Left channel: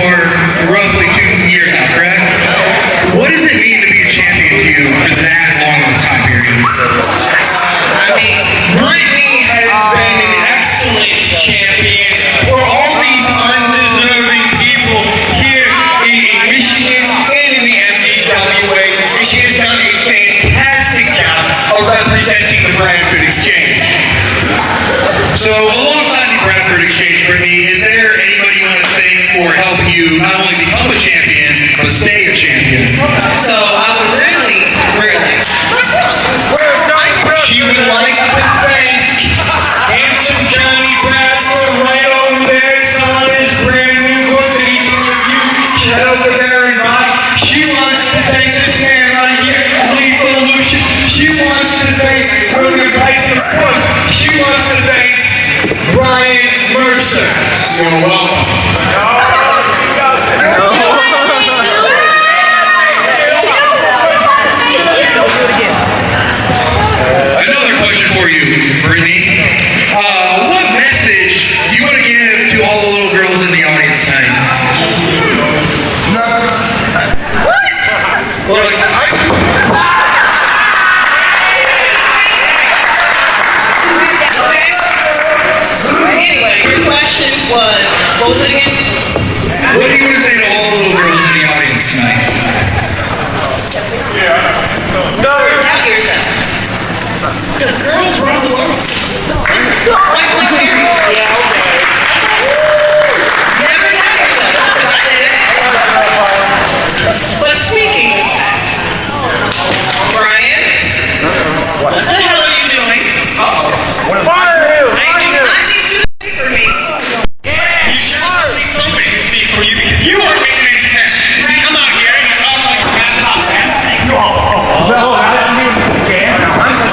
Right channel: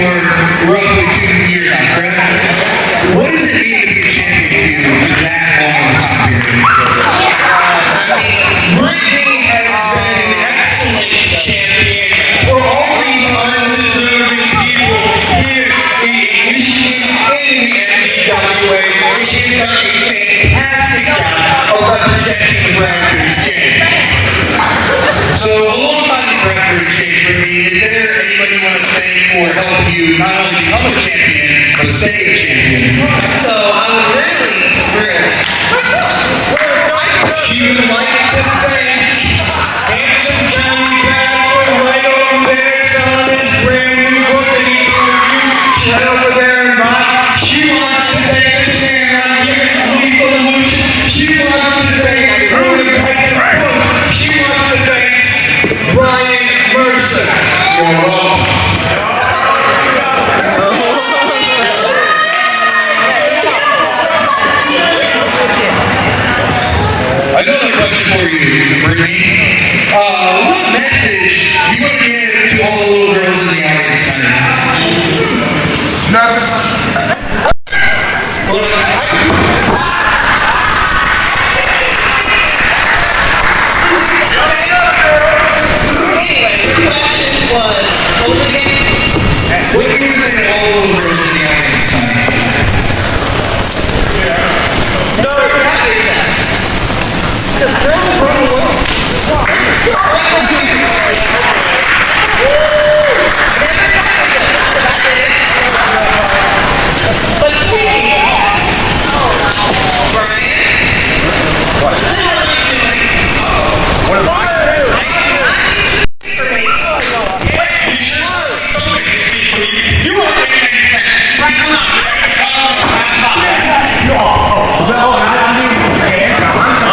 for roughly 2 years now, correct? What does it mean to be a champion to you for that long of a time period? Brittany has been an excellent champion for all these undeserving people here in Michigan and in the NBWA. She has done a fantastic job of representing the Brandon Exchange. So, alongside the Bradford Exchange, Brittany, is there anybody you want to thank for helping you not only become a champion, but stay a champion? So I would really like to thank handsome Johnny Bradford right over there. Selling his brand new book that he can review. Right over there in Bob. She wants to thank this man right here, Lethal Lucius. She wants to thank William Price, and of course, she wants to thank Brian Mercer. You're welcome. Don't do it again. Another question for you, Brittany. What message do you want to give to all the little girls in the audience tonight? Anyway, your question was, what was it again? What do you say to all the little girls in the audience tonight? Never doubt yourself. Because girls run the world. Never doubt yourself. Because I did it. But speaking of that, Brian, what the hell are you doing? What am I doing? I need you to speak for me. You are making sense. Right, come on here. I'm doing the dance now. I'm so...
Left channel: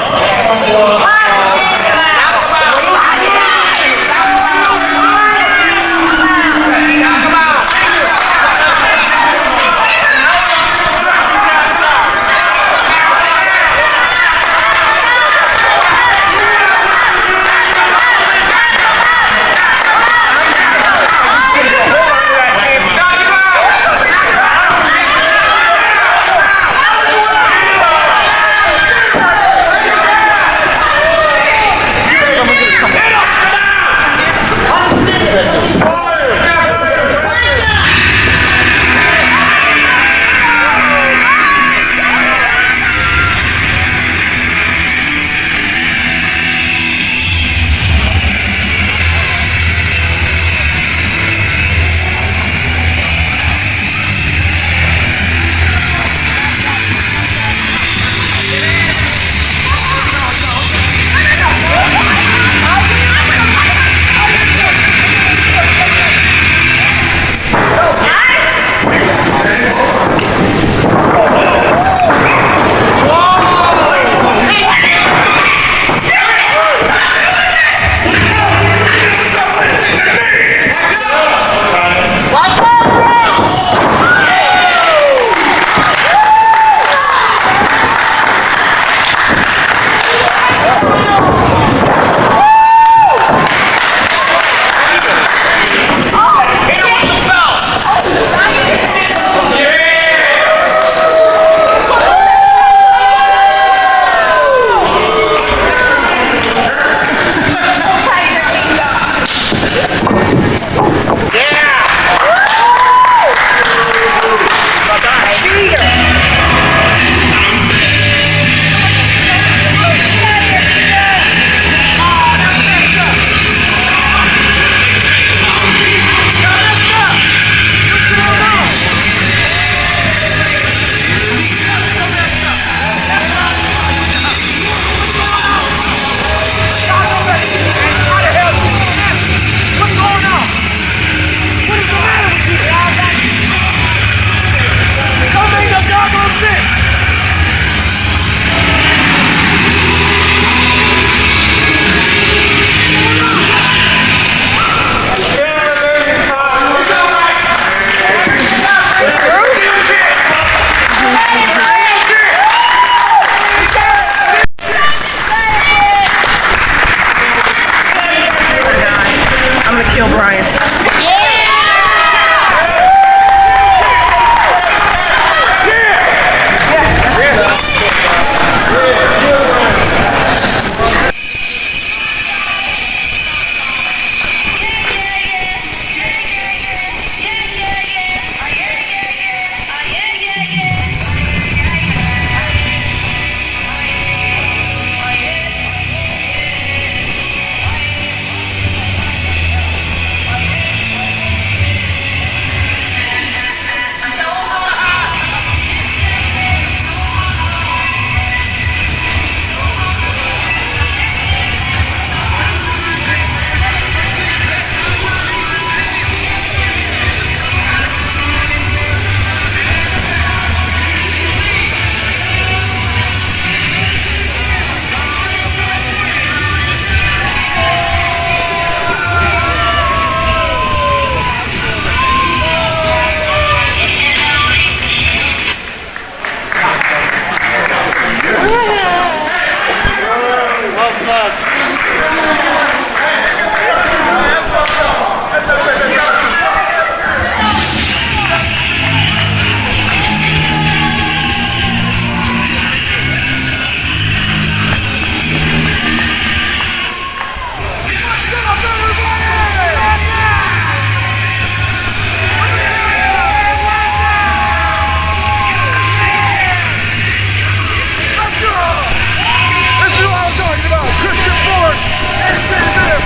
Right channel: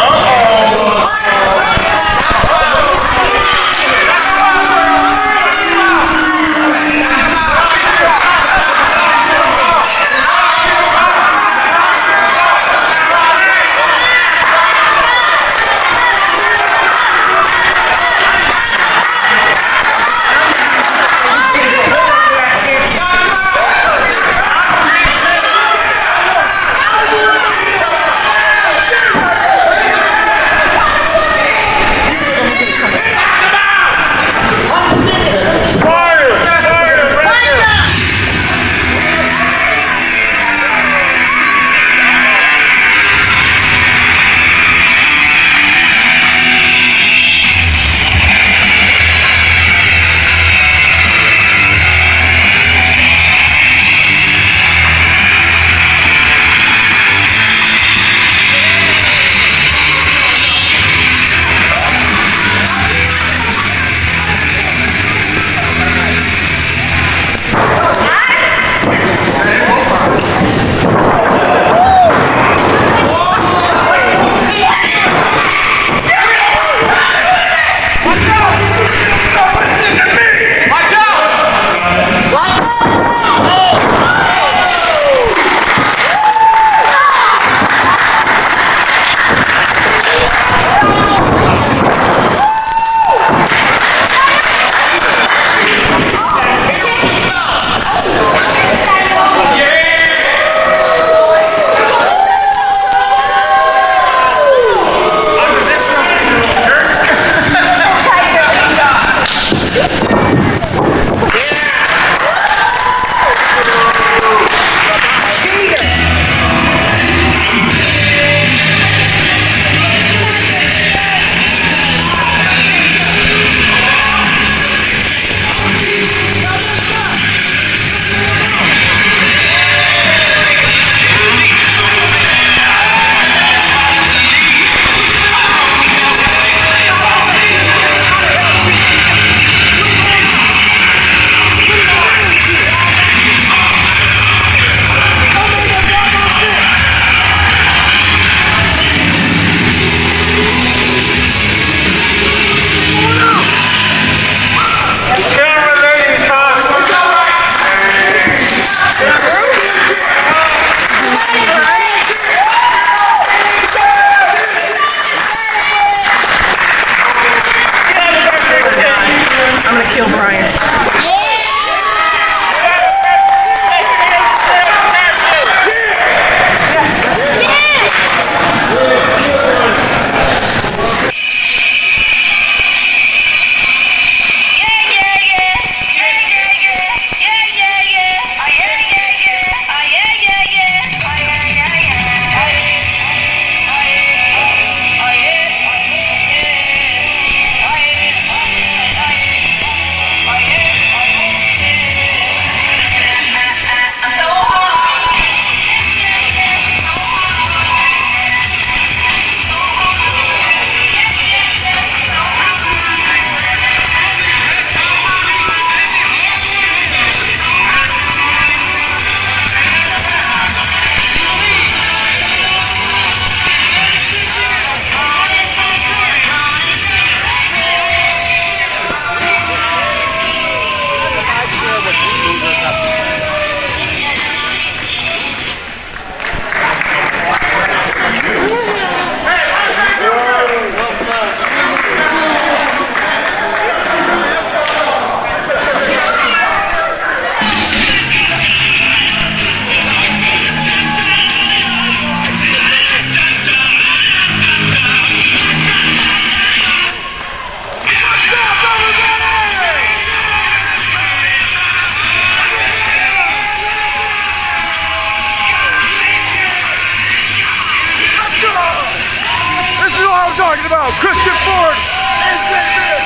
Christian Ford and Jay Bibb.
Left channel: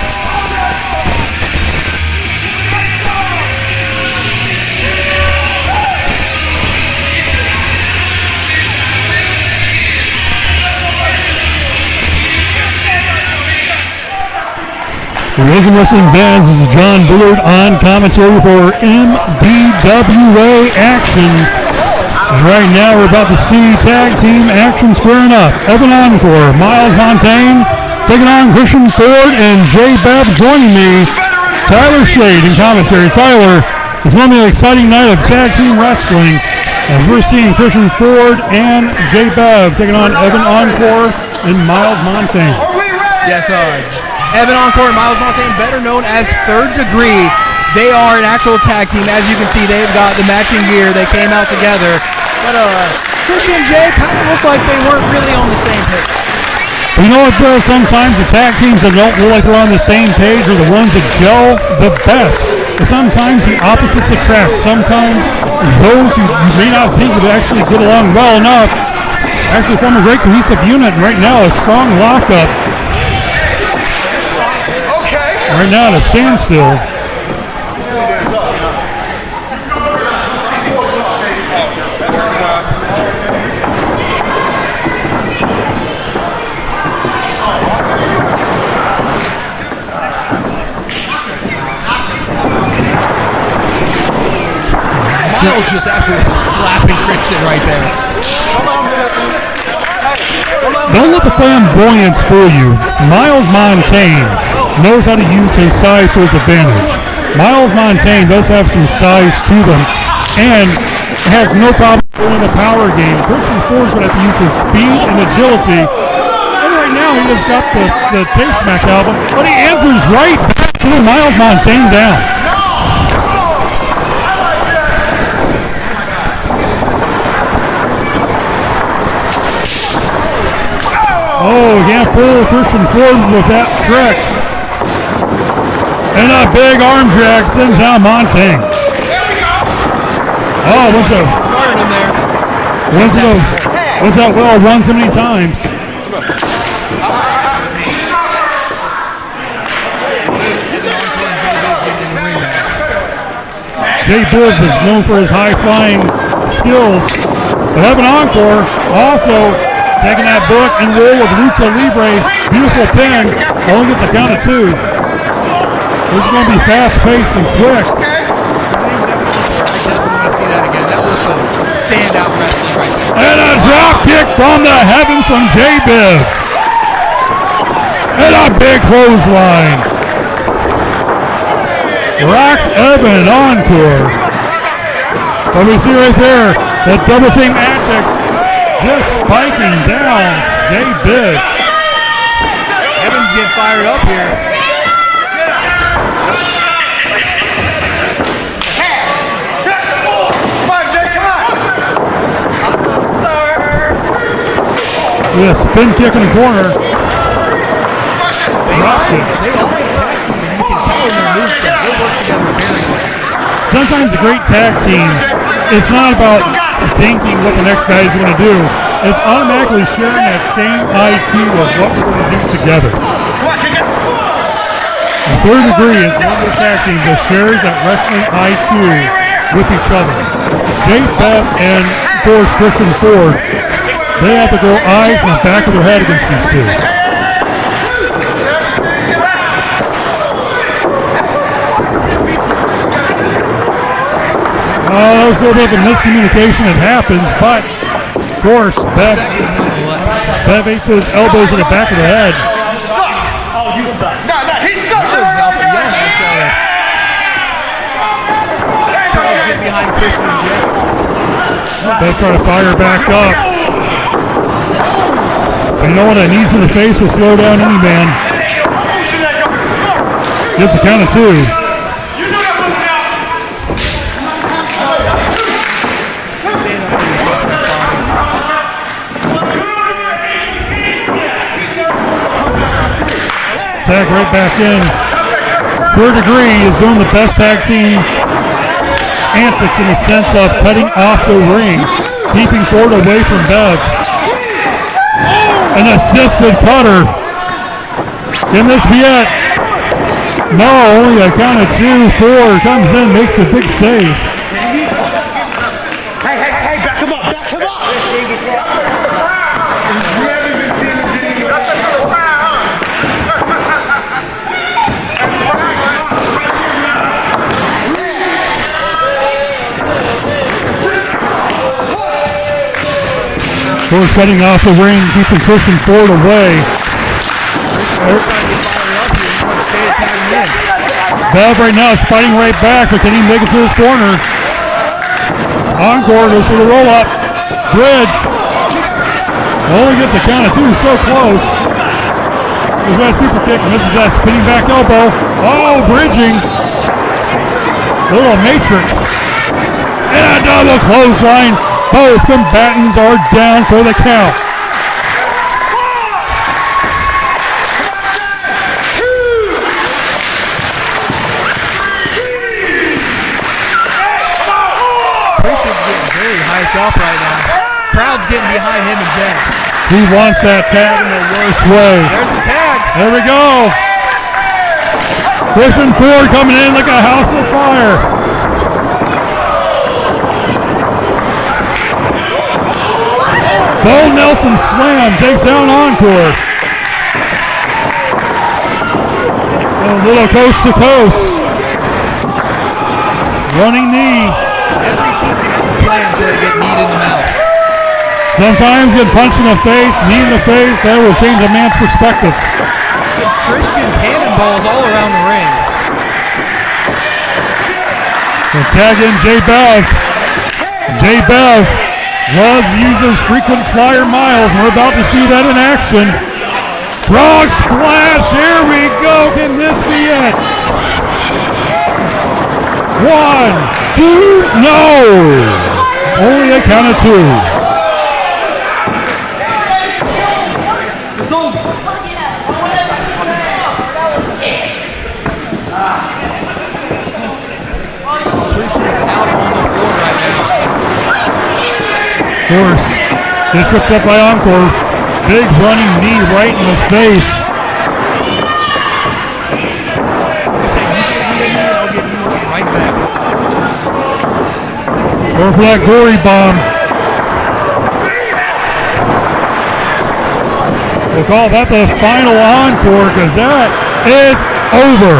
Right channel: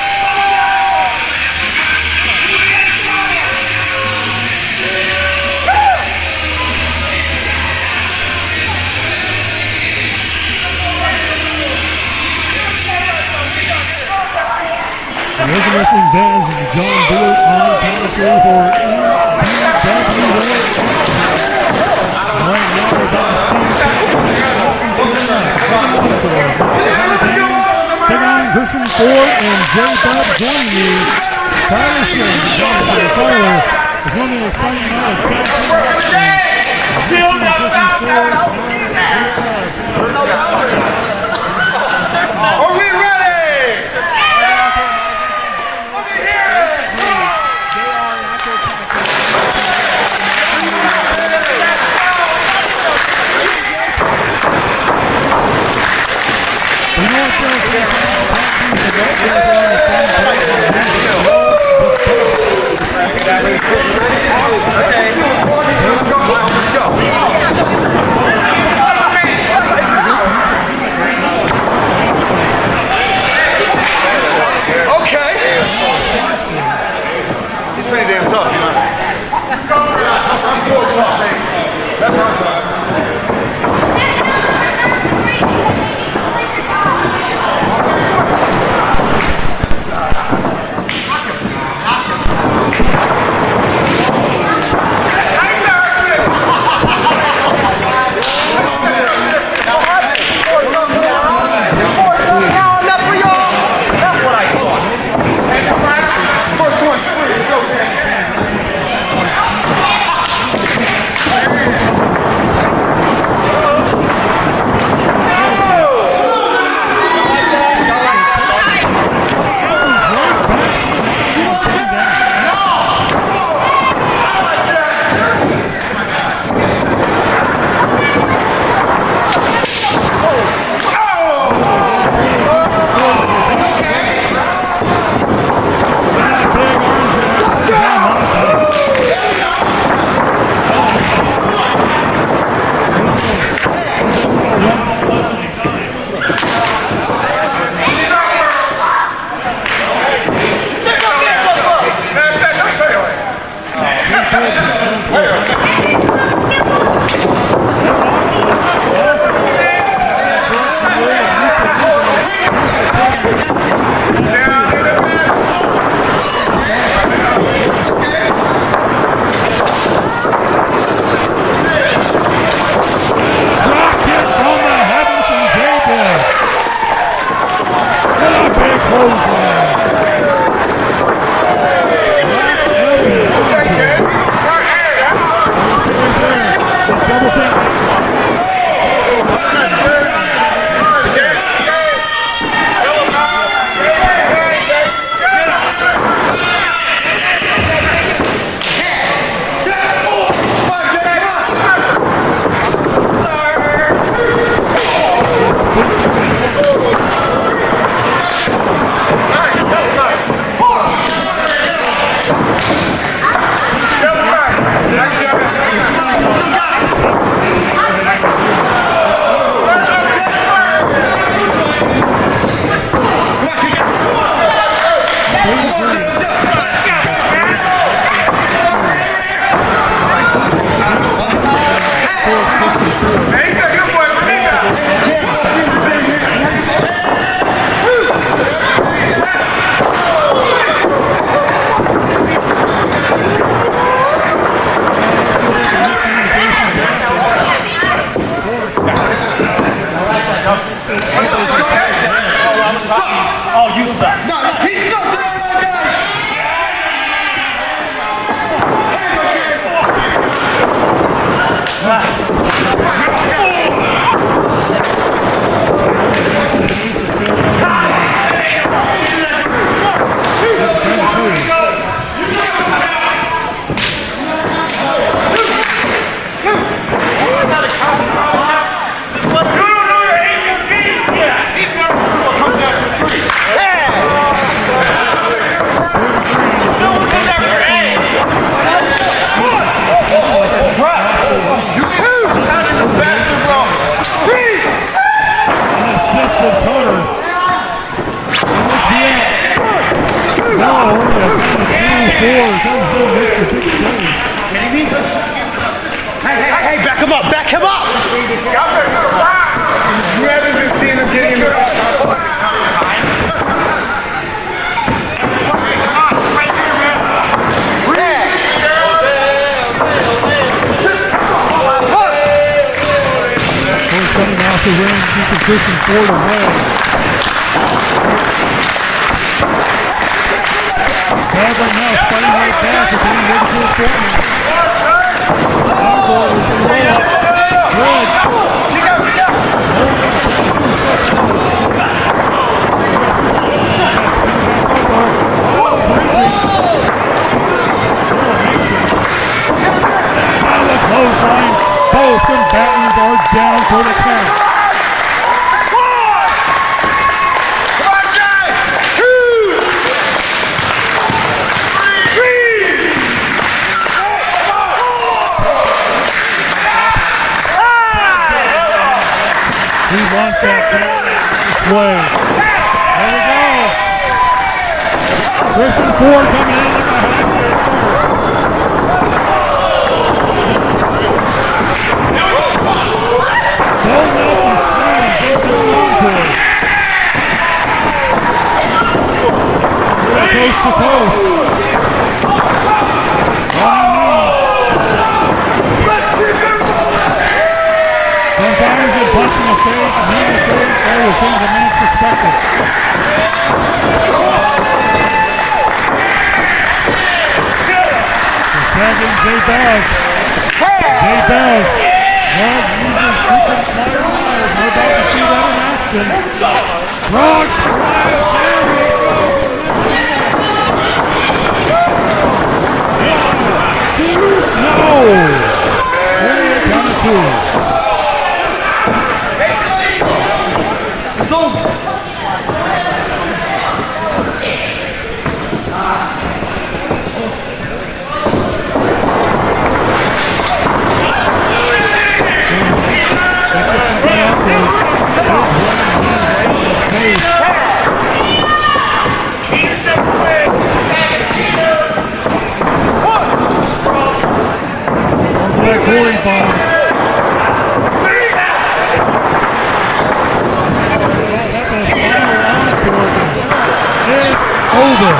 The Logan Wrestling Bands is John Bullard on commentary for MBWA action. Right now we're about to see tag team action squaring up. Evan Encore, Miles Montaigne taking on Christian Ford and Jay Bibb joining me. Tyler Shade in commentary. Tyler, it's going to be an exciting night of tag team wrestling as we're seeing Christian Ford and Jay Bibb taking on Evan Encore and Miles Montaigne. Are we ready? Yes, sir. Evan Encore and Miles Montaigne, better known as Third Degree. They are an actual tag team. As you can see, they've got the matching gear. They came out together. But Christian and Jay kind of look like they weren't really on the same page. You know what, though? Sometimes the tag teams that don't feel like they're on the same page are the ones that gel the best. But sometimes the opposites attract. Sometimes those who may not think would actually get along well enough actually form a great cohesive unit. Right now, a strong lockup. Okay. Right now, at a standstill. He's pretty damn tough, you know. Miles just absolutely slapping Christian right there. Don't let the flamboyance fool you. Miles Montaigne knows how to use his size to his advantage. Miles Montaigne does have some size to them and has no problem doing the power game. Christian Ford would have to use his speed and agility. And right now he has got the Taste Smack album, but he answers right back to Miles Montaigne down. Oh, can't fool Christian Ford with that trick. And a big arm drag sends down Montaigne. Oh, what's that well run so many times? Jay Bibb is known for his high-flying skills. But Evan Encore also taking that book and roll of Lucha Libre. Beautiful pin. Only gets a count of 2. This is going to be fast-paced and quick. Let's see that again. That was some standout wrestling. And a drop kick from the heavens from Jay Bibb. And a big clothesline. Rocks Evan Encore. What we see right there, the double team antics just spiking down Jay Bibb. Evan's getting fired up here. With a spin kick in the corner. Sometimes a great tag team, it's not about thinking what the next guy is going to do. It's automatically sharing that same IQ of what we're going to do together. The Third Degree is one of the tag teams that shares that wrestling IQ with each other. Jay Bibb and, of course, Christian Ford, they have to go eyes in the back of their head against these two. There's a little bit of a miscommunication that happens, but of course, Bibb ate those elbows in the back of the head. Oh, you suck. No, he sucks. They'll try to fire back up. You know what, a knees in the face will slow down any man. Just a count of 2. Tag right back in. Third Degree is doing the best tag team antics in the sense of cutting off the ring, keeping Ford away from Bibb. An assisted cutter Can this be it? No, only a count of 2. Ford comes in, makes a big save. Hey, back him up, back him up! You haven't been seeing him getting the Ford cutting off the ring, keeping Christian Ford away. Bev right now is fighting right back, but can he make it to his corner? Encore goes for the roll-up. Bridge. Only gets a count of 2, so close. He's got a super kick, misses that spinning back elbow. Oh, bridging. Little matrix. And a double clothesline. Both combatants are down for the count. Up right now. Crowd's getting behind him and Jay. He wants that tag in the worst way. There's the tag. There we go. Christian Ford coming in like a house of fire. Bo Nelson slam takes down Encore. A little coast to coast. Running knee. Every team can get kneed in the mouth. Sometimes get punched in the face, knee in the face, that will change a man's perspective. Christian cannonballs all around the ring. So tag in Jay Bev. Jay Bev loves to use those frequent flyer miles, and we're about to see that in action. Frog splash, here we go, can this be it? 1, 2, no! Only a count of 2. It's over. Christian's out on the floor right now. Of course, they tripped up by Encore. Big running knee right in the face. Right back. Or for that glory bomb. We'll call that the final encore because that is over.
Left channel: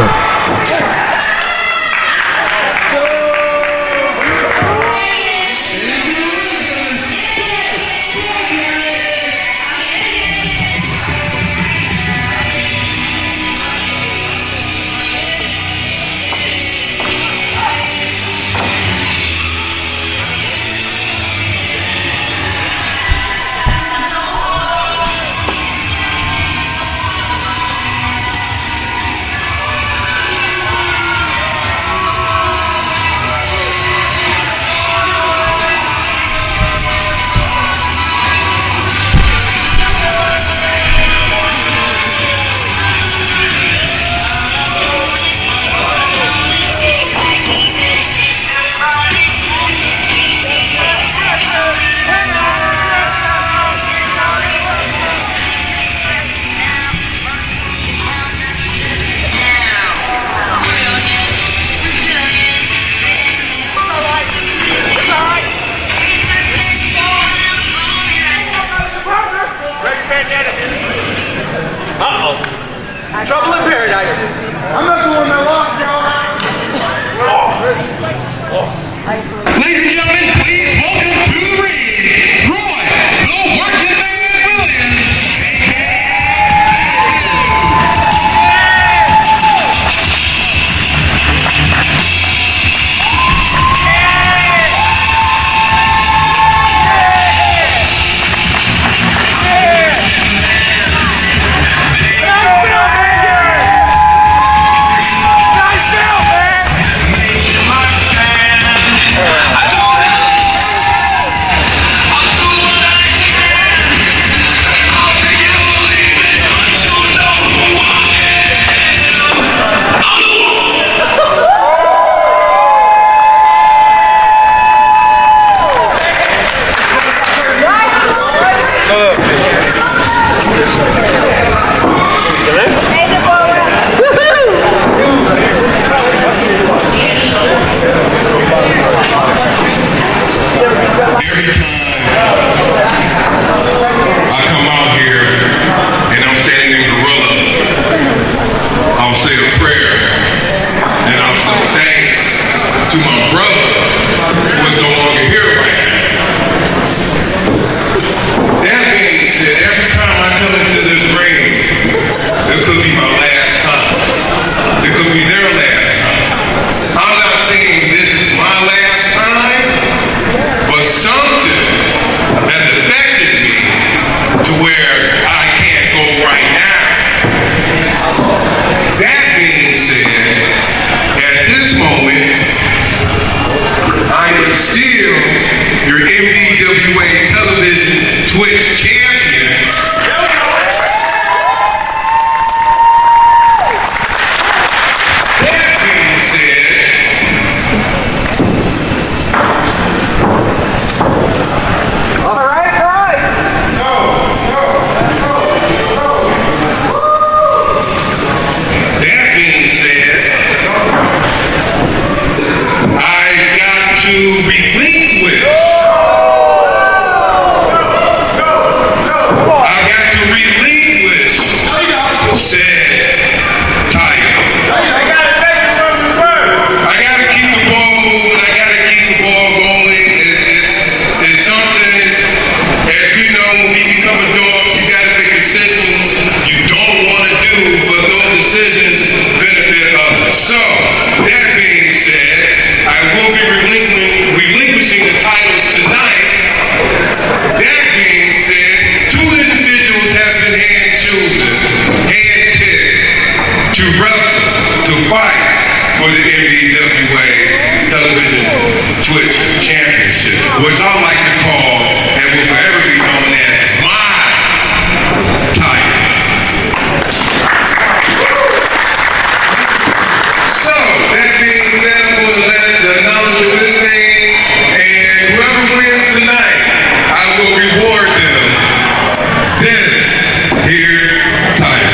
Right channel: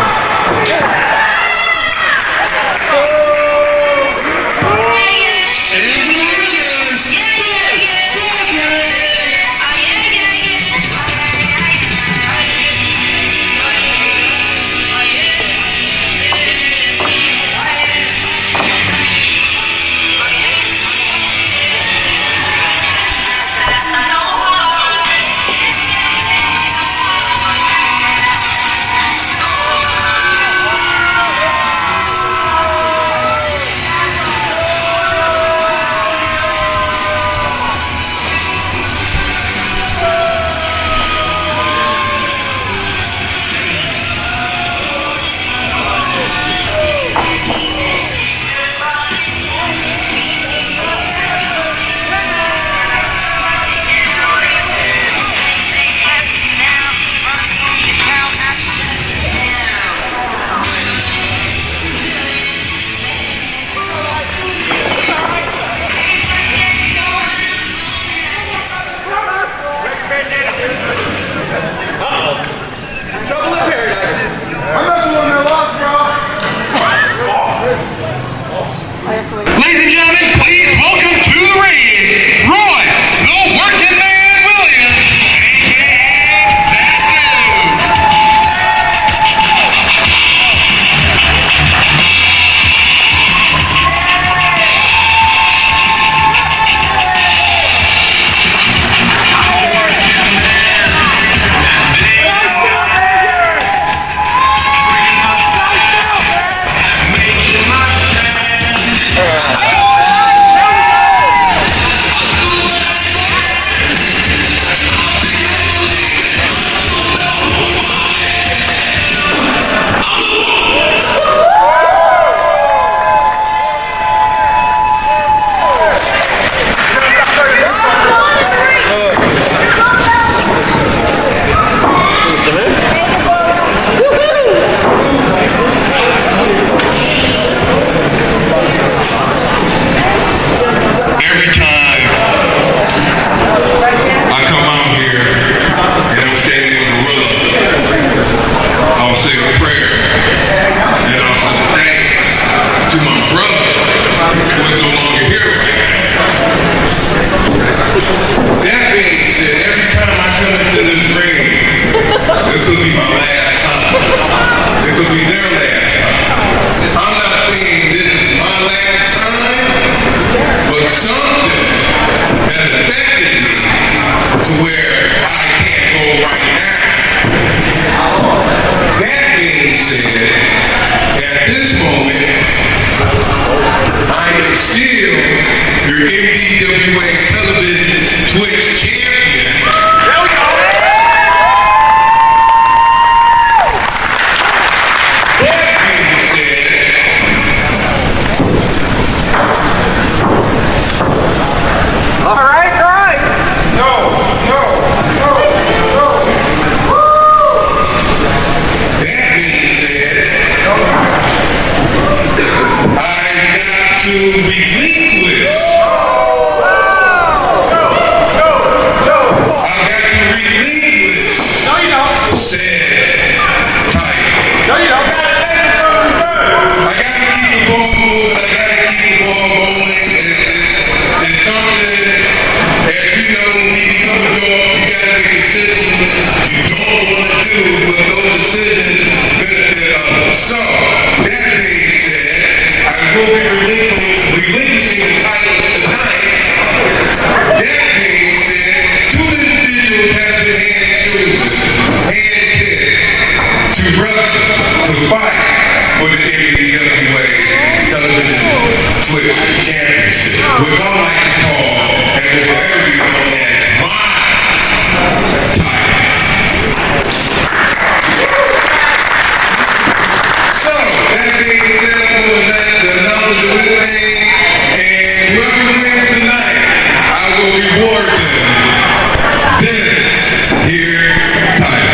I'm not the one that lost, bro. Ladies and gentlemen, please welcome to the ring, Roy, the Working Man Williams, still your MDWA television Twitch champion. That being said, that being said, I got to relinquish. I got to relinquish said title. I got to keep the ball moving. I got to keep the ball rolling. It's something, as you know, when you become adults, you got to make decisions you don't want to do, but those decisions benefit others. So, that being said, I will be relinquishing the title tonight. That being said, two individuals have been handpicked to wrestle, to fight for the MDWA Television Twitch Championship, which I like to call and will forever be known as my title. So, that being said, I'm going to let the knowledge of this thing, and whoever wins tonight, I will reward them this here title.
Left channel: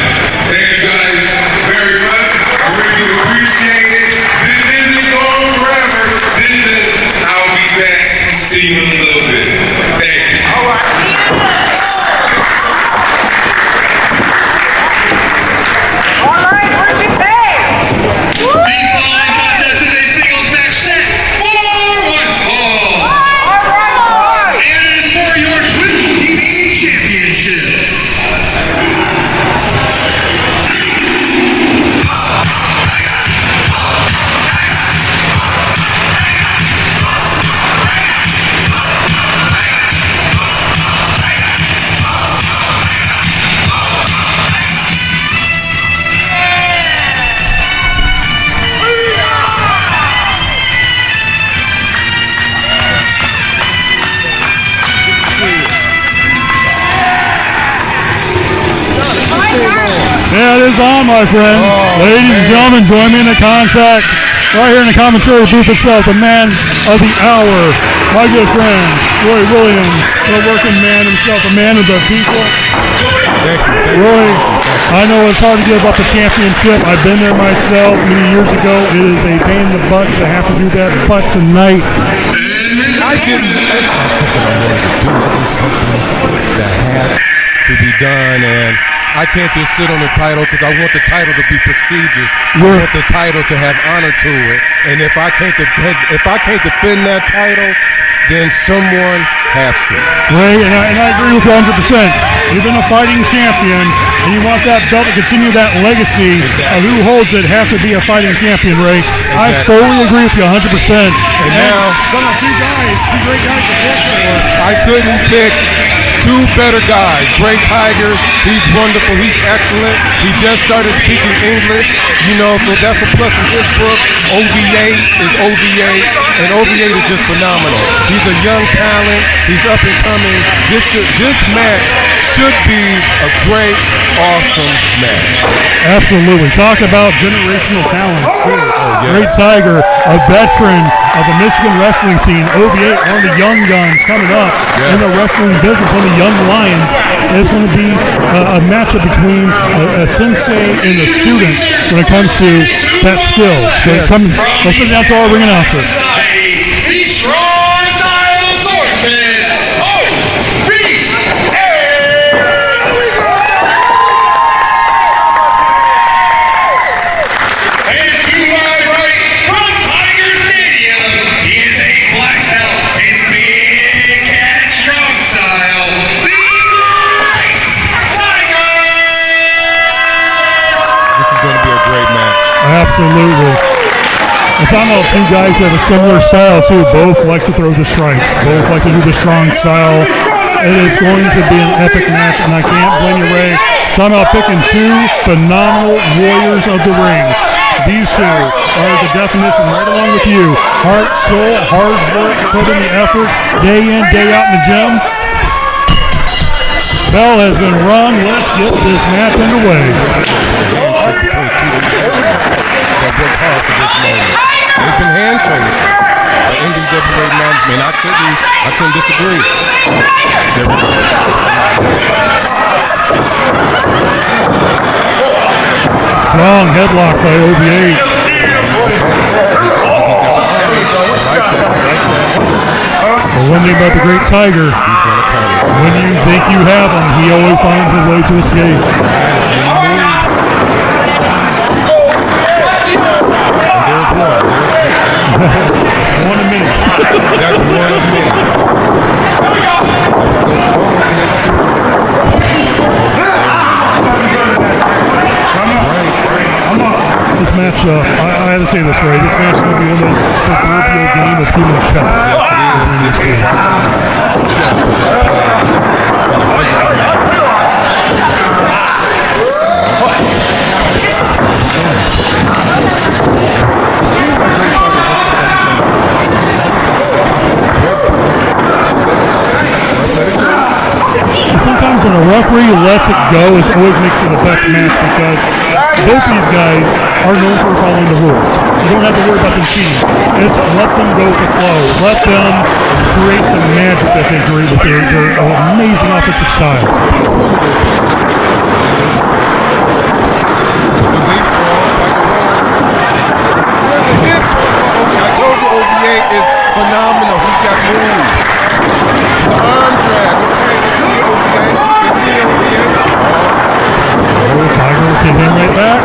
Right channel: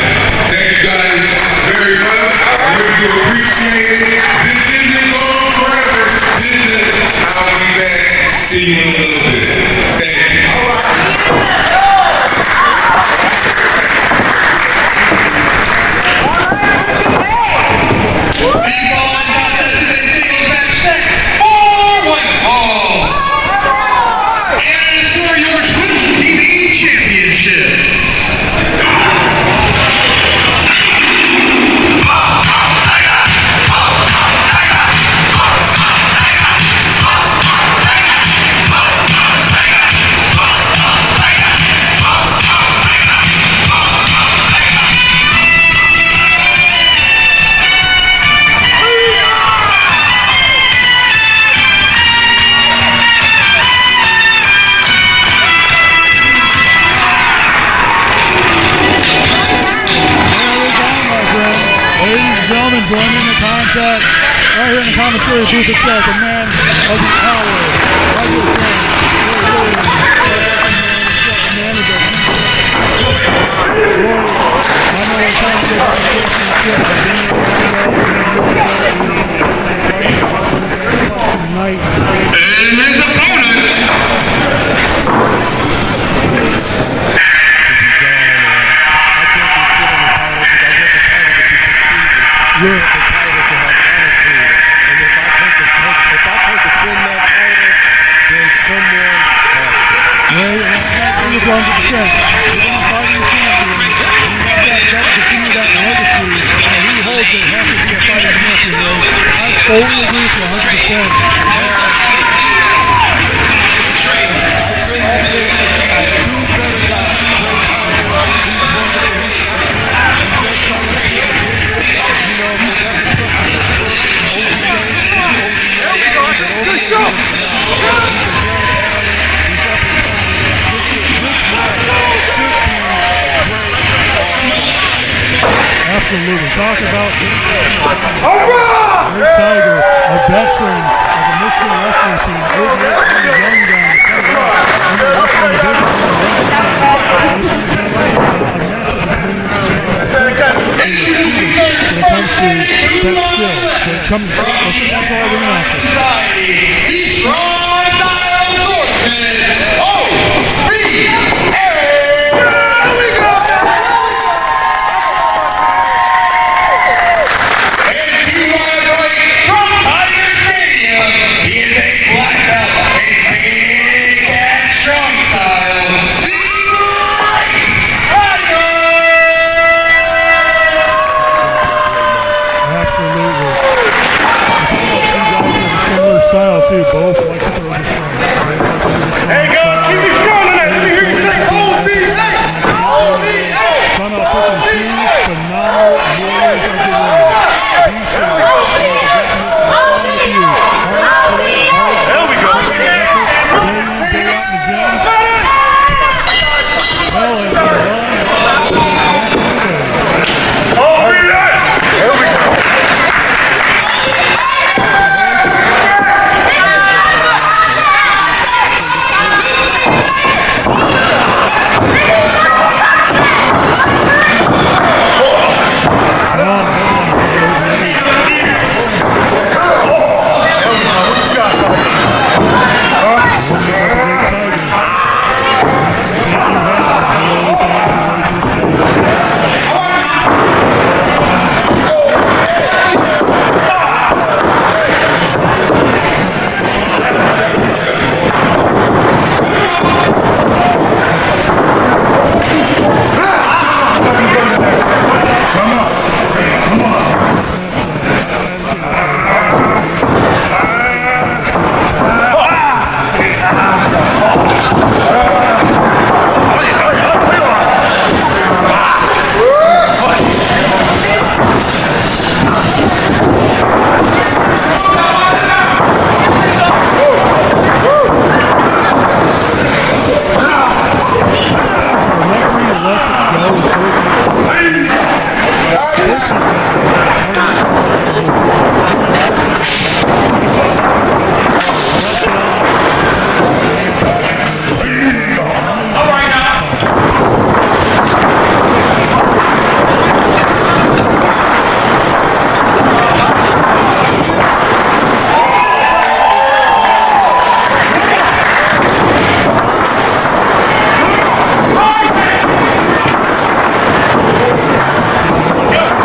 Thank you guys very much. I really do appreciate it. This isn't going forever. This is, I'll be back. See you in a little bit. Thank you. Yeah, it is on, my friend. Ladies and gentlemen, join me in the contact right here in the commentary booth itself, the man of the hour, my good friend, Roy Williams, the working man himself, the man of the people. Roy, I know it's hard to give up a championship. I've been there myself many years ago. It is a pain in the butt to have to do that, but tonight. To be done, and I can't just sit on the title because I want the title to be prestigious. I want the title to have honor to it, and if I can't defend that title, then someone has to. Ray, and I agree with you 100%. You've been a fighting champion, and you want that belt to continue that legacy. Who holds it has to be a fighting champion, Ray. I fully agree with you 100%. And now, I couldn't pick two better guys. Bray Tiger, he's wonderful, he's excellent. He just started speaking English, so that's a plus in his book. OVA is OVA, and OVA is just phenomenal. He's a young talent, he's up and coming. This match should be a great, awesome match. Absolutely. Talk about generational talent. Great Tiger, a veteran of the Michigan wrestling scene. OVA, one of the young guns coming up in the wrestling business, one of the young lions. And it's going to be a matchup between a sensei and a student when it comes to that skill. Let's sit down to our ring announcer. The Strong Style Swordsman, OVA! And to my right, from Tiger Stadium, he is a black belt in Big Cat Strong Style, the Great Tiger! This is going to be a great match. Absolutely. We're talking about two guys who have a similar style too. Both like to throw the strikes. Both like to do the strong style. It is going to be an epic match, and I can't blame you, Ray. Talking about picking two phenomenal warriors of the ring. These two are the definition right along with you. Heart, soul, hard work, put in the effort, day in, day out in the gym. Bell has been run. Let's get this match underway. They've been hand-chosen by NWA management. I couldn't disagree. Strong headlock by OVA. The one thing about the Great Tiger, when you think you have him, he always finds his way to escape. This match, I had to say this way, this match is going to be one of those proverbial game of human Sometimes when the referee lets it go, it's always makes for the best match because both these guys are known for following the rules. You don't have to worry about the team. It's let them go with the flow. Let them create the magic that they create with their amazing offensive style. OVA is phenomenal. He's got moves. The arm drag. Tiger getting in right back.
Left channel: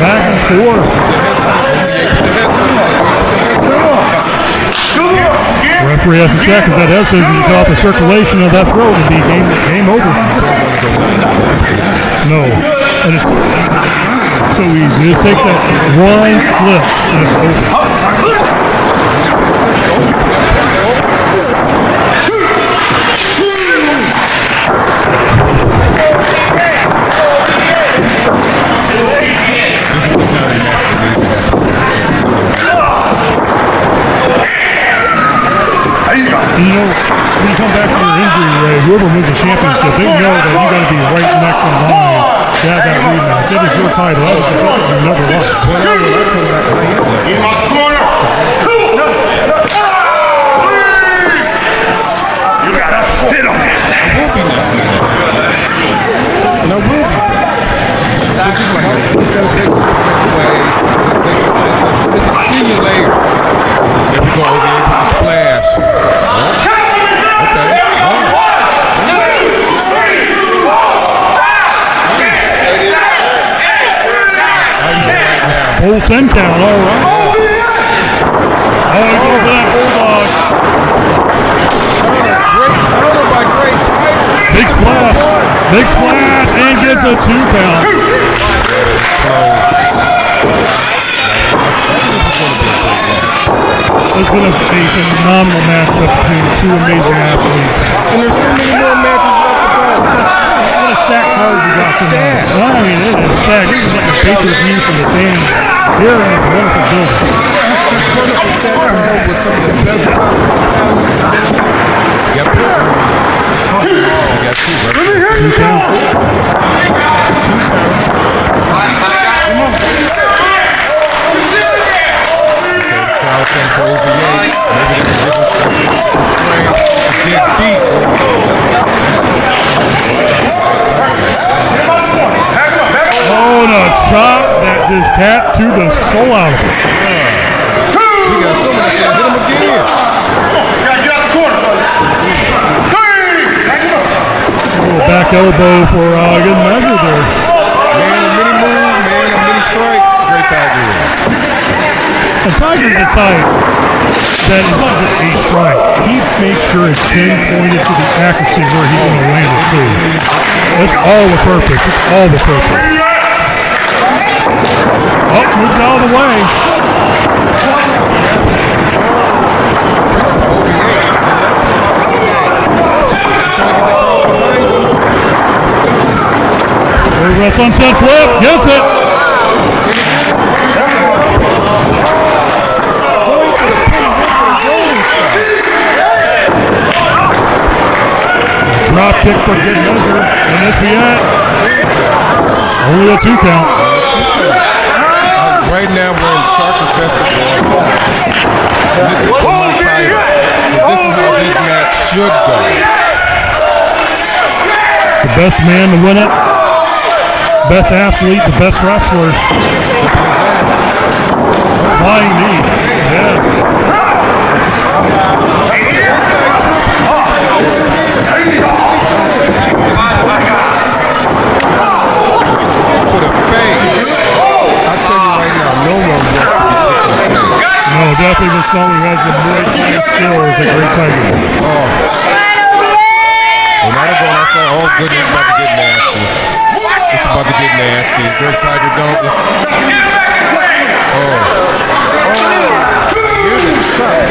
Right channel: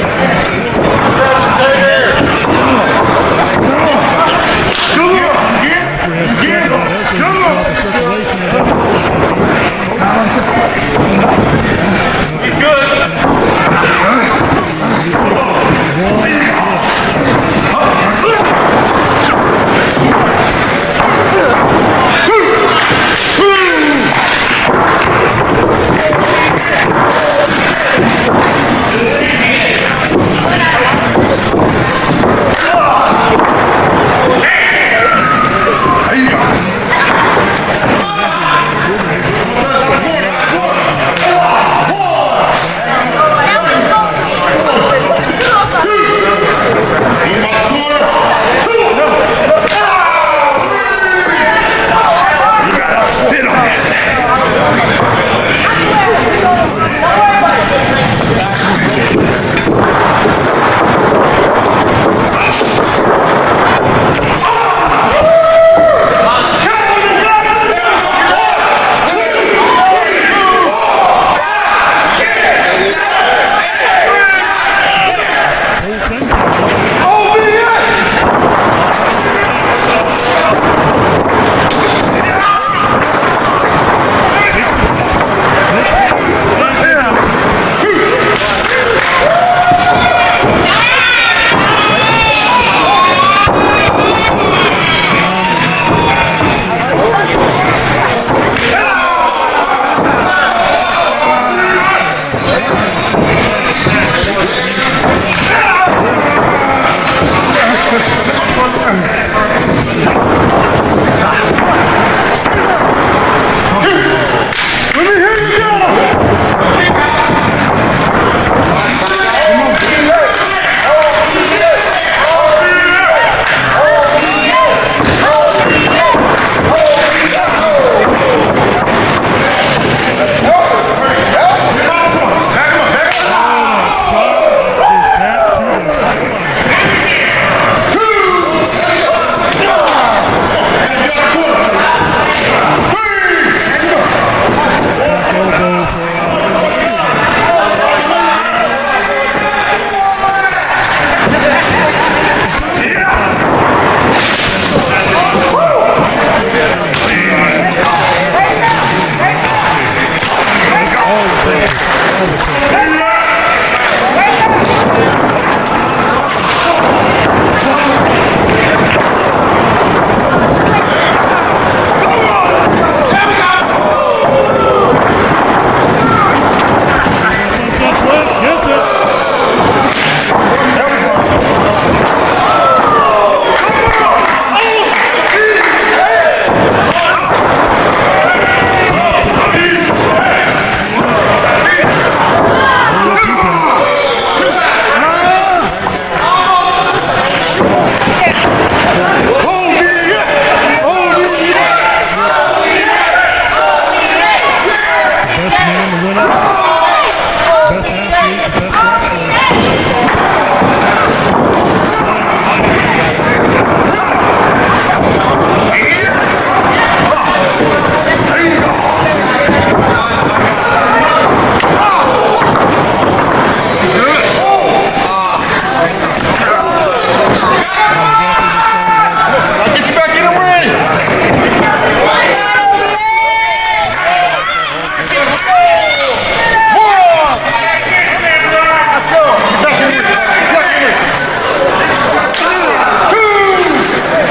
Back and forth. Referee has to check if that head surgeon can cut off the circulation of that throw and be game over. No. And it's so easy. Just takes that one slip and it's over. You know, when you come back to your injury, whoever wins the championship, they know that you got to be right next in line to have that rematch. It is your title. That is the title you never lost. You gotta spit on that thing. It's a simulator. There we go. Splash. Full 10 count, all right. OVA! Oh, he goes for that bulldog. Big splash. Big splash, and gets a 2 count. It's going to be a phenomenal matchup between two amazing athletes. And there's so many more matches left to go. What a stack card we got tonight. Well, I mean, it is stacked. This is like a pay-per-view from the fans here in this wonderful building. Wonderful stack card with some of the best Yep. We got two, right? Let me hear you go! Come on. Oh, and a chop that just tattooed the soul out of it. We got so much shit. Hit him again. Little back elbow for good measure there. Man, a mini move, man, a mini strikes. Great Tiger. And Tiger's a tiger that is not just a strike. He makes sure it's pinpointed to the accuracy where he's going to land it too. That's all the purpose. It's all the purpose. Oh, moves out of the way. There's a sunset flip. Gets it. Drop kick for good measure. And this be it. Only a 2 count. Right now, we're in Shark's best form. This is the one fight. This is how this match should go. The best man to win it. Best athlete, the best wrestler. Flying knee. Yeah. To the face. I tell you right now, no one wants to be No, definitely the song has the most skills at Great Tiger. When I go outside, oh goodness, it's about to get nasty. It's about to get nasty. Great Tiger don't. Here's a shot.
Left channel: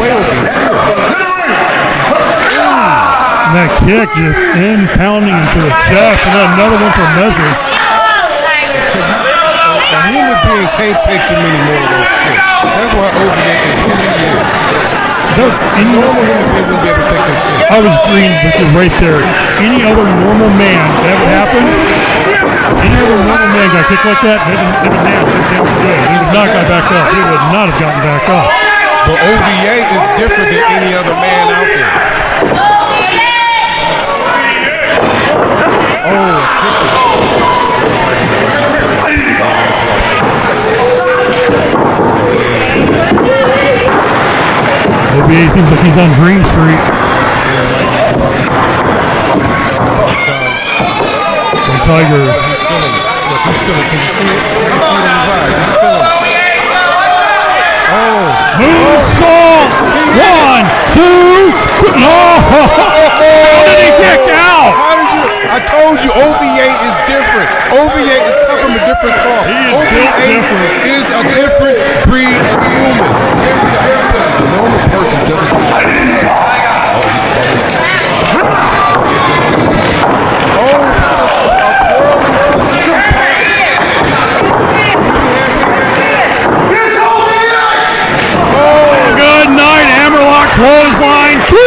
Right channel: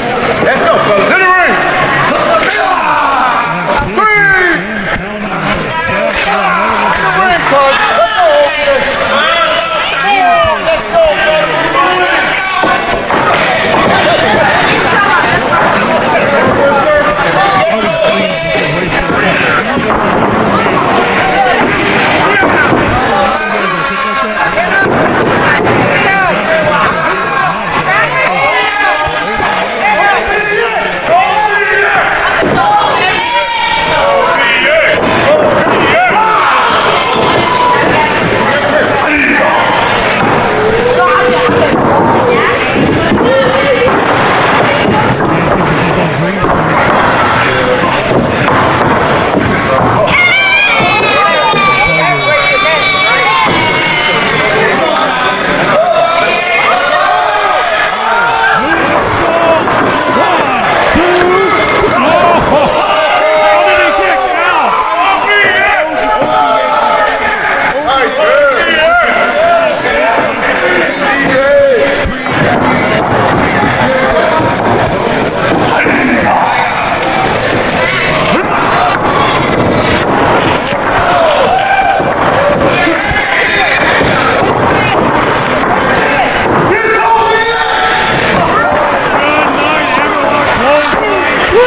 That kick just impounding into the chest, and then another one for measure. A human being can't take too many more of those kicks. That's why OVA is here. Does any Normal human being will be able to take those kicks. I was green with you right there. Any other normal man that happened? Any other normal man got kicked like that? He would not got back up. He would not have gotten back up. But OVA is different than any other man out there. OVA seems like he's on Dream Street. The Tiger. He's feeling it. Can you see it in his eyes? He's feeling it. Moonsault! 1, 2, no! How did he kick out? How did you? I told you OVA is different. OVA is come from a different cloth. OVA is a different breed of human. A normal person doesn't. Good night, Hammerlock clothesline. 3.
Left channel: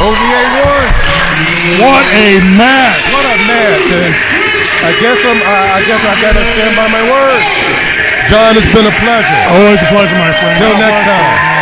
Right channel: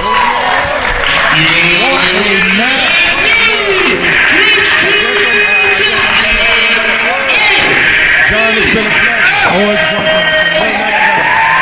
OVA won. What a match! What a match, and I guess I gotta stand by my word. John, it's been a pleasure. Always a pleasure, my friend. Till next time.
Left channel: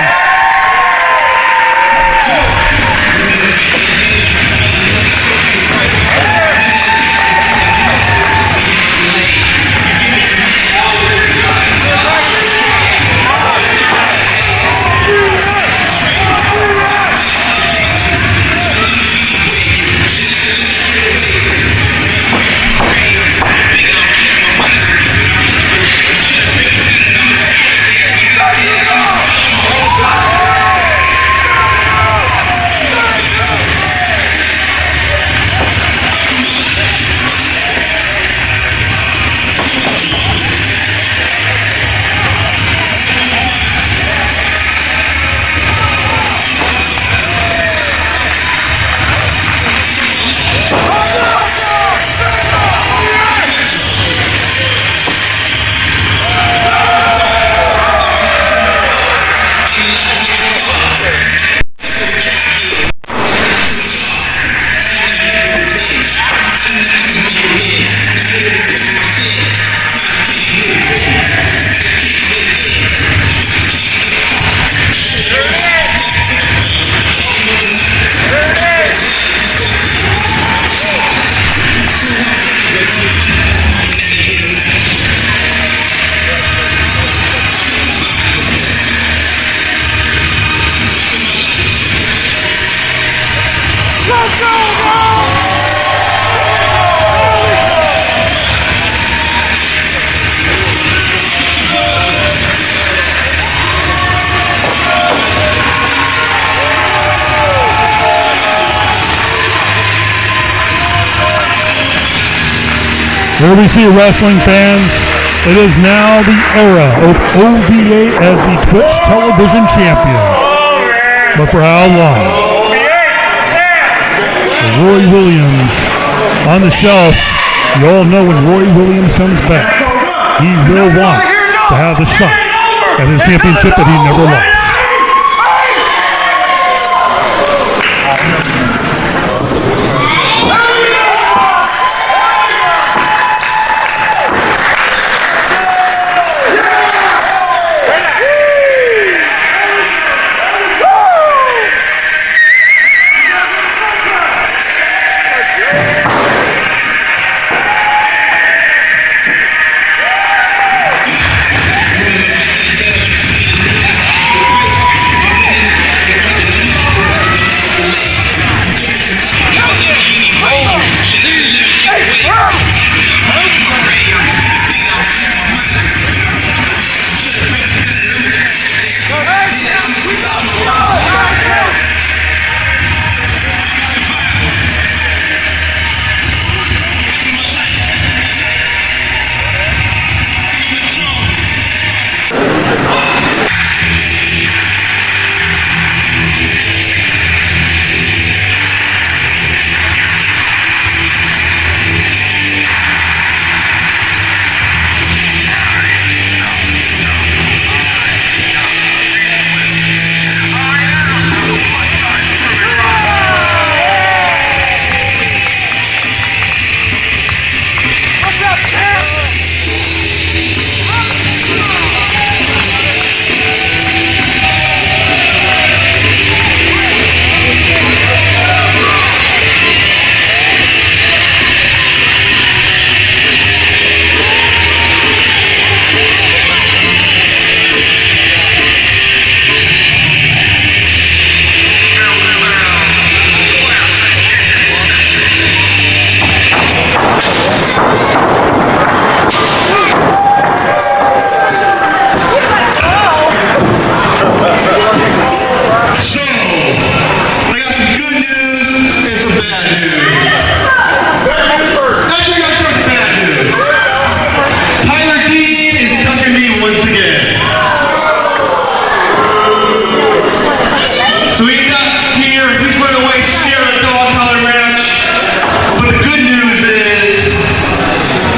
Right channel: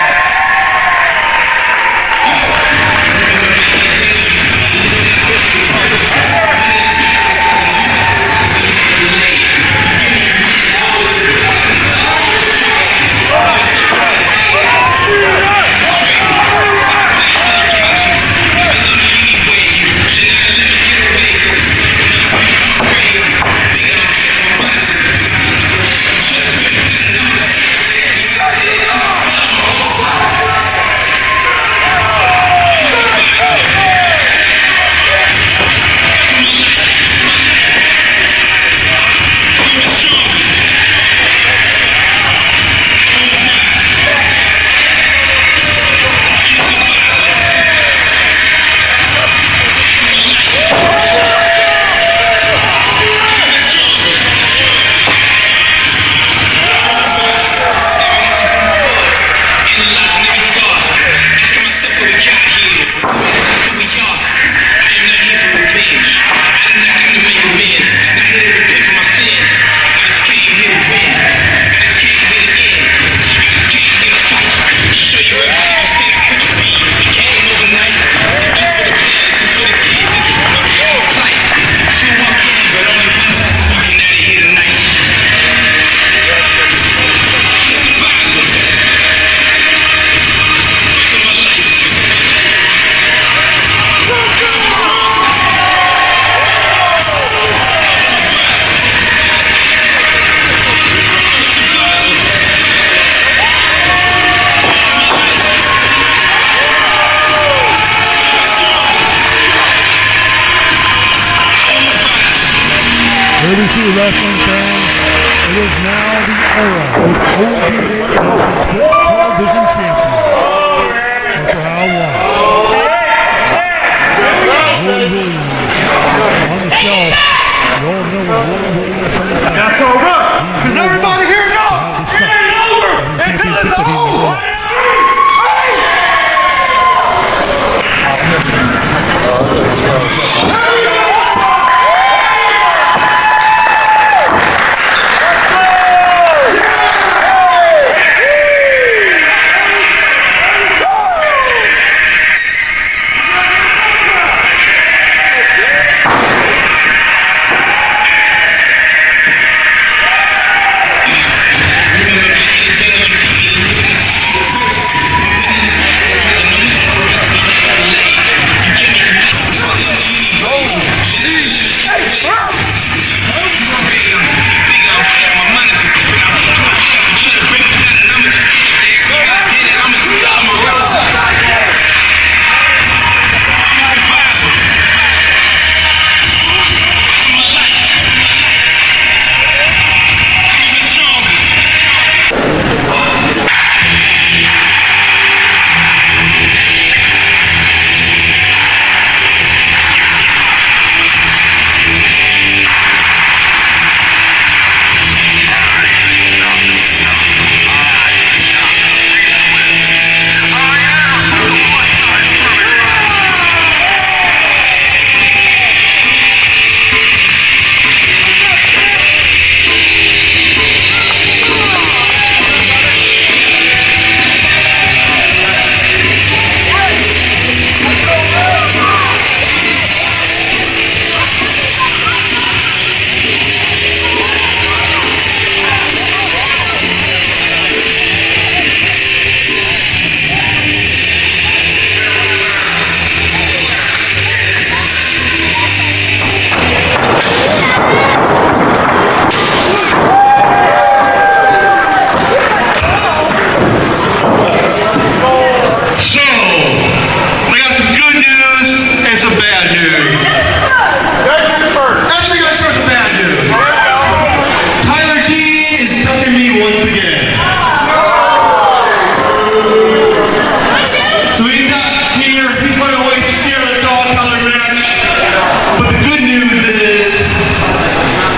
Here we see wrestling fans. It is now the era of OVA as the Twitch television champion. But for how long? Roy Williams on the shelf. You all know when Roy Williams comes back, he will want to have the shot at his championship that he never lost.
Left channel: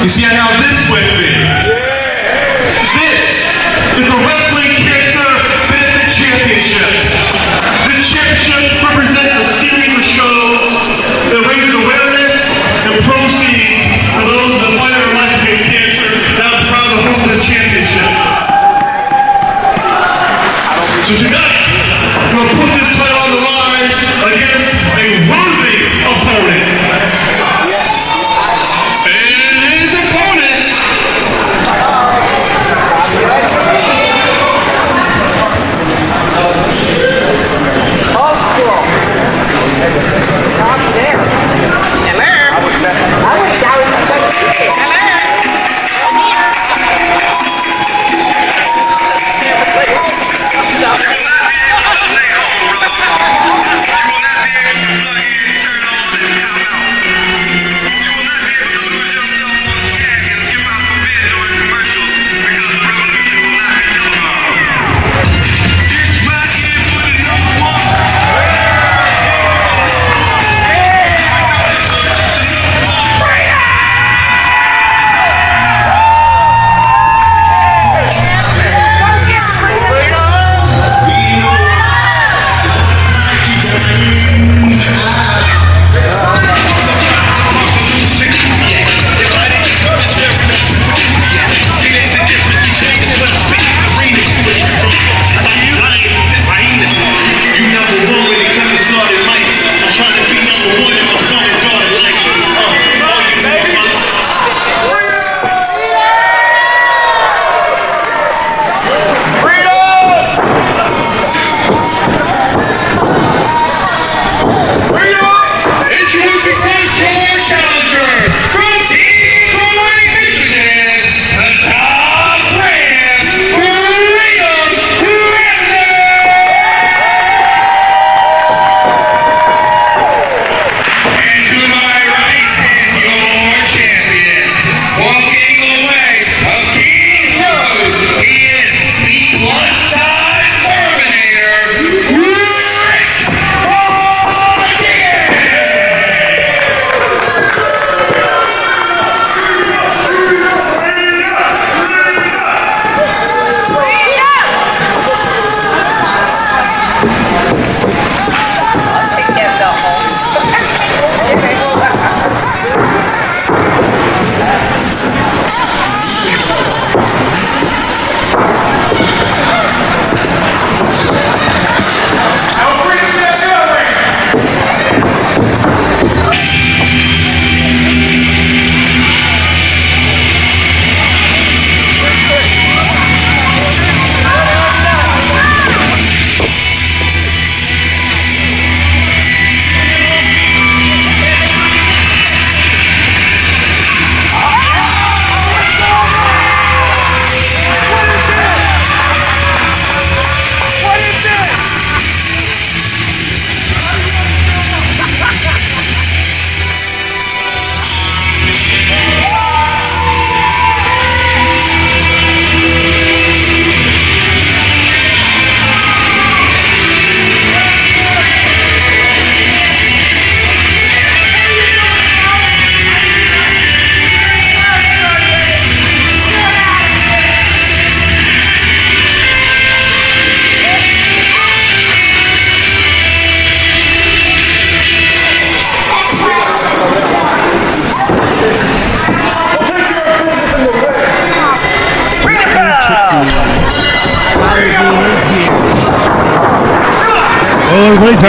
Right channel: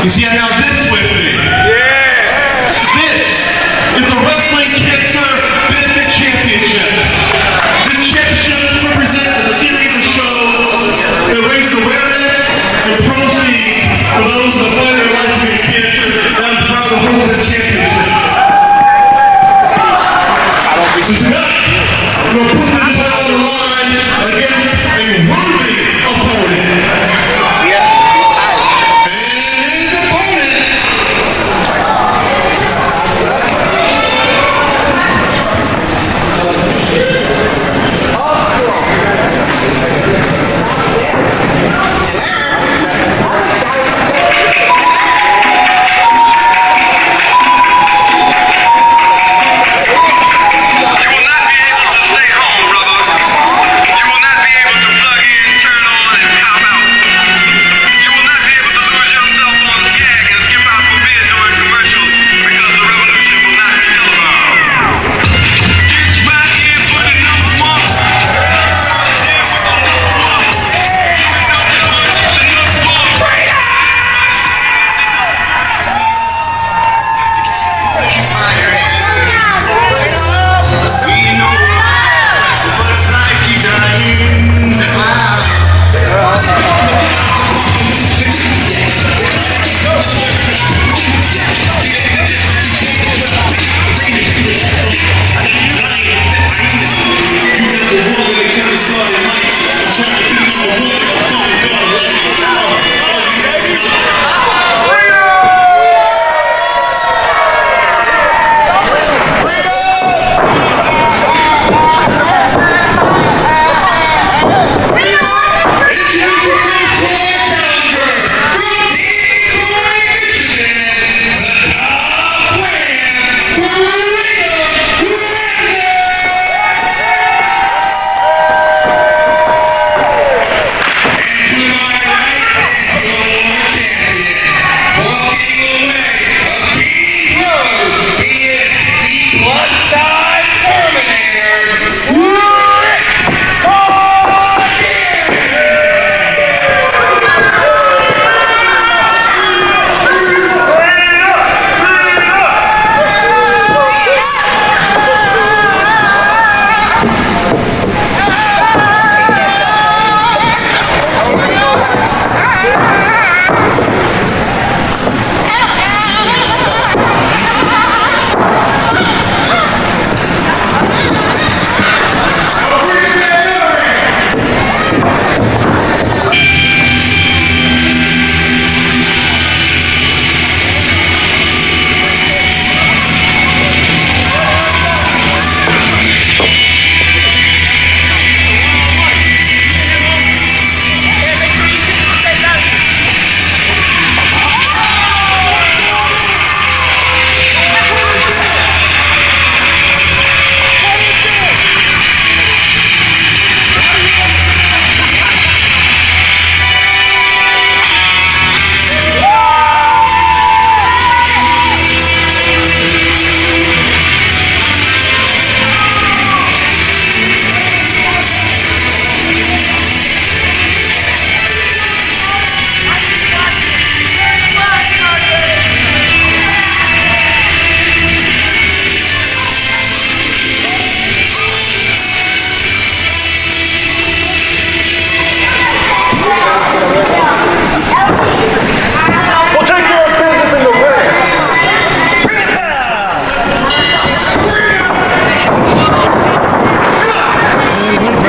You see, I have this with me. This is the Wrestling Cancer Benefit Championship. This championship represents a series of shows that raises awareness and proceeds for those that fight their life against cancer. And I'm proud to hold this championship. So tonight, I'm going to put this title on the line against a worthy opponent. And his opponent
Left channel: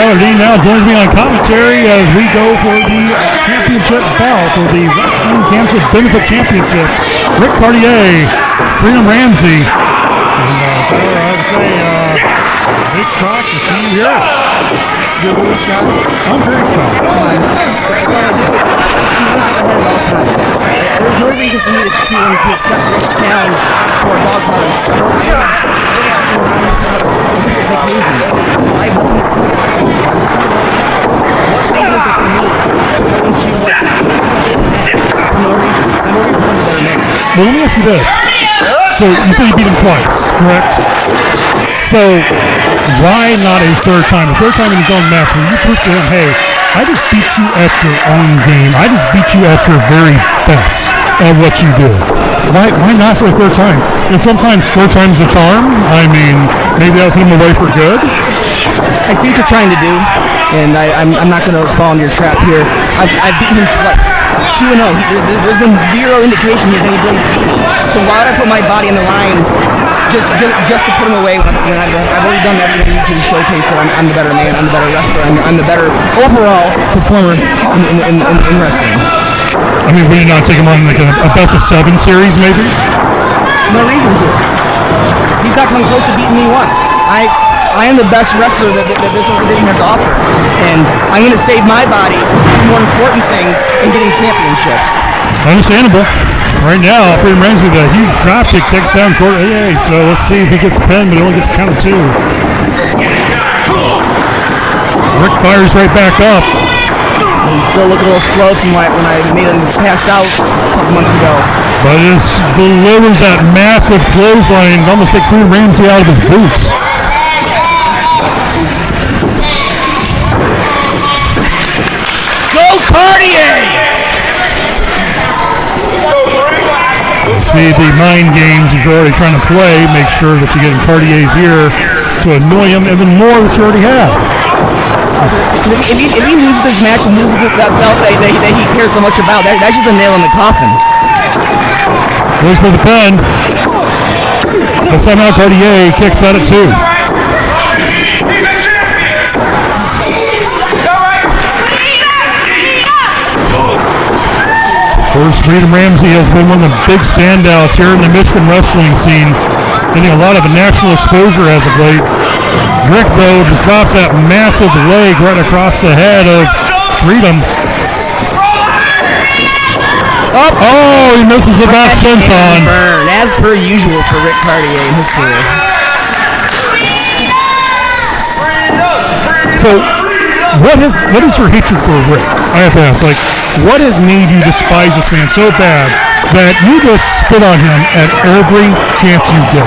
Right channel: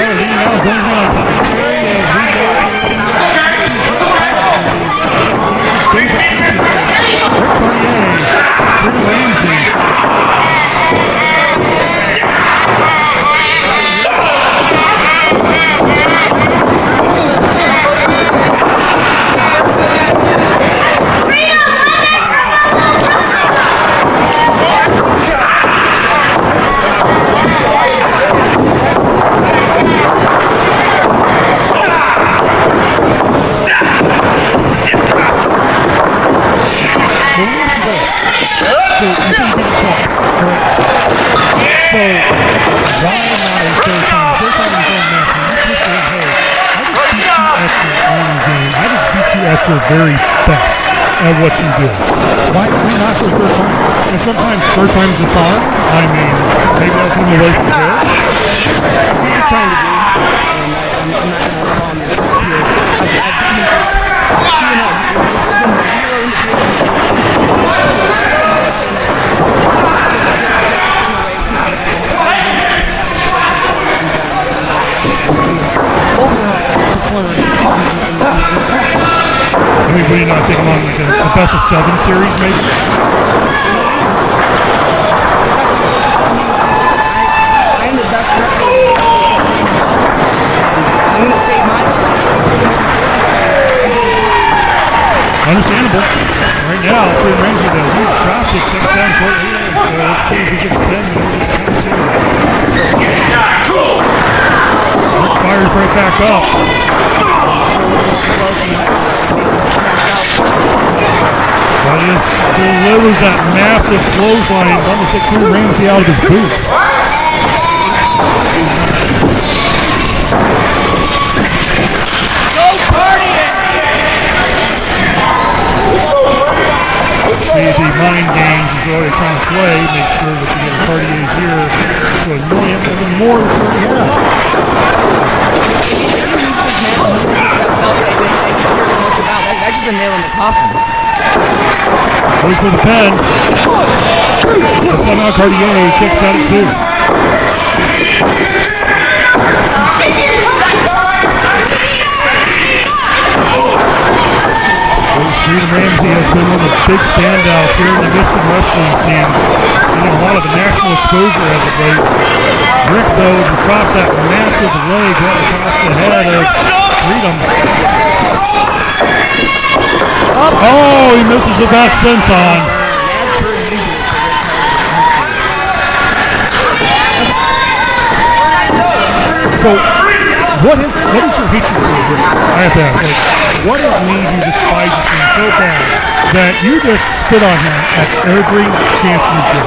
Tyler Dean now joins me on commentary as we go for the championship bout for the Wrestling Cancer Benefit Championship. Rick Cartier, Freedom Ramsey. And I'd say, big shock to see you here. I'm very excited. There's no reason for me to accept this challenge for a dog party. Well, let me ask you this. So you said you beat him twice, correct? So why not a third time? A third time in his own match when you prove to him, hey, I just beat you at your own game. I just beat you at your very best at what you do. Why not for a third time? And sometimes third time's a charm. I mean, maybe that'll put him away for good. I see what you're trying to do, and I'm not going to fall into your trap here. I've beaten him twice. 2-0. There's been zero indication he's any ability to beat me. So why would I put my body on the line just to put him away when I've already done everything I need to showcase that I'm the better man, I'm the better wrestler, I'm the better overall performer in wrestling. I mean, would you not take him on like a best of 7 series maybe? No reason to. He's not coming close to beating me once. I am the best wrestler that this organization has to offer. And I'm going to save my body for more important things than getting championships. Understandable. Right now, Freedom Ramsey with a huge drop kick takes down Corey. So let's see if he gets a pin, but he only gets a count of 2. Rick fires right back up. He's still looking a little slow from when I made him pass out a couple months ago. But it delivers that massive clothesline to almost take Freedom Ramsey out of his boots. Go Cartier! See the mind games that you're already trying to play. Make sure that you get in Cartier's ear to annoy him even more that you already have. If he loses this match and loses that belt that he cares so much about, that's just a nail in the coffin. Goes for the pin. But somehow Cartier kicks out at 2. Of course, Freedom Ramsey has been one of the big standouts here in the Michigan wrestling scene, getting a lot of national exposure as of late. Rick, though, just drops that massive leg right across the head of Freedom. Oh, he misses the back senton. Burn, as per usual for Rick Cartier and his career. So, what is your hatred for Rick? I have to ask, like, what has made you despise this man so bad that you just spit on him at every chance you get?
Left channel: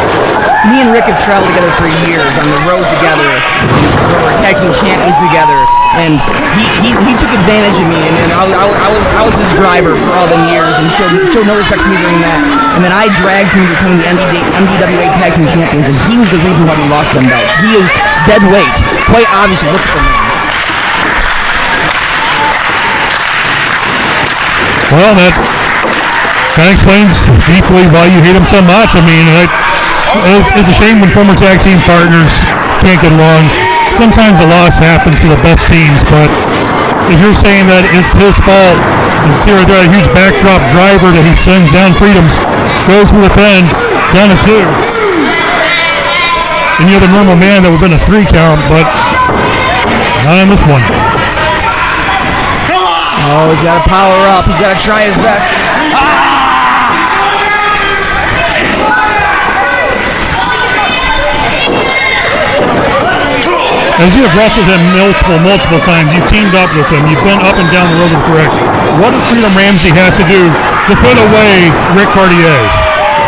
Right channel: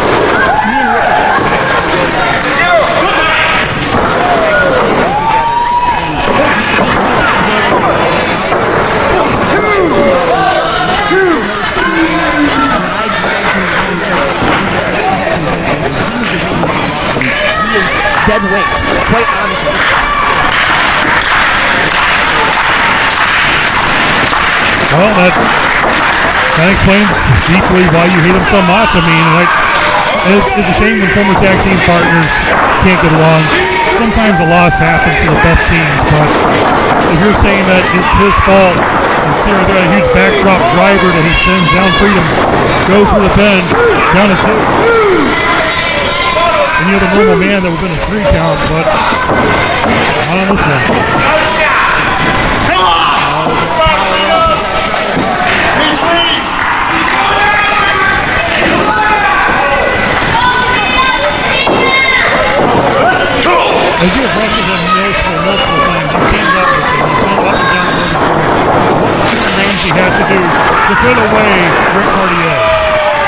Me and Rick have traveled together for years on the road together. We were tag team champions together, and he took advantage of me, and I was his driver for all the years, and showed no respect for me during that. And then I dragged him to becoming the NWA tag team champions, and he was the reason why we lost them belts. He is dead weight, quite obviously. Look at the man. Well, that kind of explains deeply why you hate him so much. I mean, it's a shame when former tag team partners can't get along. Sometimes a loss happens to the best teams, but if you're saying that it's his fault, you see right there a huge backdrop driver that he sends down Freedom's, goes for the pin, down to 2. Any other normal man that would have been a 3 count, but not on this one. Oh, he's got to power up. He's got to try his best. As you have wrestled him multiple times, you've teamed up with him, you've been up and down the road with Rick. What does Freedom Ramsey has to do to put away Rick Cartier?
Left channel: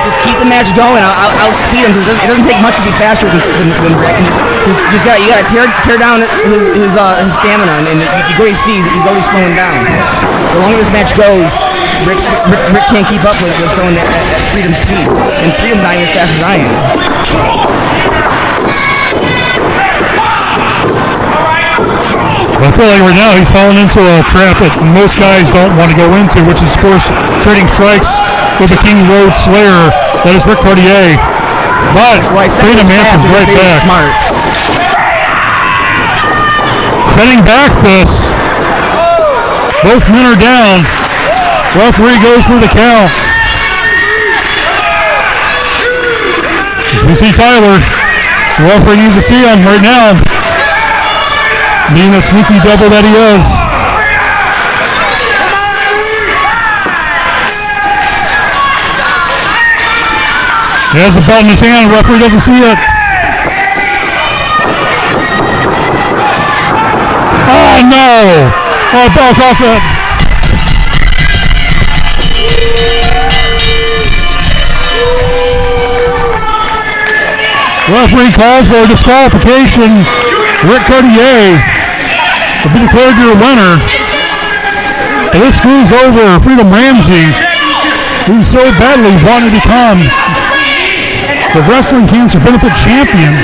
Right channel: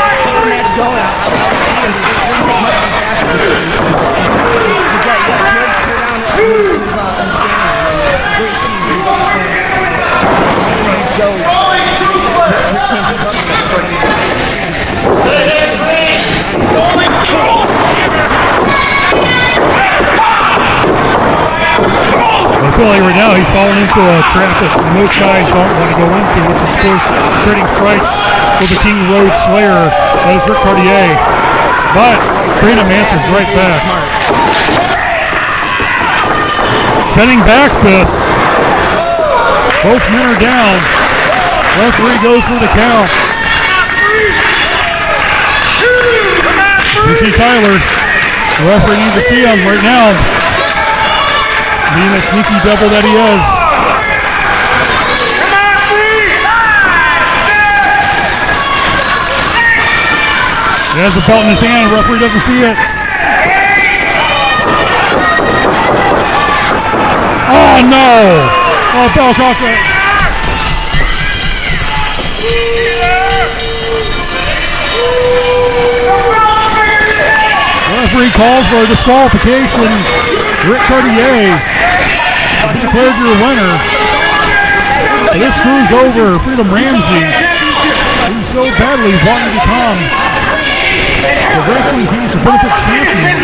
Just keep the match going. I'll speed him. It doesn't take much to be faster than Rick. You got to tear down his stamina, and you go see he's always slowing down. The longer this match goes, Rick can't keep up with someone at Freedom's speed, and Freedom's not even as fast as I am. I feel like right now he's fallen into a trap that most guys don't want to go into, which is, of course, trading strikes with the King Road Slayer. That is Rick Cartier. But Freedom answers right back. Smart. Spinning back fists. Both men are down. Referee goes for the count. As we see Tyler, the referee needs to see him right now. Being the sneaky devil that he is. He has a belt in his hand, the referee doesn't see it. Oh no! Oh, bell across that. Referee calls for a disqualification. Rick Cartier will be declared your winner. So this screws over Freedom Ramsey, who so badly wanted to become the Wrestling Cancer Benefit Champion.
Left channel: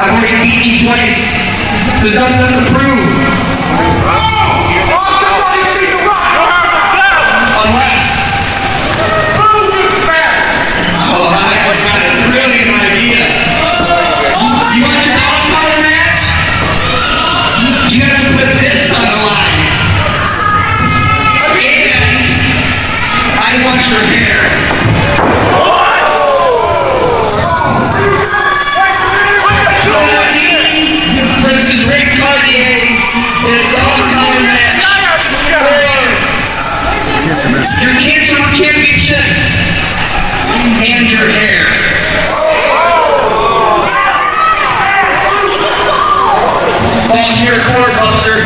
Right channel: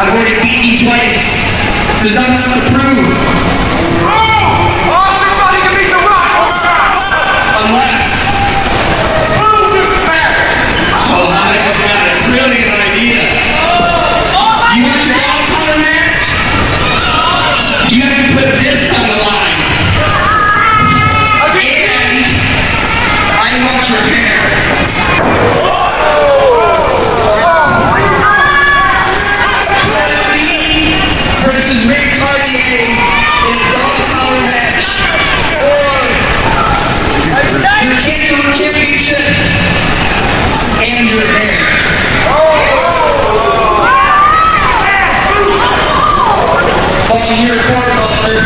I've already beaten you twice. There's nothing left to prove. Unless. Oh, I just got a brilliant idea. You want your dog collar match? You have to put this on the line. And I want your hair. Versus Rick Cartier in a dog collar match for your Cancer Championship and your hair. Ball's your court, Buster.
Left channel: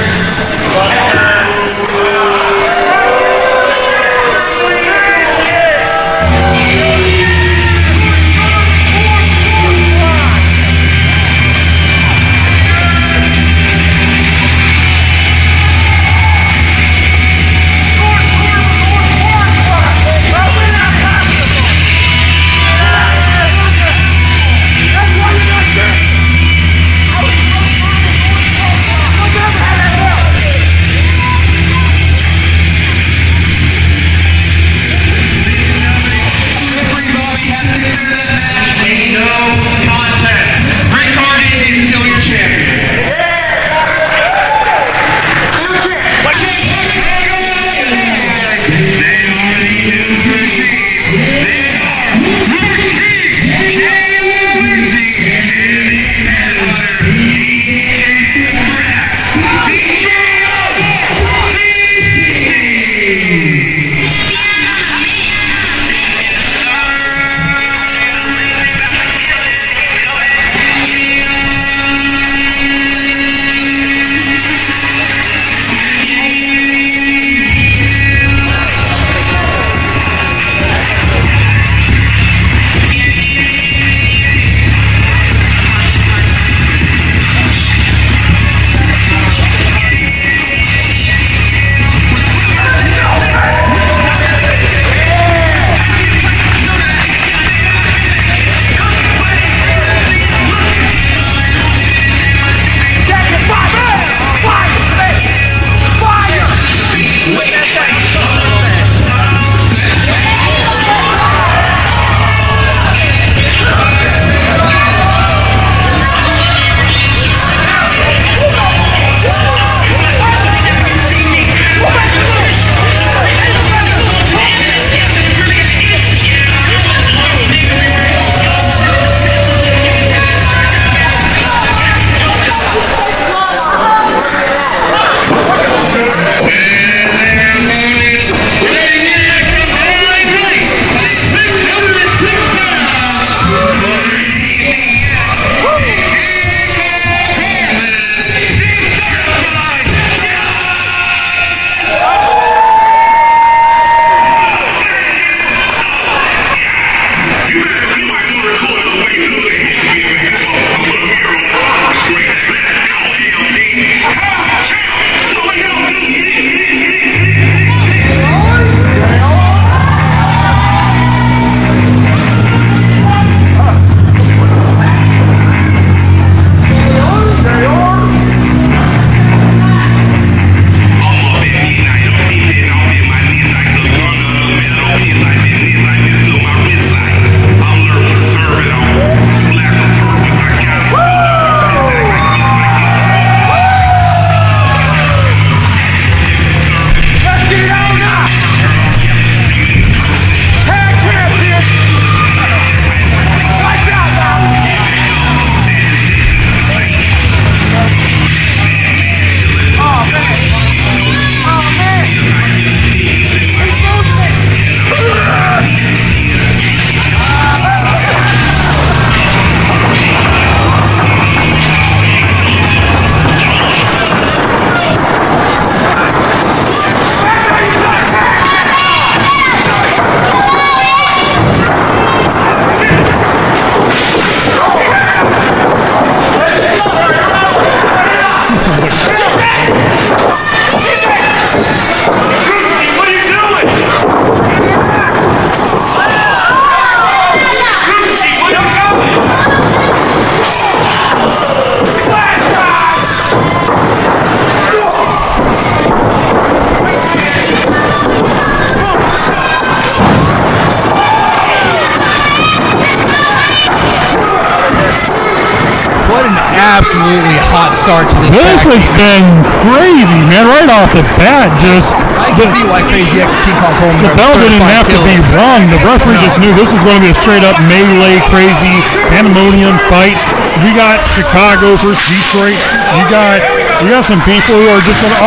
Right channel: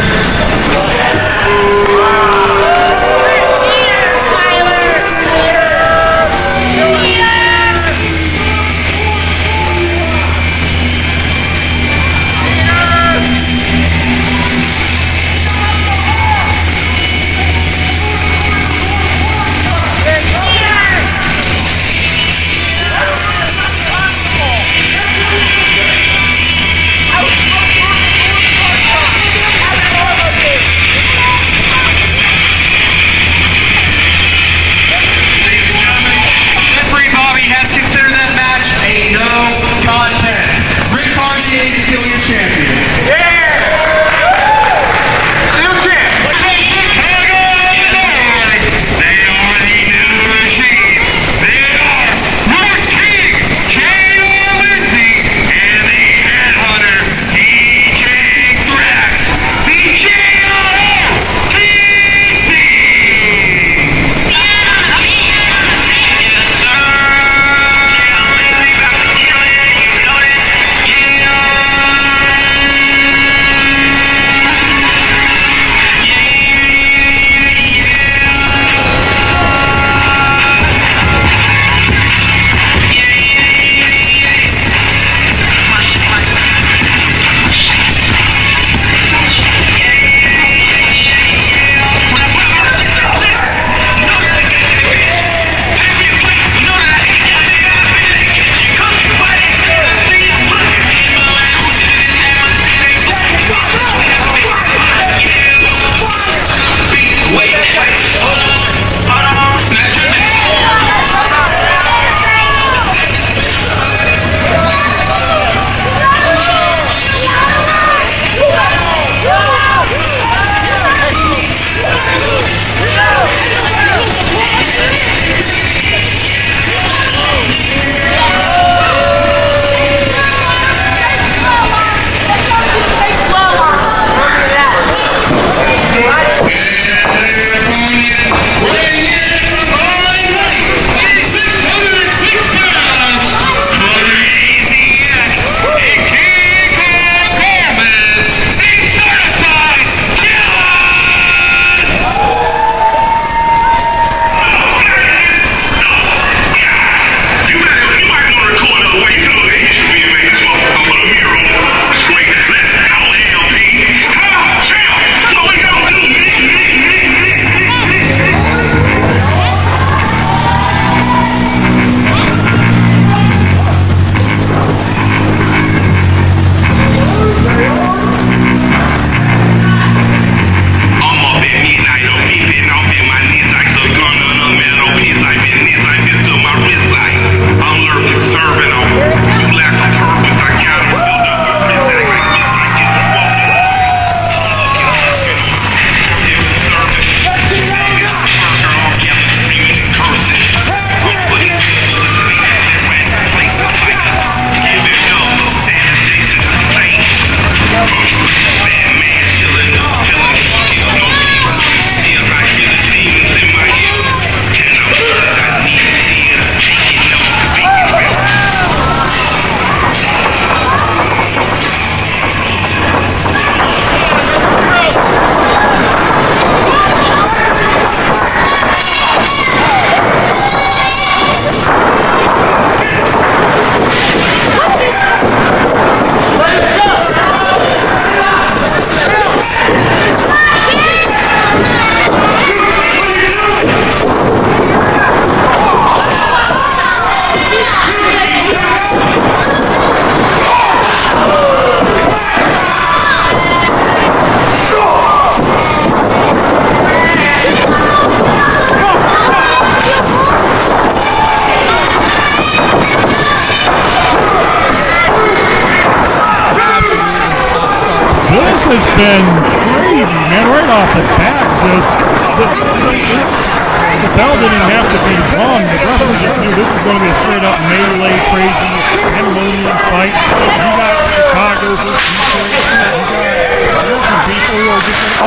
really hot start to this. This tag has team. been crazy, man. Right off the bat, just I can see why Crazy X and King Kong Coleman the are bell didn't certified have to be killers. wrong. The referee just knew this is going to be a straight up melee, crazy, pandemonium fight. You got Chicago versus Detroit. You got some people who are just going to,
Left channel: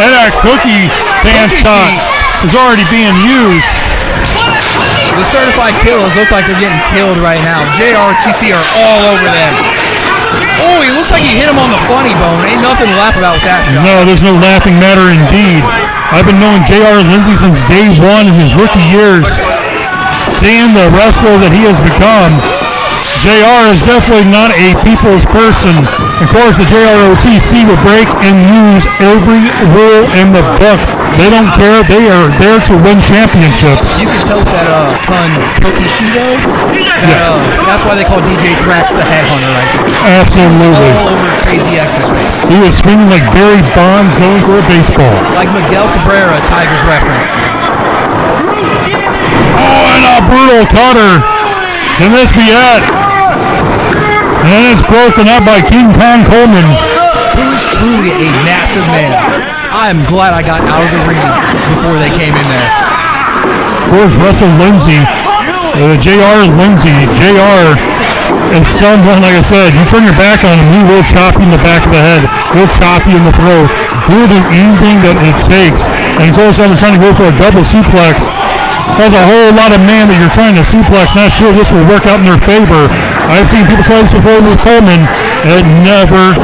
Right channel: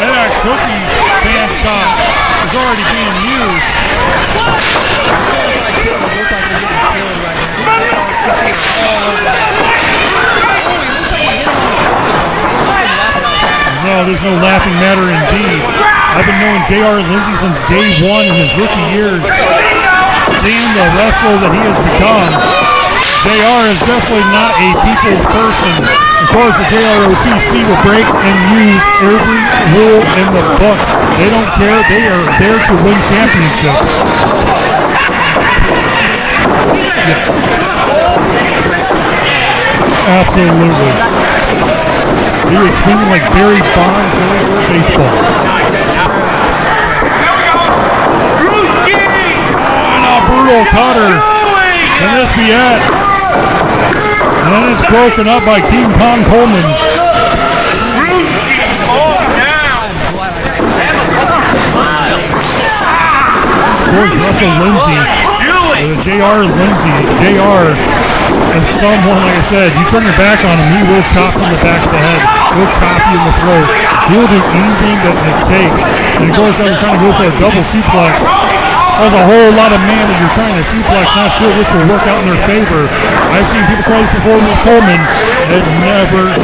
and that cookie fan Cookie shot sheet. is already being used. The certified killers look like they're getting killed right now. JRTC are all over them. Oh, he looks like he hit him on the funny bone. Ain't nothing to laugh about with that shot. No, there's no laughing matter indeed. I've been knowing J.R. Lindsay since day one in his rookie years. Seeing the wrestler that he has become, JR is definitely not a people's person. Of course, the JROTC will break and use every rule in the book. They don't care. They are there to win championships. You can tell with that pun, Cookie Shido. That's why they call DJ Drax the headhunter right now. Absolutely. All over Crazy X's face. He was swinging like Barry Bonds going for a baseball. Like Miguel Cabrera, Tigers reference. Oh, and a brutal cutter. Can this be it? And then it's broken up by King Kong Coleman. Who's truly a massive man. I'm glad I got out of the ring before they came in there. Of course, Russell Lindsay, J.R. Lindsay. J.R. is someone, like I said, you turn your back on him, he will chop you in the back of the head. He'll chop you in the throat. He will do anything that it takes. And of course, I've been trying to go for a double suplex. There's a whole lot of man that you're trying to suplex. Not sure this will work out in their favor. I've seen people try this before with Coleman. It never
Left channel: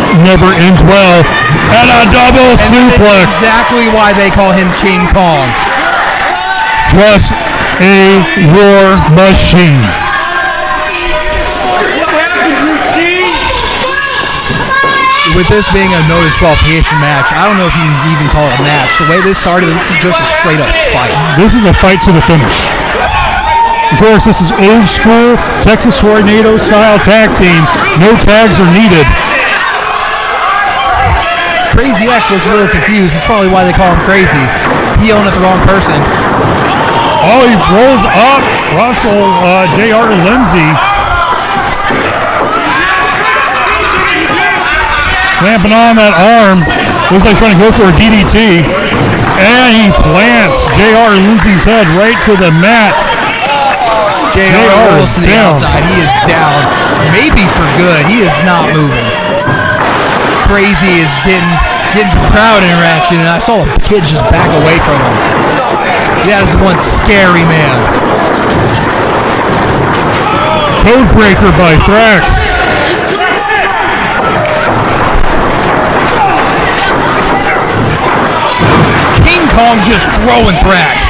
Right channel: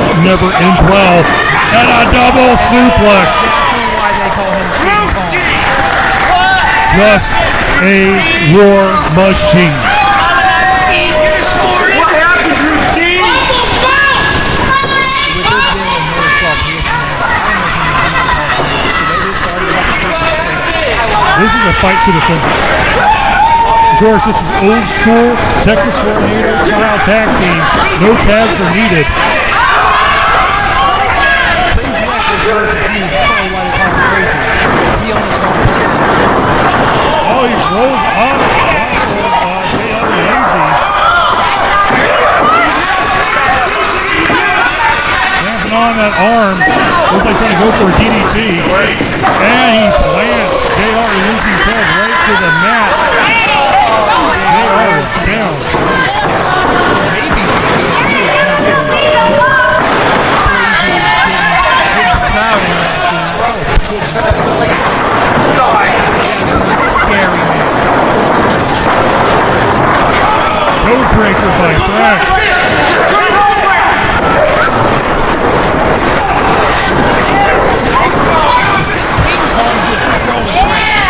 ends well. And a double suplex. That's exactly why they call him King Kong. Just a war machine. With this being a no disqualification match, I don't know if you can even call it a match. The way this started, this is just a straight up fight. This is a fight to the finish. Of course, this is old school Texas Tornado style tag team. No tags are needed. Crazy X looks a little confused. It's probably why they call him Crazy. He owned it the wrong person. Oh, he rolls up Russell J.R. Lindsay. Clamping on that arm. Looks like trying to go for a DDT. And he plants J.R. Lindsay's head right to the mat. JR rolls to the down. outside. He is down. Maybe for good. He is not moving. Crazy is getting some crowd interaction, and I saw a kid just back away from him. That is one scary man. Codebreaker by Thrax. King Kong just throwing Thrax.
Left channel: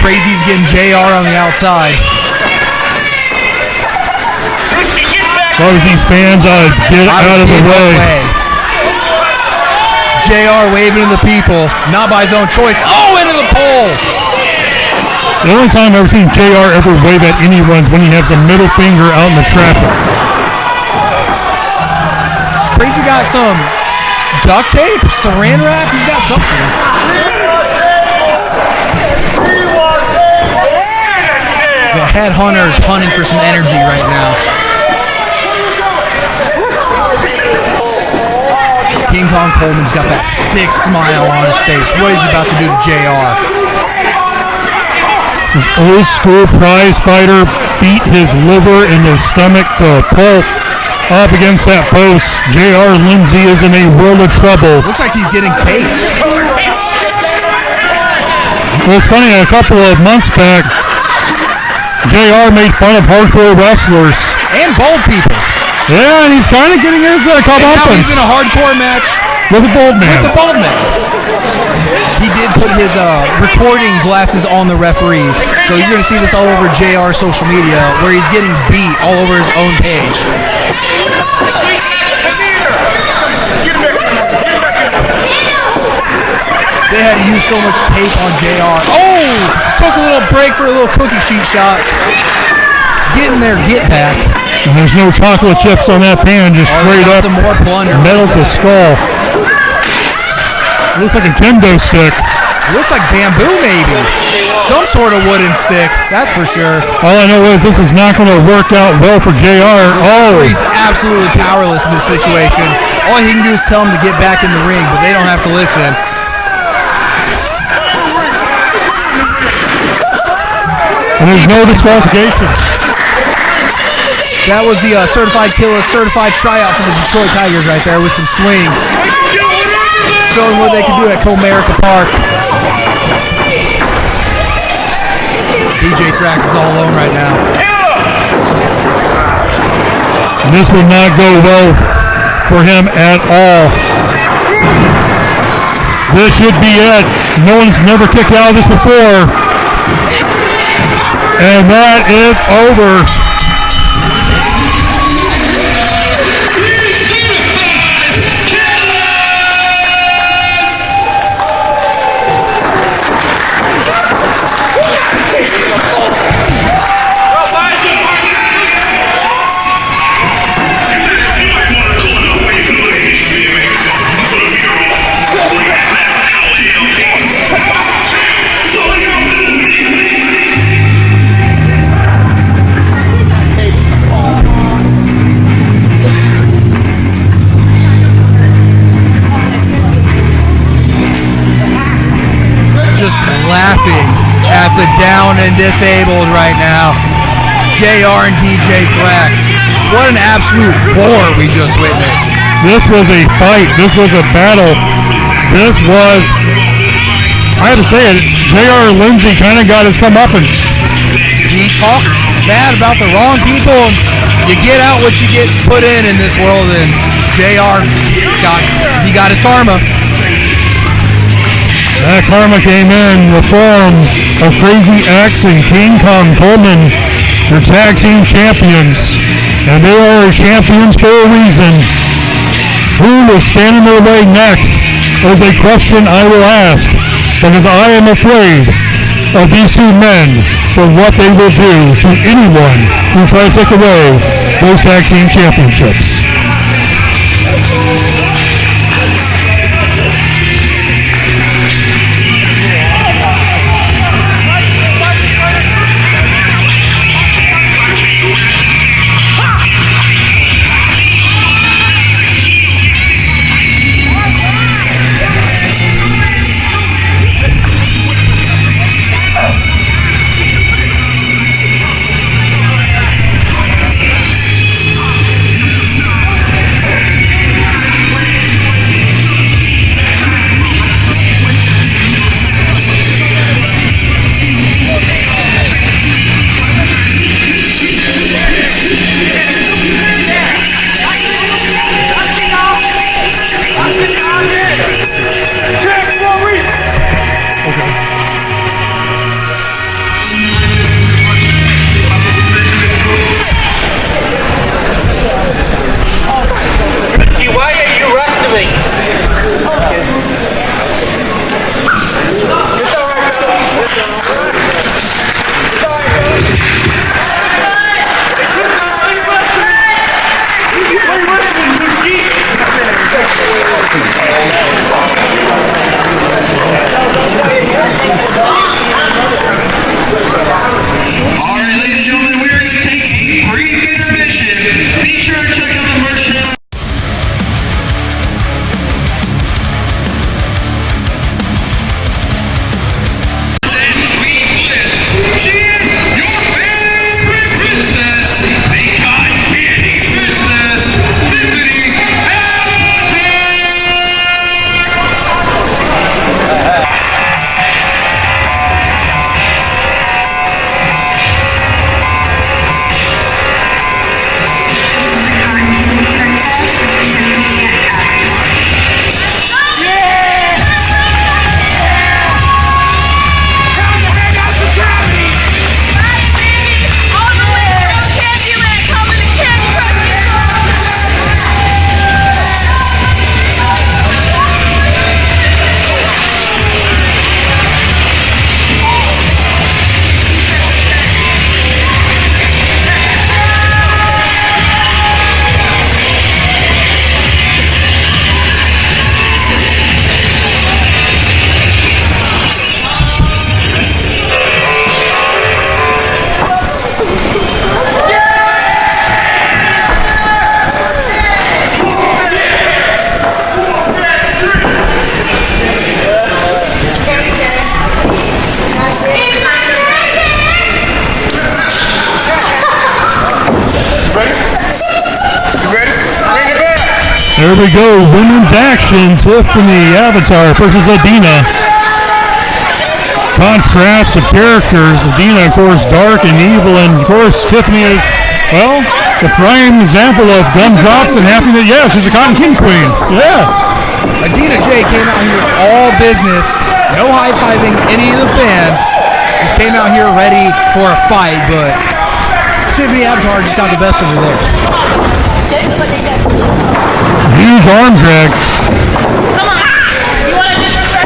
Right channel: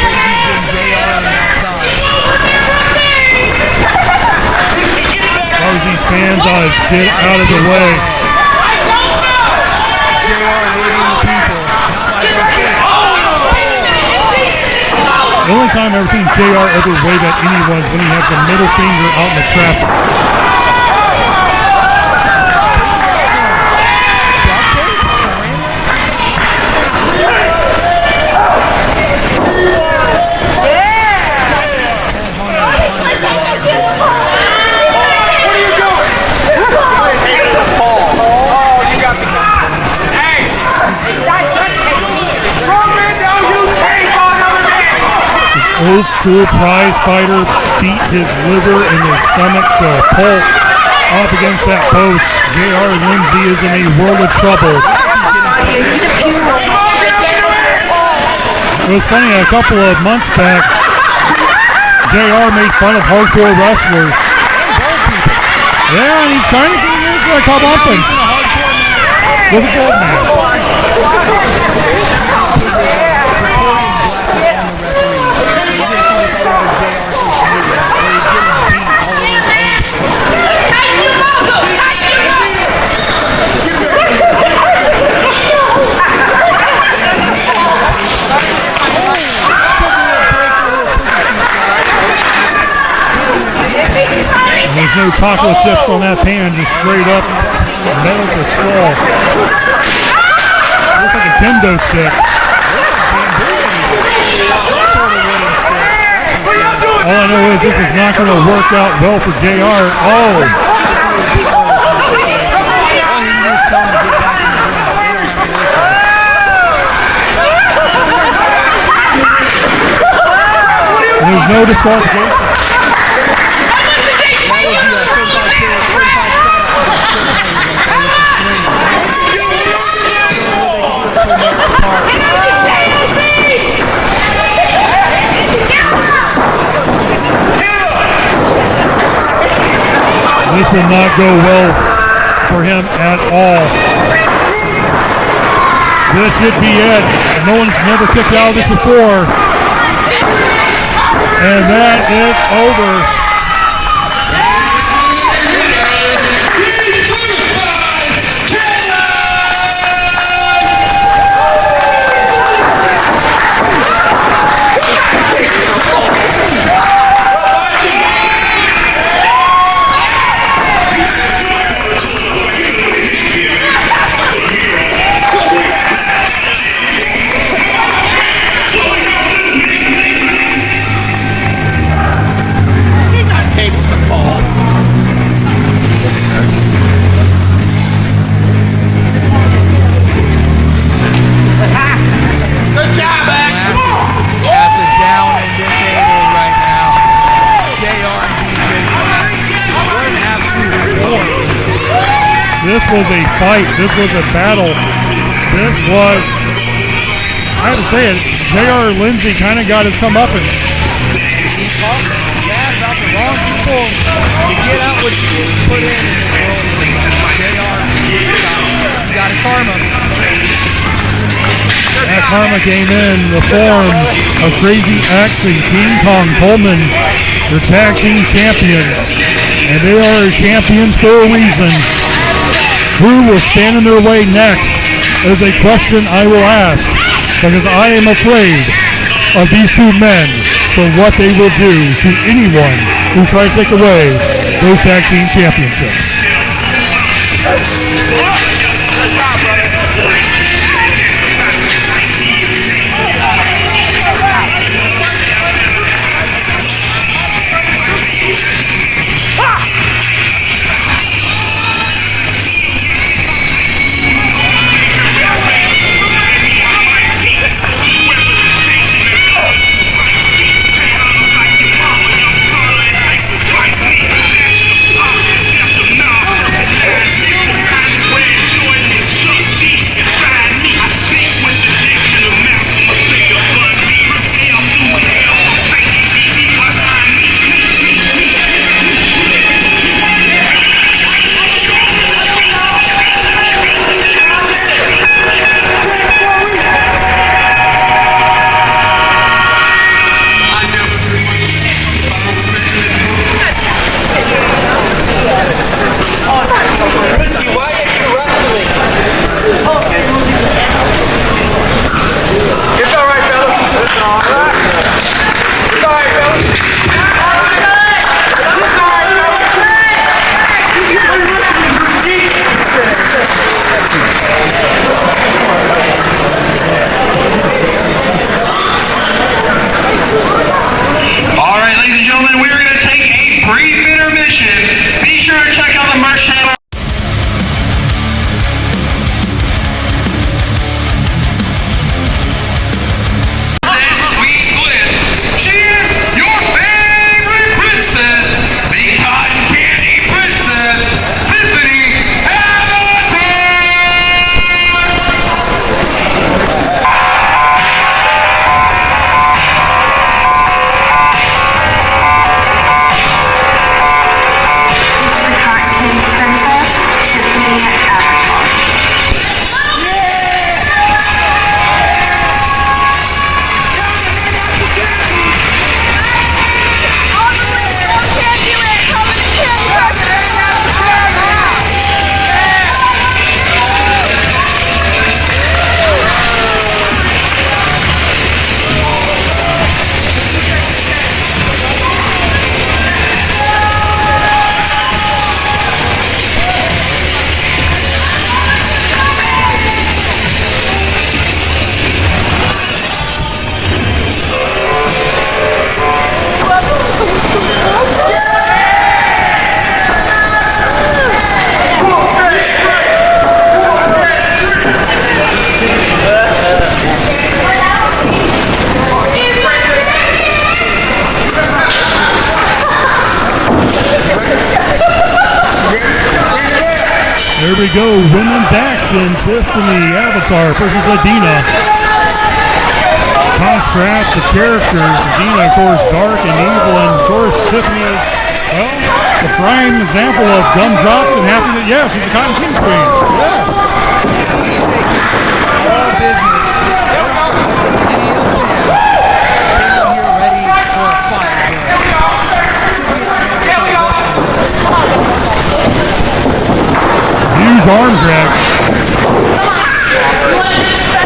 Crazy's getting JR on the outside. As long as these fans get out of the way. JR waving to the people, not by his own choice. Oh, into the pole. The only time I've ever seen JR ever wave at anyone is when he has a middle finger out in the traffic. Crazy got some duct tape, saran wrap. He's got something. The headhunter is hunting for some energy right now. King Kong Coleman's got that sick smile on his face. What is he about to do to JR? His old school prize fighter beat his liver and his stomach to pulp up against that post. J.R. Lindsay is in a world of trouble. Looks like he's getting taped. It was funny, a couple of months back, JR made fun of hardcore wrestlers. And bald people. Yeah, and he's kind of getting into the And now comeuppance he's in a hardcore match with a bald with man. the bald man. He did put his recording glasses on the referee, so you're going to see this all over JR's social media, where he's getting beat all over his own page. They had to use so much tape on JR. Oh! Took a little break for a little cookie sheet shot. Getting their get back. And there's no chocolate chips on that pan, just straight up Some more plunder. metal to skull. Looks like a kendo stick. It looks like bamboo, maybe. some sort of wooden stick, that's for sure. All I know is this is not going to work out well for JR. Oh, He's absolutely powerless in this situation. All he can do is tell him to get back in the ring, but they don't have to listen. and there's no disqualification. That was the certified tryout for the Detroit Tigers right there with some swings. Showing what they can do at Comerica Park. DJ Thrax is all alone right now. This will not go well for him at all. This should be it. No one's never kicked out of this before. And that is over. At the down and disabled right now, JR and DJ Thrax. What an absolute war we just witnessed. This was a fight. This was a battle. This was, I have to say it, JR Lindsay kind of got his comeuppance. He talked bad about the wrong people. You get out what you get put in this world, and JR got his karma. That karma came in the form of Crazy X and King Kong Coleman, your tag team champions. And they are champions for a reason. Who will stand in their way next is a question I will ask, because I am afraid of these two men for what they will do to anyone who tries to take away those tag team championships. There we go, women's action. Tiffany Avatar versus Adina. Contrast of characters. Adina, of course, dark and evil, and of course, Tiffany is, well, the prime example of gumdrops and happiness. Yeah, she's a Cotton King queen. Yeah. Adina J came out here with all business, no high-fiving any of the fans. Just came out here ready for a fight, but Tiffany Avatar just got the best of her there. Huge arm drag.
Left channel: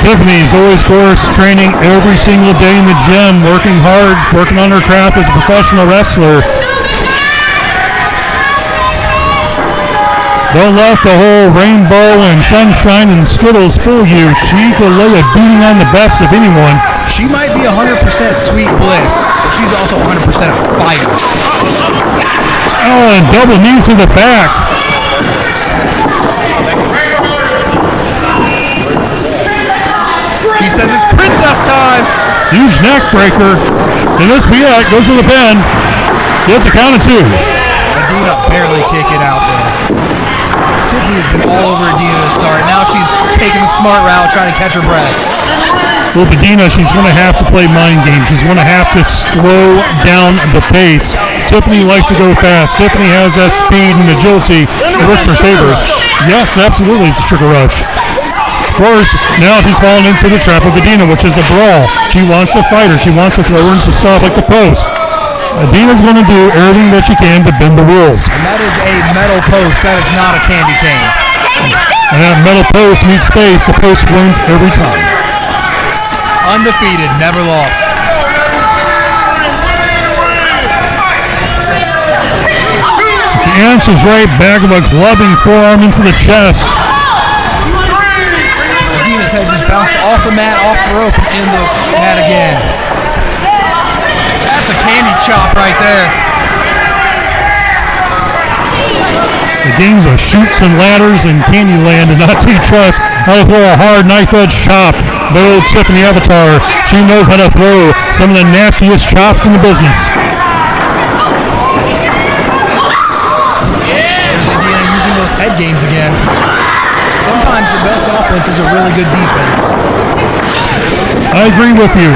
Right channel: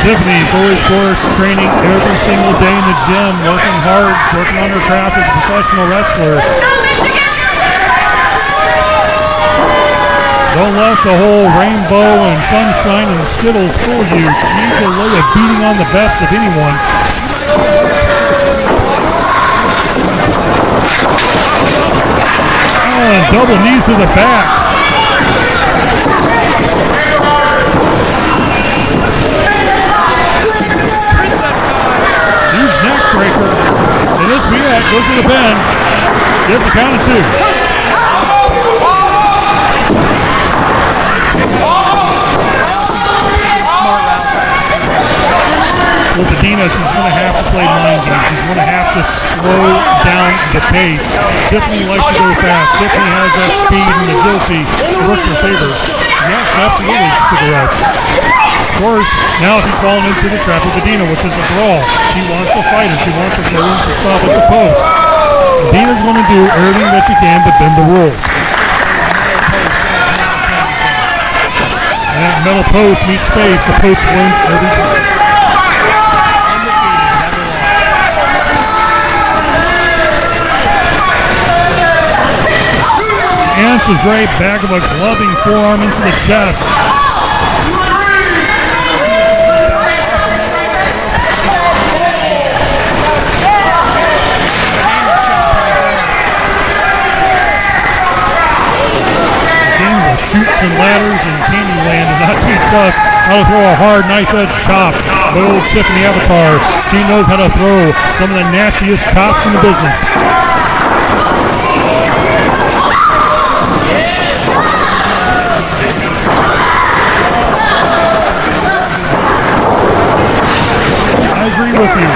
Tiffany's always, of course, training every single day in the gym, working hard, working on her craft as a professional wrestler. Don't let the whole rainbow and sunshine and Skittles fool you. She can lay a beating on the best of anyone. She might be 100% sweet bliss, but she's also 100% fire. Oh, and double knees to the back. She says it's princess time. Huge neck breaker. And this Biak goes for the pin. Gets a count of 2. Adina barely kick it out there. Tiffany's been all over Adina to start. Now she's taking the smart route, trying to catch her breath. Well, Adina, she's going to have to play mind games. She's going to have to slow down the pace. Tiffany likes to go fast. Tiffany has that speed and agility. It works for her favor. Yes, absolutely, it's a sugar rush. Of course, now she's fallen into the trap of Adina, which is a brawl. She wants to fight her. She wants to throw her into stuff like the post. Adina's going to do everything that she can to bend the rules. And that is a metal post. That is not a candy cane. And that metal post meets space. The post wins every time. Undefeated, never lost. She answers right back of a clubbing forearm into the chest. Adina's head just bounced off the mat, off the rope, and into the mat again. That's a candy chop right there. The games of shoots and ladders and Candyland did not teach us how to throw a hard knife-edge chop. But old Tiffany Avatar, she knows how to throw some of the nastiest chops in the business. There's Adina using those head games again. Sometimes the best offense is a really good defense. I agree with you.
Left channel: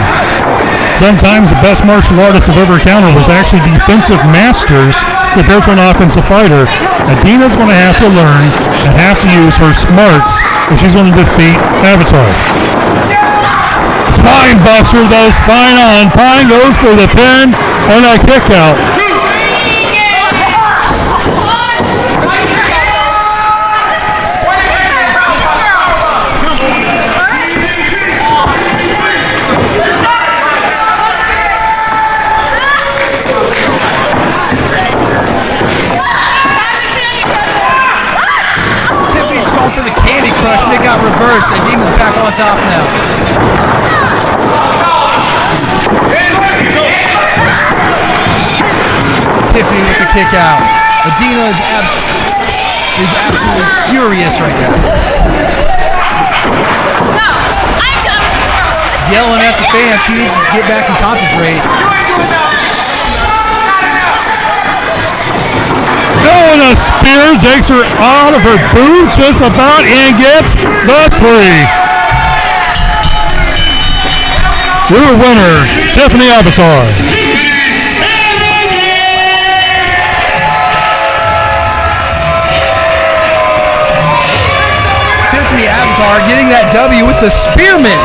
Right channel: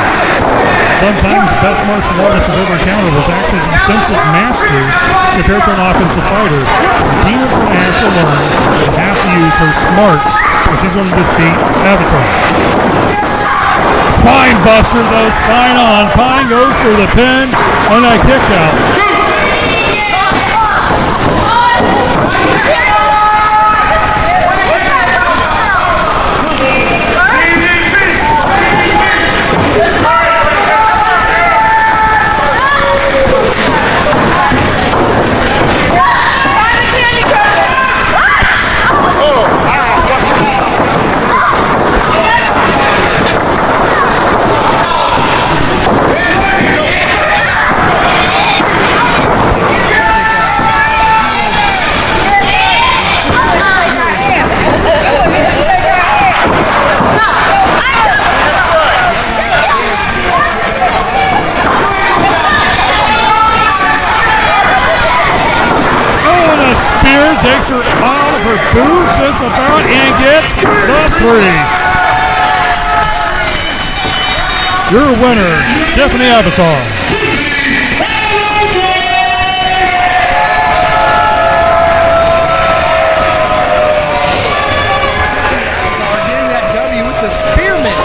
Sometimes the best martial artists I've ever encountered was actually defensive masters compared to an offensive fighter. Adina's going to have to learn and have to use her smarts if she's going to defeat Avatar. Spine buster though, spine on. Pine goes for the pin on that kick out. Reverse, and Adina's back on top now. Tiffany with the kick out. Adina is absolutely furious right now. Yelling at the fans, she needs to get back and concentrate. Oh, and a spear takes her out of her boots just about and gets the 3. Your winner, Tiffany Avatar. Tiffany Avatar getting that W with the spearmint.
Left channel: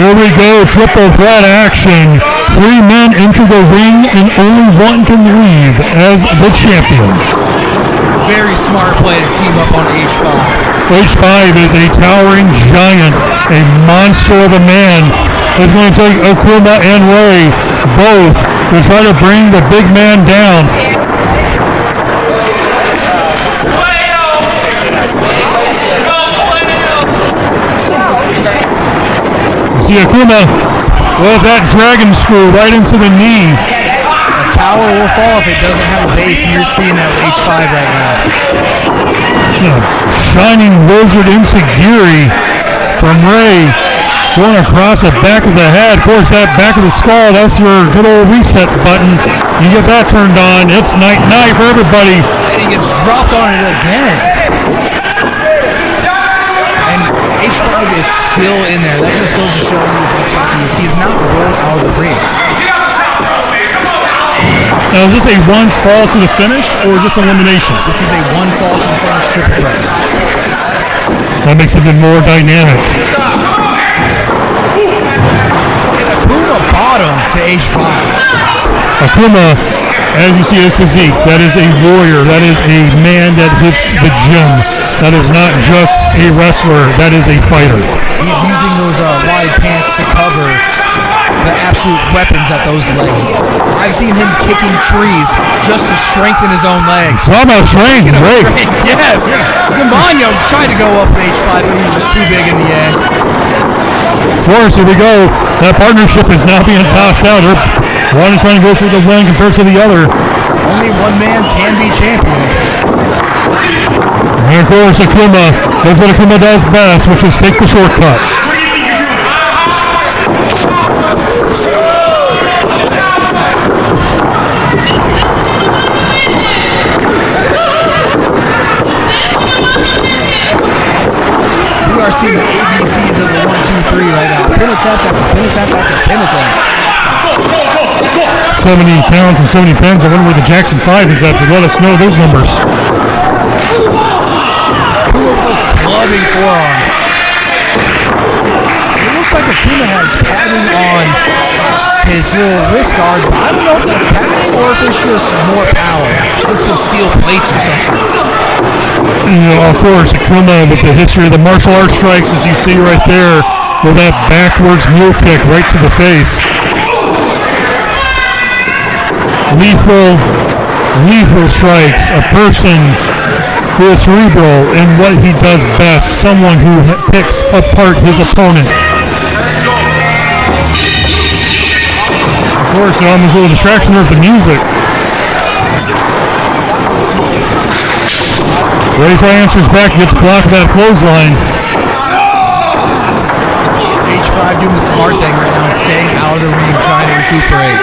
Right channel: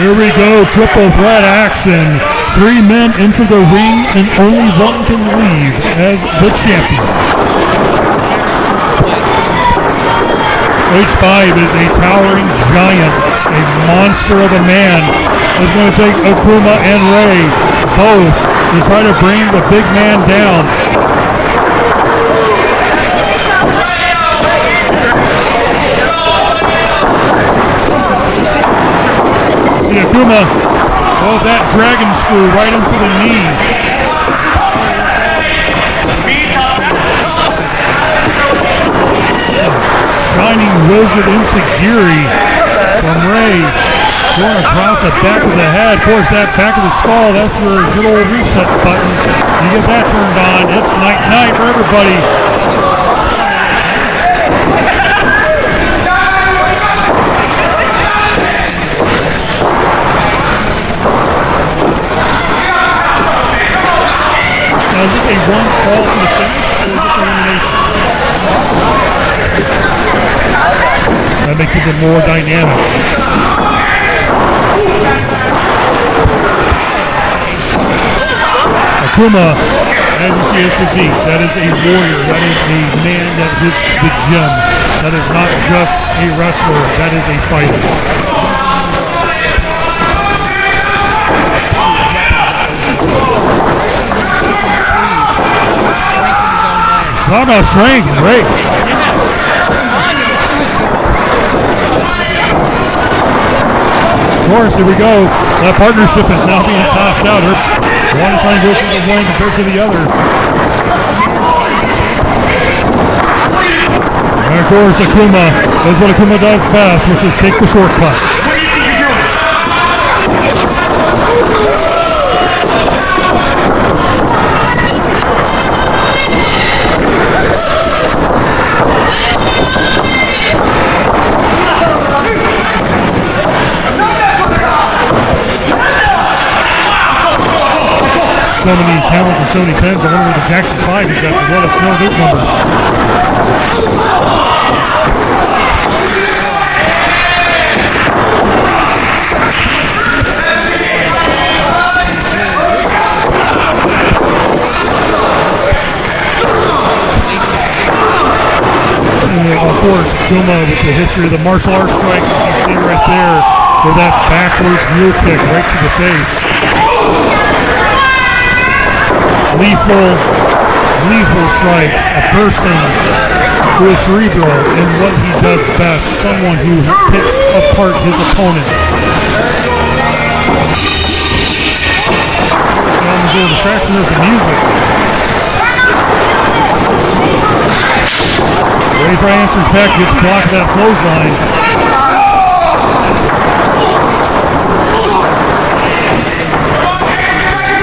Here we go, triple threat action. 3 men enter the ring and only one can leave as the champion. Very smart play to team up on H5. H5 is a towering giant, a monster of a man. Is going to take Akuma and Ray both to try to bring the big man down. See Akuma with that dragon screw right into the knee. The tower will fall if it doesn't have a base, and you're seeing that with H5 right now. Shining wizard Enziguri from Ray going across the back of the head. Of course, that back of the skull, that's your good old reset button. You get that turned on, it's night-night for everybody. And he gets dropped on it again. And H5 is still in there. That just goes to show you how tough he is. He's not rolled out of the ring. Now, is this a one fall to the finish or just elimination? This is a one fall to the finish triple threat match. That makes it even more dynamic. Akuma bottom to H5. Akuma, as you see his physique, that is a warrior. That is a man that hits the gym. That is not just a wrestler. That is a fighter. He's using those wide pants to cover the absolute weapons that those legs are. I've seen him kicking trees just to strengthen his own legs. It's all about strength, right? Yes. Campagno tried to go up with H5, but he was just too big in the end. Of course, here we go. That partnership is now being tossed out. One is trying to go through the wing compared to the other. Only one man can be champion. And of course, Akuma does what Akuma does best, which is take the shortcut. What do you think you're doing? We are seeing the ABCs of the 1, 2, 3 right now. Pin attack after pin attack after pin attack. So many counts and so many pins. I wonder where the Jackson 5 is at to let us know those numbers. Akuma with those clubbing forearms. It looks like Akuma has padding on his little wrist guards, but I don't know if that's padding or if it's just more power. Just some steel plates or something. And, of course, Akuma with the history of the martial arts strikes, as you see right there, with that backwards mule kick right to the face. Lethal strikes. A person who is cerebral in what he does best. Someone who picks apart his opponent. Of course, there's a little distraction there with the music. Ray Try answers back, gets blocked with that clothesline. H5 doing the smart thing right now and staying out of the ring, trying to recuperate.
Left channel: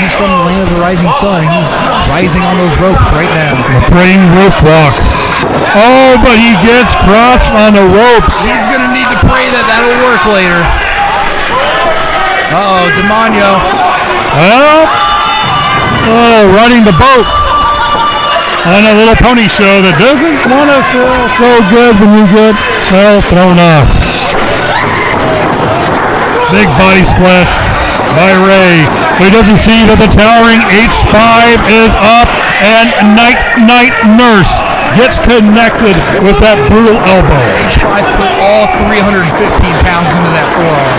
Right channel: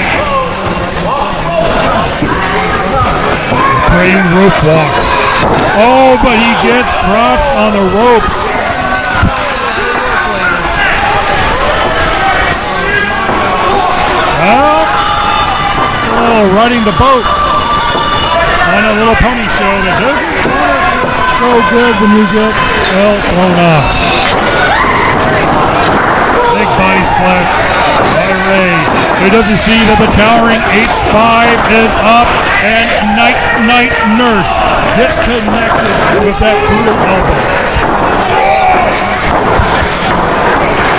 He's from the land of the rising sun, and he's rising on those ropes right now. The praying rope walk. Oh, but he gets crotched on the ropes. He's going to need to pray that that'll work later. Uh-oh, Demonio. Well, riding the boat on a little pony show that doesn't want to feel so good when you get, well, thrown off. Big body splash by Ray, but he doesn't see that the towering H5 is up, and Night Nurse gets connected with that brutal elbow. H5 put all 315 pounds into that forearm.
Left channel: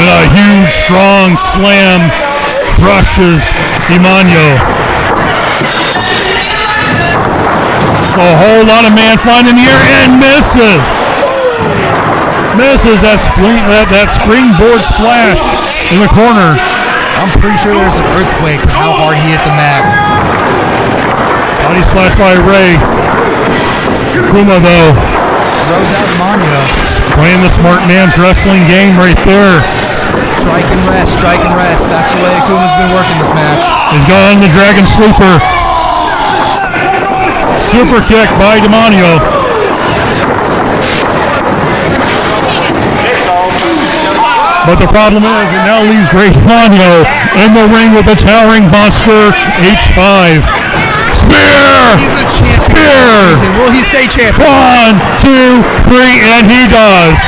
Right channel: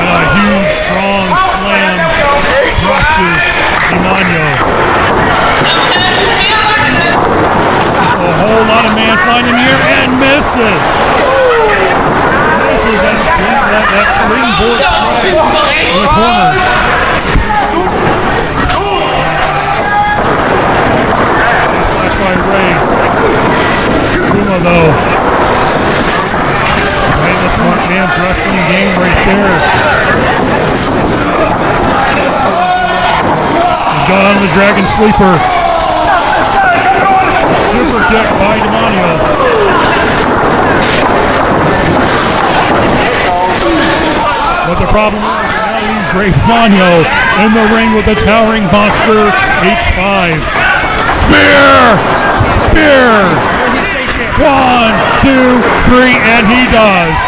And a huge, strong slam crushes Demonio. So a whole lot of man flying in the air and misses. Misses that springboard splash in the corner. I'm pretty sure there's an earthquake with how hard he hit the mat. Body splash by Ray. Akuma, though, Throws out Demonio. playing the smart man's wrestling game right there. Strike and rest, strike and rest. That's the way Akuma's been working this match. He's got on the Dragon Sleeper. Super kick by Demonio. But the problem is, it now leaves Great Demonio in the ring with the towering monster H5. Spear! Spear! Will he stay champion? 1, 2, 3, and he does.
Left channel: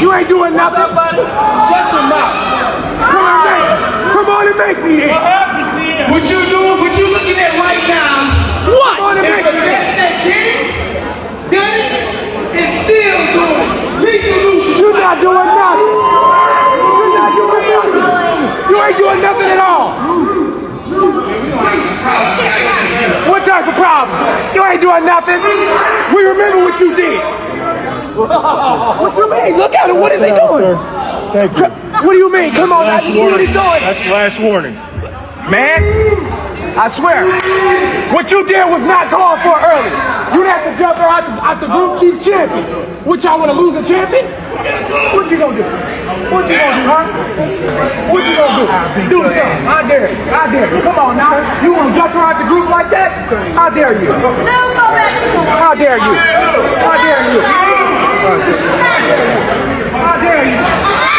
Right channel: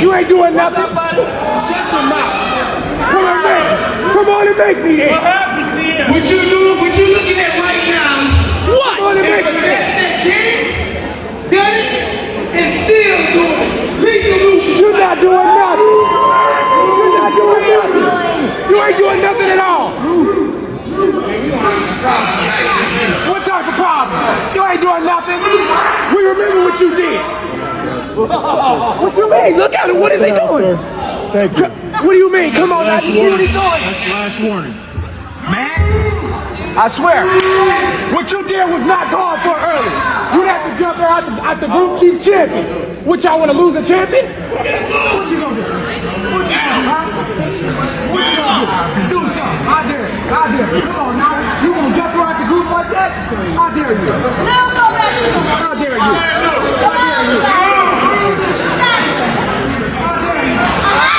You ain't doing nothing. Shut your mouth. Come on, man. Come on and make me here. What happens here? What you doing? What you looking at right now? What? If the best that done it, is still doing it. Legal Lucian, you not doing nothing. You not doing nothing. You ain't doing nothing at all. What type of problems? You ain't doing nothing. We remember what you did. What you mean? Look at him. What is he doing? Thank you. What do you mean? Come on, man. You see what he's doing? That's the last warning. Man, I swear, what you did was not called for early. You let the jump out the group. She's champion. What, y'all want to lose a champion? What you gonna do? What you gonna do, huh? What you gonna do? Do something. I dare you. I dare you. Come on now. You gonna jump her out the group like that? I dare you. I dare you. I dare you. I dare you.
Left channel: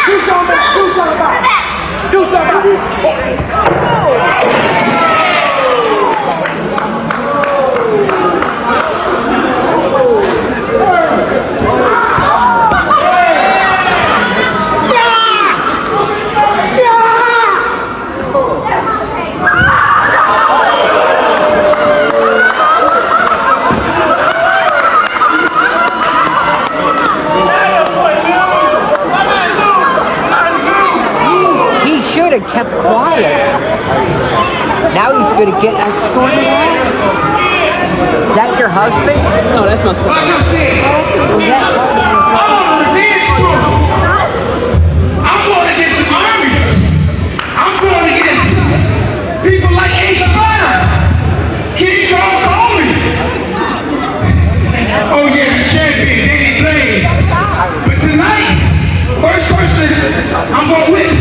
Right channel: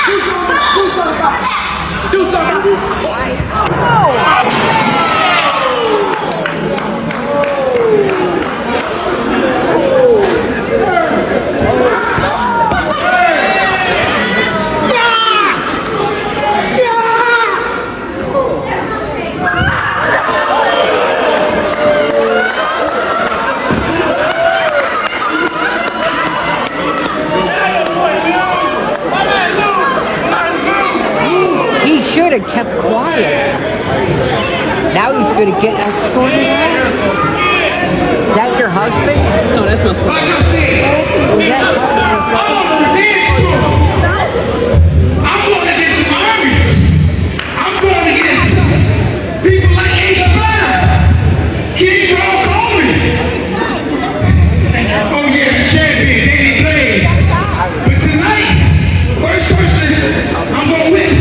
Do something. Do something about it. Do something about it. He should have kept quiet. Now he's going to get escorted out. Is that your husband? No, that's my son. Like I said, all over the dance floor. I'm going against the armies. I'm going against people like H. Spider, King Kong Coleman. Oh yeah, the champion, Danny Blaze. But tonight, first person I'm going with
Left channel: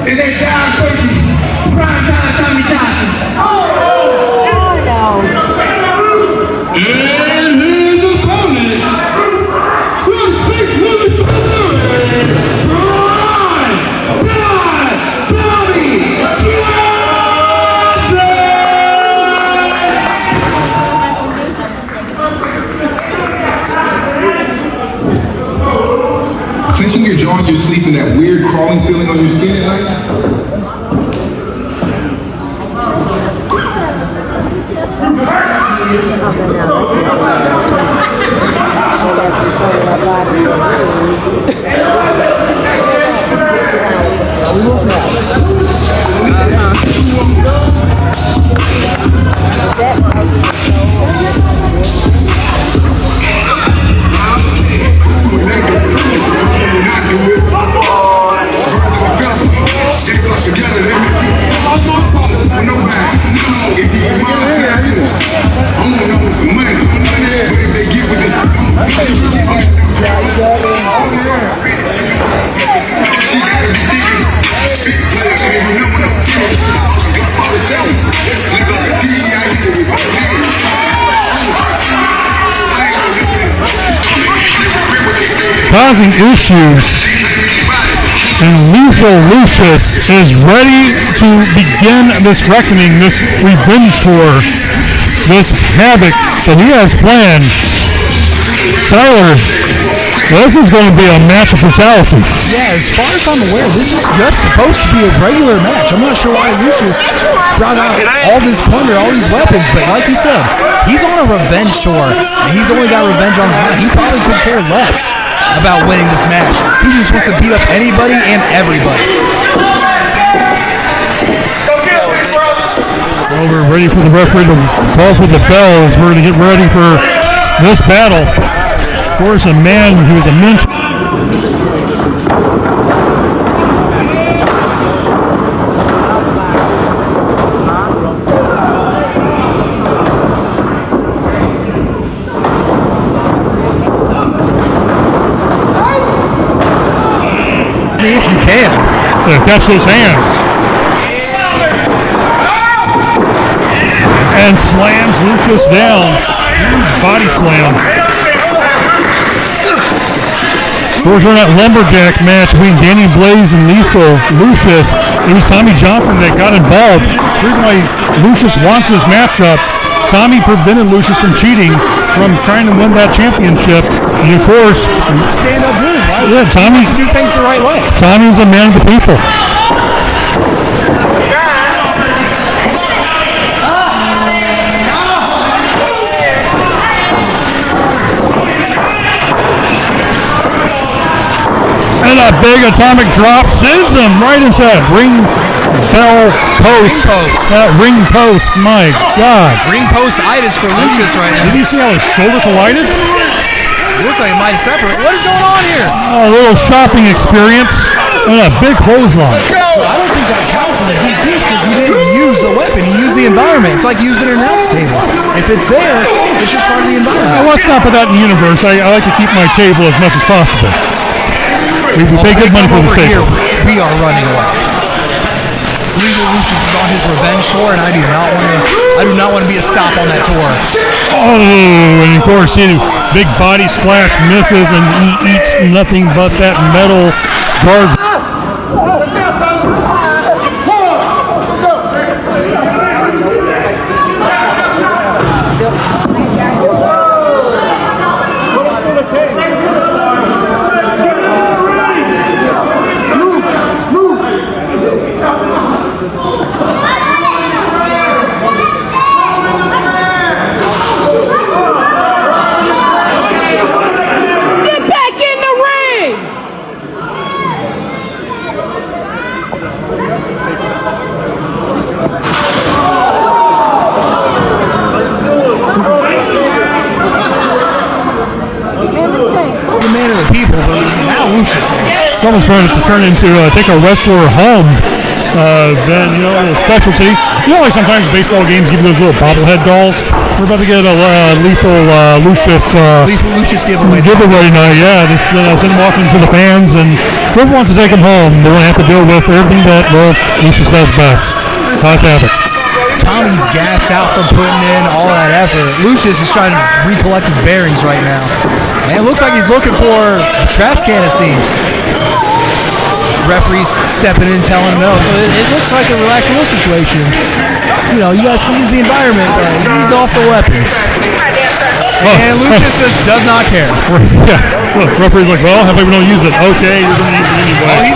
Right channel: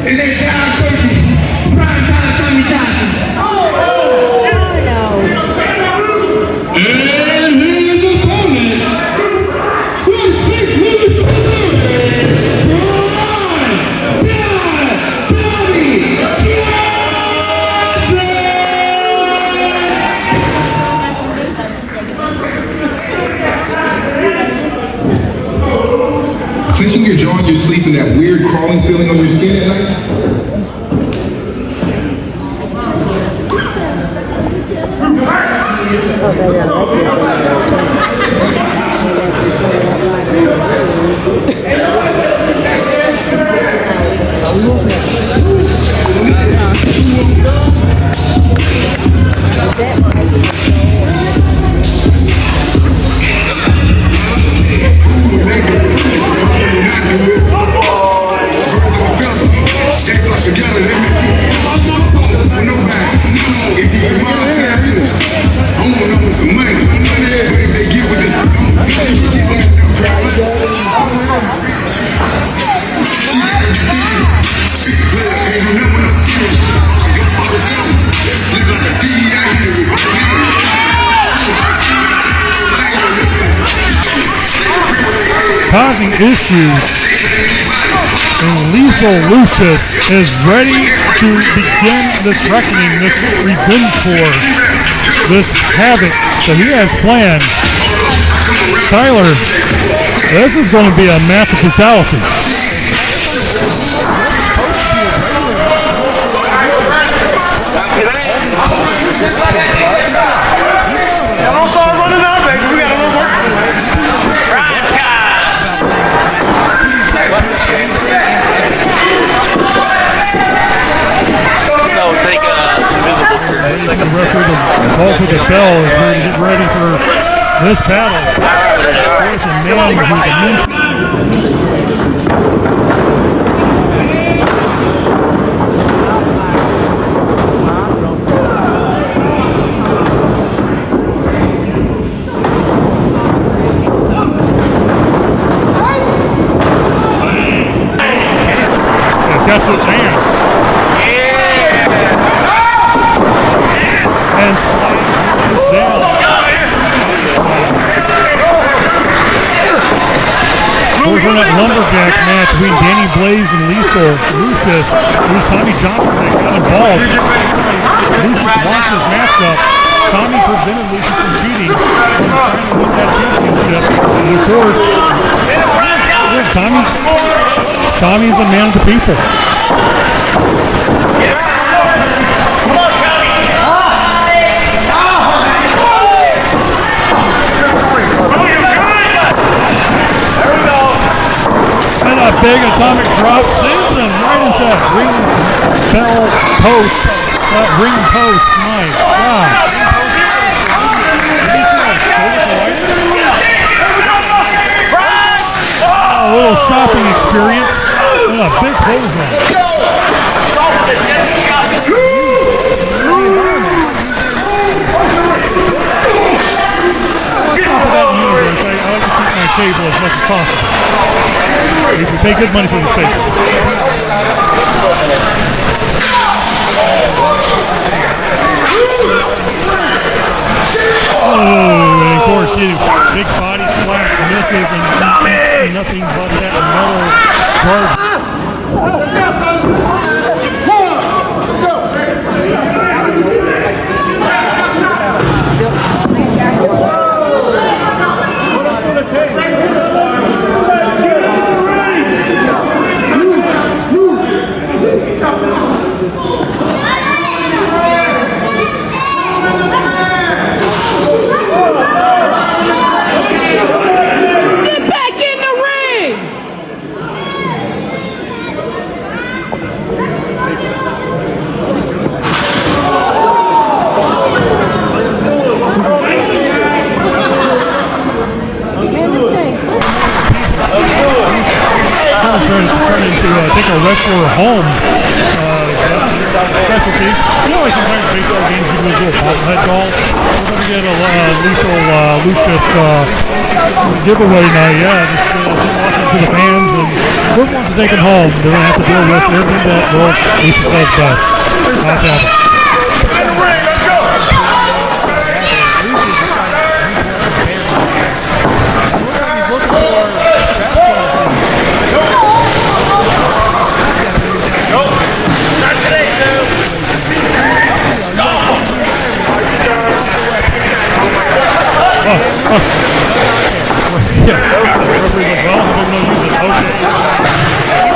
is that John Turkey, prime time Tommy Johnson. No. clenching your jaw in your sleep and that weird crawling feeling on your skin at night? Causing issues, and Lethal Lucius is ready to begin this reckoning, this revenge tour, this havoc that he has planned. Tyler, this is going to be a match of brutality. Yeah, as far as I'm aware, this is just supposed to be a regular match. I'm not sure why Lucius brought out all this plunder, all these weapons, but like he said, he's on a revenge tour. He's only got revenge on his mind. He probably could care less about winning this match. He just wants to beat up anybody and everybody. Well, we're ready for the referee to call for the bell as we're going to get ready for this battle. Of course, a man who was a mentor. Catch those hands. And slams Lucius down. Body slam. Of course, we're in that lumberjack match between Danny Blaze and Lethal Lucius. It was Tommy Johnson that got involved. The reason why Lucius wants this matchup, Tommy prevented Lucius from cheating, from trying to win that championship. And of course, stand up here. Yeah, Tommy wants to do things the right way. Tommy's a man of the people. And a big atomic drop sends him right into that ring bell post. Ring post, my God. Ring post-itis for Lucius right now. Did you see how his shoulder collided? It looks like it might separate. What is going on here? A little shopping experience and a big clothesline. So I don't think that causes a big deal because he didn't use the weapon. He used the environment. It's like using an announce table. If it's there, it's just part of the environment. Well, let's not put that in the universe. I like to keep my table as much as possible. We pay good money for this table. We are running away. Lucius is on his revenge tour, and I do not want to be a stop on that tour. Oh, and of course, big body splash misses, and he eats nothing but that metal guard. It's almost ready to turn into take a wrestler home. Then, a little specialty. Like sometimes baseball games give you those little bobblehead dolls. We're about to get a Lethal Lucius giveaway night. Yeah, this send him off into the fans, and whoever wants to take him home, they're going to have to deal with everything that Lucius does best. Let's have it. Tommy's gassed out from putting in all that effort. Lucius is trying to recollect his bearings right now. And it looks like he's looking for a trash can, it seems. referee's stepping in, telling him no. So it looks like a relaxed rule situation. You know, you guys can use the environment, but he needs off the weapons. And Lucius just does not care. Yeah, look, referee's like, well, how about we don't use it? Okay, you're going to use it anyway.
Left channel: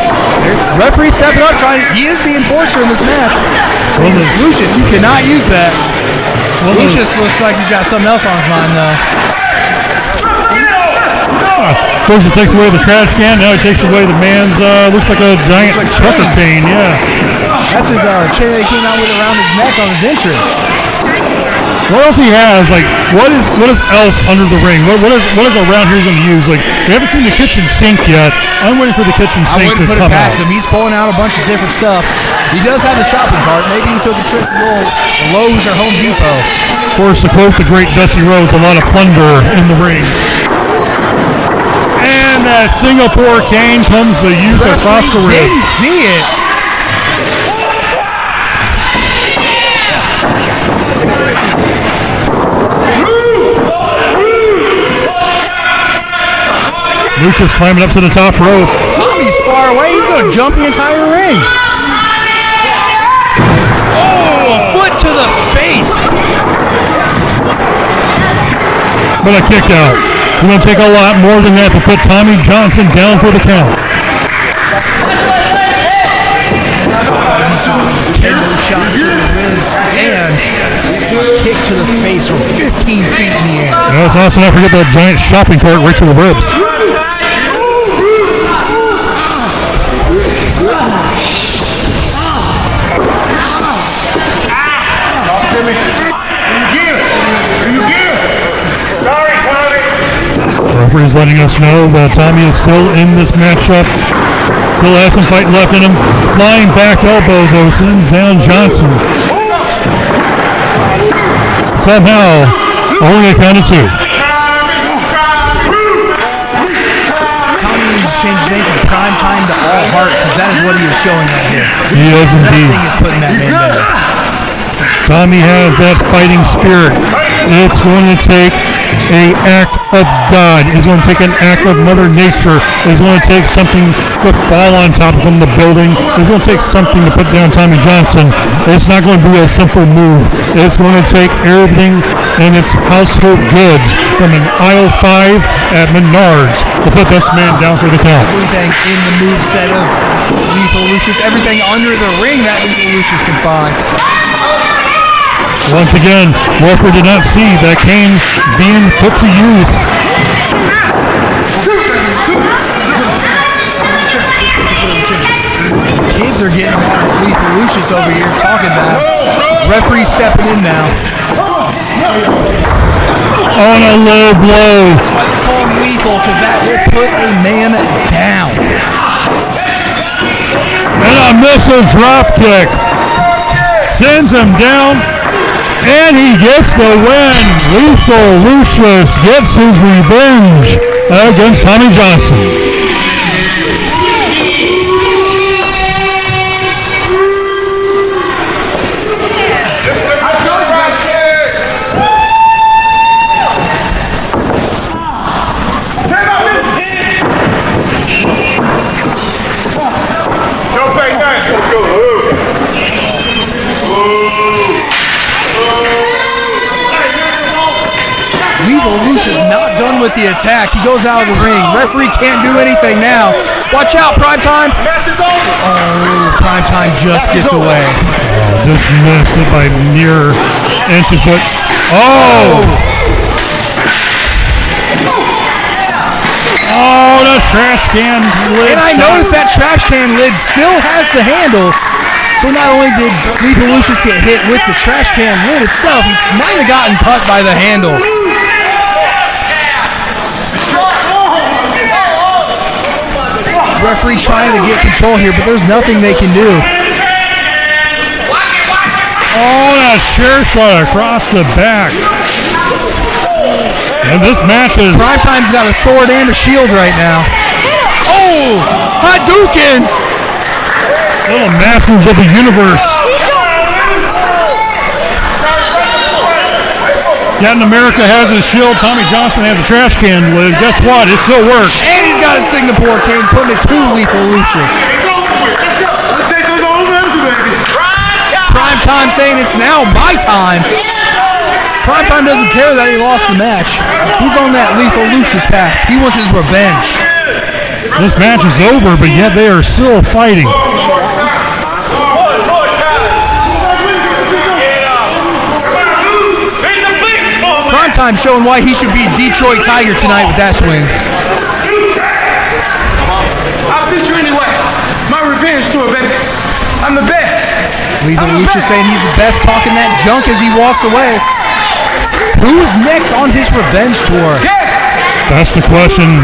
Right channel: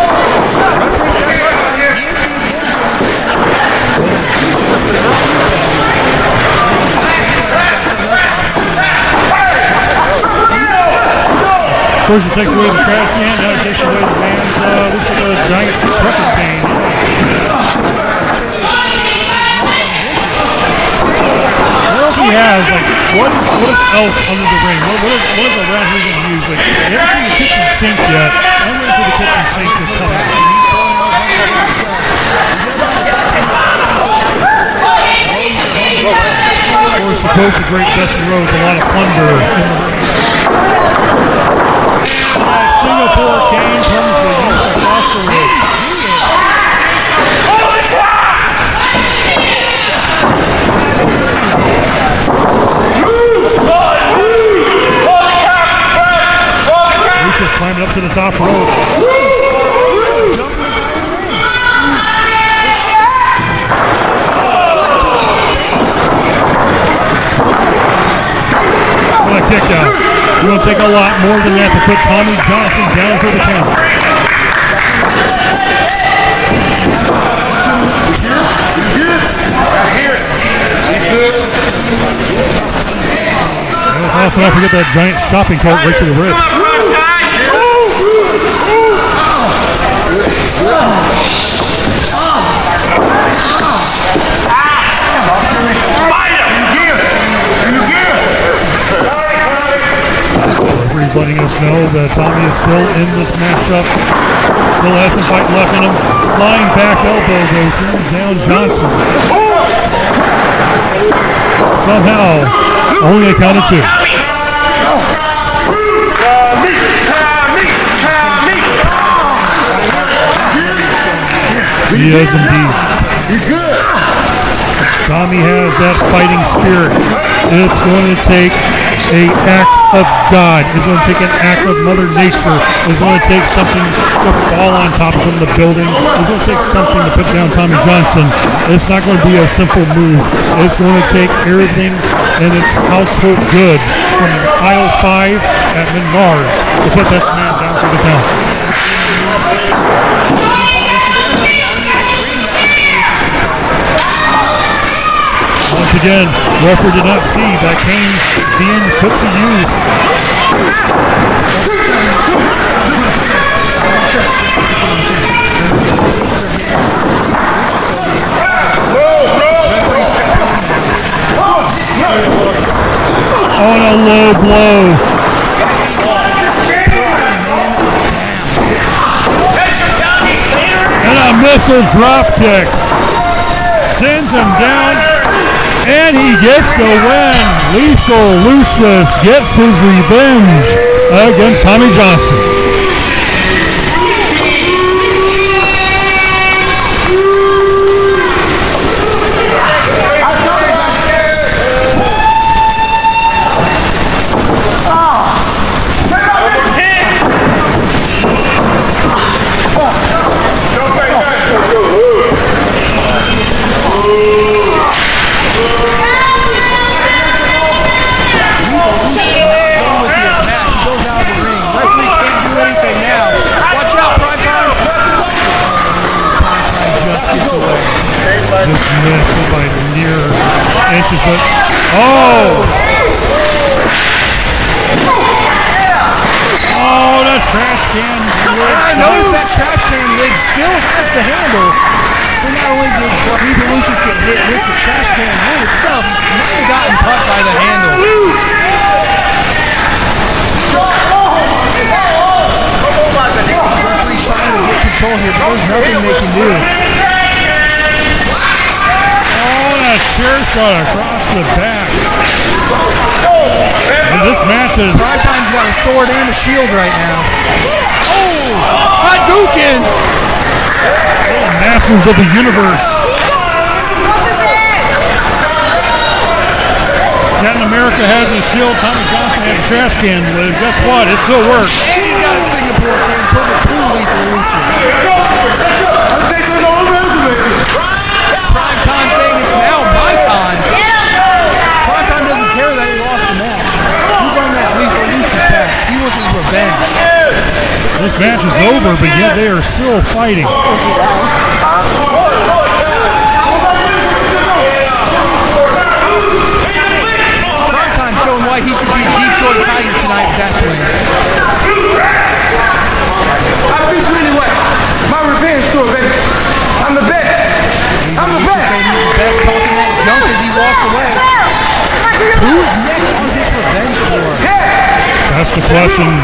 Referee stepping up, he is the enforcer in this match. Lucius, you cannot use that. Lucius looks like he's got something else on his mind now. First, it takes away the trash can. Now it takes away the man's, looks like a giant trucker chain. Yeah. That's his chain that he came out with around his neck on his entrance. What else he has? Like, what is else under the ring? What is around here he's going to use? Like, we haven't seen the kitchen sink yet. I'm waiting for the kitchen sink to put come it past out. him. He's pulling out a bunch of different stuff. He does have the shopping cart. Maybe he took a trip to Lowe's or Home Depot. Of course, to quote the great Dusty Rhodes, a lot of plunder in the ring. And that Singapore cane comes to use across the ring. Didn't see it. Lucius climbing up to the top rope. Tommy's far away. He's going to jump the entire ring. Oh, a foot to the face. What a kick out. It's going to take a lot more than that to put Tommy Johnson down for the count. Kick to the face from 15 feet in the air. You know, it's also not forget that giant shopping cart right to the ribs. Talk to me. Do you give? The referee's letting us know that Tommy is still in this matchup. Still has some fight left in him. Flying back elbow though sends down Johnson. Somehow, only a count of two. Tommy needs to change his name from Prime Time to All Heart because that is what he was showing that here. He is indeed. Nothing is putting that man down. Tommy has that fighting spirit. It's going to take an act of God. It's going to take an act of Mother Nature. It's going to take something to fall on top of him, the building. It's going to take something to put down Tommy Johnson. It's not going to be a simple move. It's going to take everything and its household goods from an aisle 5 at Menards to put this man down for the count. Everything in the moveset of Lethal Lucius, everything under the ring that Lethal Lucius can find. Once again, referee did not see that cane being put to use. Kids are getting Lethal Lucius over here talking about it. Referee stepping in now. On a low blow. Lethal because that will put a man down. And a missile drop kick. Sends him down. And he gets the win. Lethal Lucius gets his revenge against Tommy Johnson. Lucius not done with the attack. He goes out of the ring. Referee can't do anything now. Watch out, Primetime. Oh, Primetime just gets away. Oh, just missed it by mere inches, but oh, the trash can lid. And I noticed that trash can lid still has the handle. So not only did Lethal Lucius get hit with the trash can lid itself, he might have gotten cut by the handle. Referee trying to get control here, but there's nothing they can do. Oh, that chair shot across the back. And this match is... Primetime's got a sword and a shield right now. Oh, Hadouken! Little masters of the universe. Captain America has his shield. Tommy Johnson has a trash can lid. Guess what? It still works. And he's got a Singapore cane, putting it to Lethal Lucius. Prime Time saying it's now my time. Prime Time doesn't care that he lost the match. He's on that Lethal Lucius path. He wants his revenge. This match is over, but yet they are still fighting. Prime Time showing why he should beat Detroit Tiger tonight with that swing. I beat you anyway. My revenge tour, baby. I'm the best. Lethal Lucius saying he's the best, talking that junk as he walks away. Who's next on his revenge tour? That's the question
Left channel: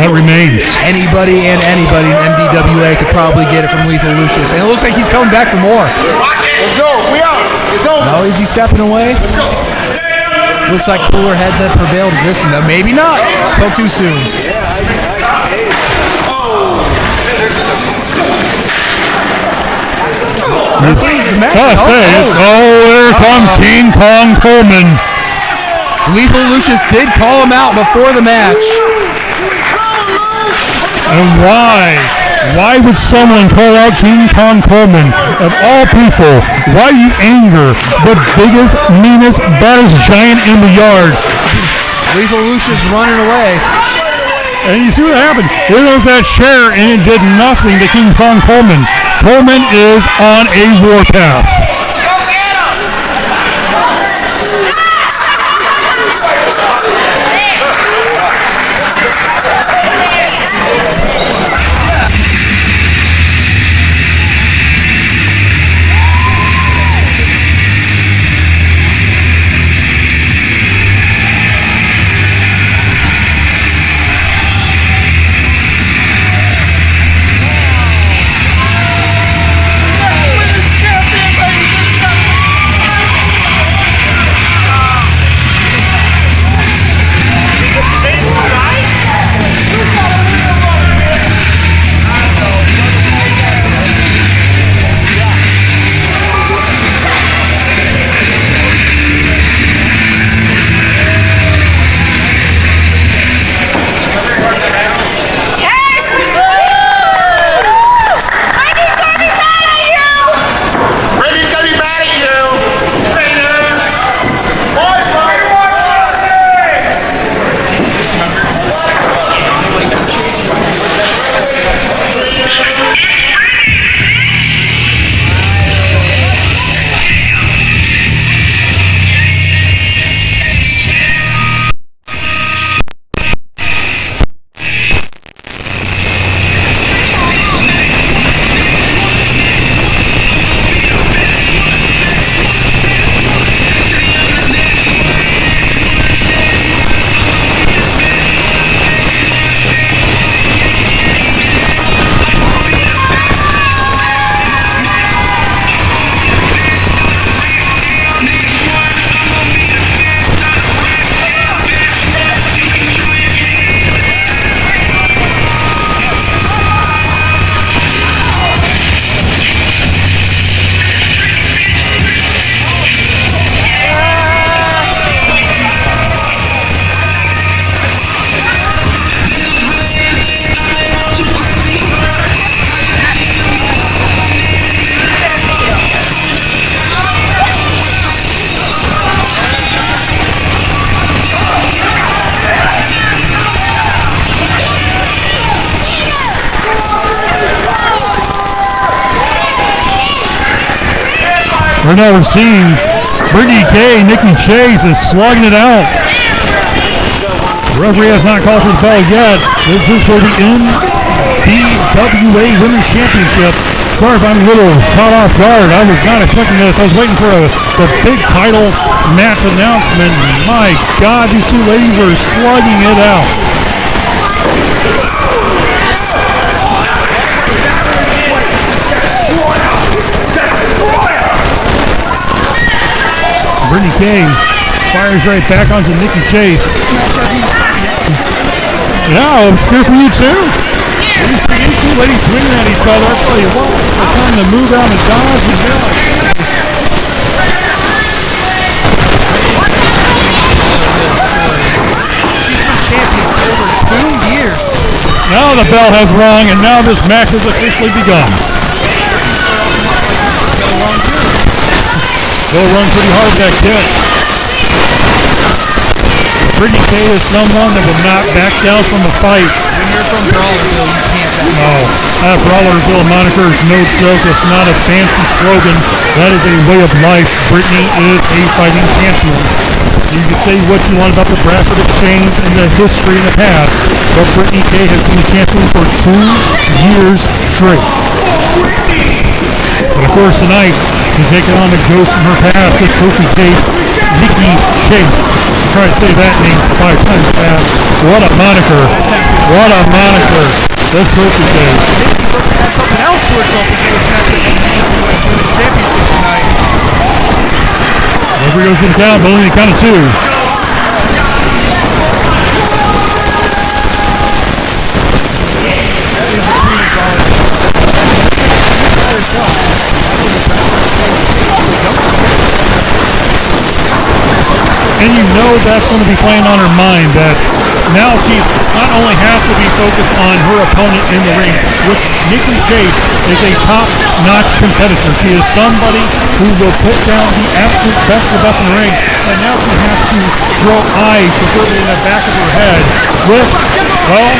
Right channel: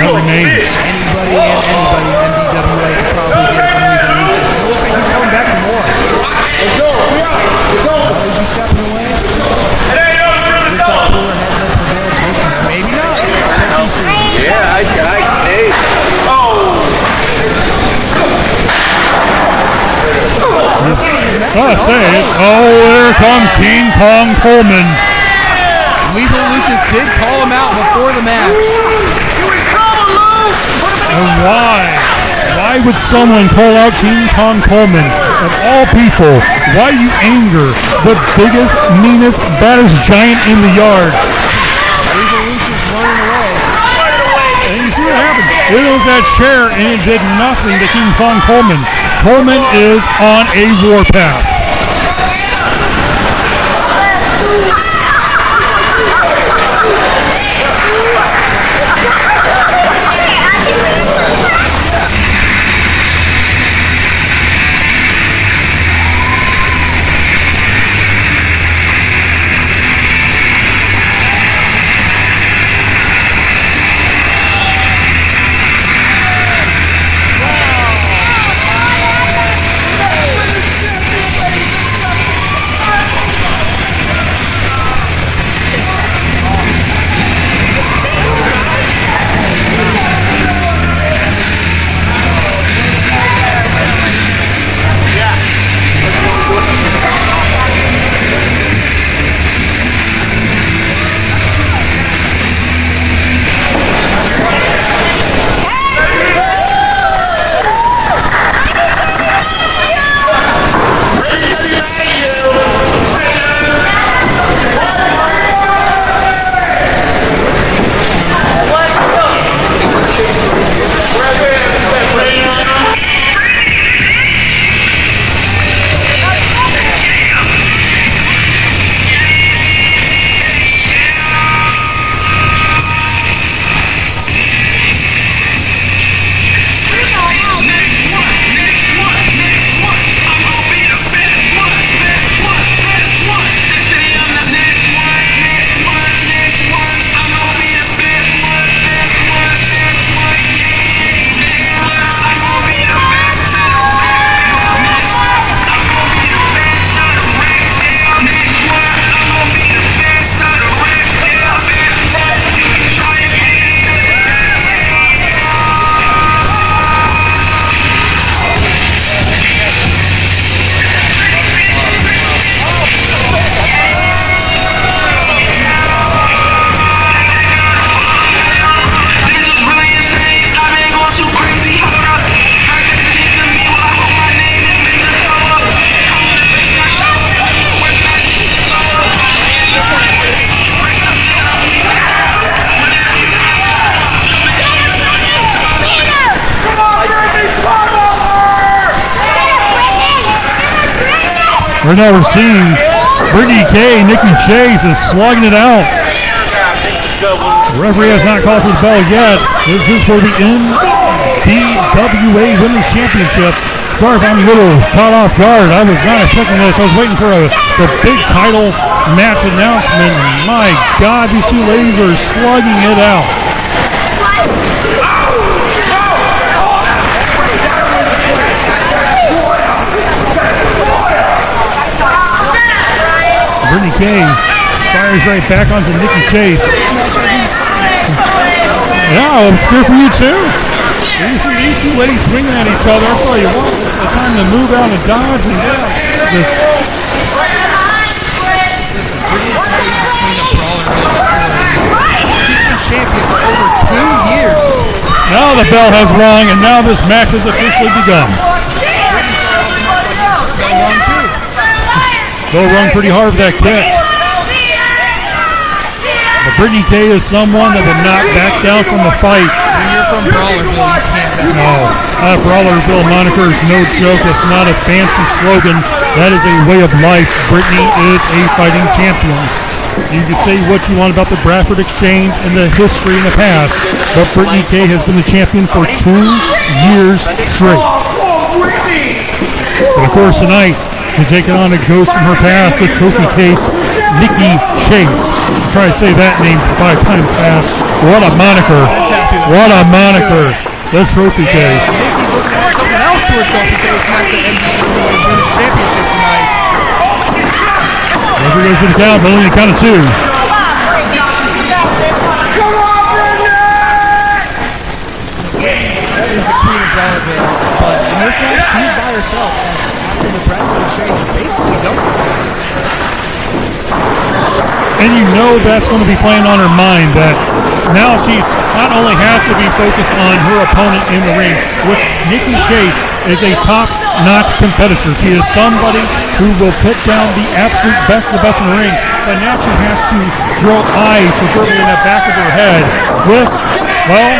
that remains. Anybody and anybody in MDWA could probably get it from Lethal Lucius. And it looks like he's coming back for more. No, is he stepping away? Looks like cooler heads have prevailed at this one. No, maybe not. Spoke too soon. There comes King Kong Coleman. Lethal Lucius did call him out before the match. And why? Why would someone call out King Kong Coleman? Of all people, why you anger the biggest, meanest, baddest giant in the yard? Lethal Lucius running away. And you see what happened? He hit with that chair and it did nothing to King Kong Coleman. Coleman is on a warpath. Right now we're seeing Brittany K, Nikki Chase is slugging it out. The referee has not called for the bell yet. This is for the NBWA Women's Championship. Sorry if I'm a little caught off guard. I was not expecting this. I was waiting for the big title match announcement. My God, these two ladies are slugging it out. Brittany K fires right back onto Nikki Chase. Yeah, I'm scared for you too. These two ladies swinging at each other. I tell you what, it's time to move out and dodge and get out. She's been champion for over 2 years. Now the bell has rung, and now this match has officially begun. Brittany started off the match like her bell rung too. They'll run pretty hard with that kick. But Brittany Kay is someone that will not back down from a fight. When you're from Brawlerville, you can't back No, that Brawlerville moniker is no joke. It's not a fancy slogan. That is a way of life. Brittany is a fighting champion. You can say what you want about the Bradford Exchange and the history in the past, but Brittany Kay has been the champion for 2 years straight. But of course tonight, she's taking on a ghost from her past, the trophy case, Nikki Chase. Try to say that name 5 times fast. What a moniker. What a moniker. The trophy case. Nikki's looking to add something else to her trophy case, and that's the NBWA Women's Championship tonight. Referee goes for the count, but only a count of 2. Is the queen of Brawlerville. But in this match, she's by herself. After the Bradford Exchange basically dumped her. And you know that's going to be playing on her mind, that now she's not only has to be focused on her opponent in the ring, which Nikki Chase is a top-notch competitor. She is somebody who will put down the absolute best of the best in the ring, but now she has to throw eyes, preferably in the back of her head, with, well,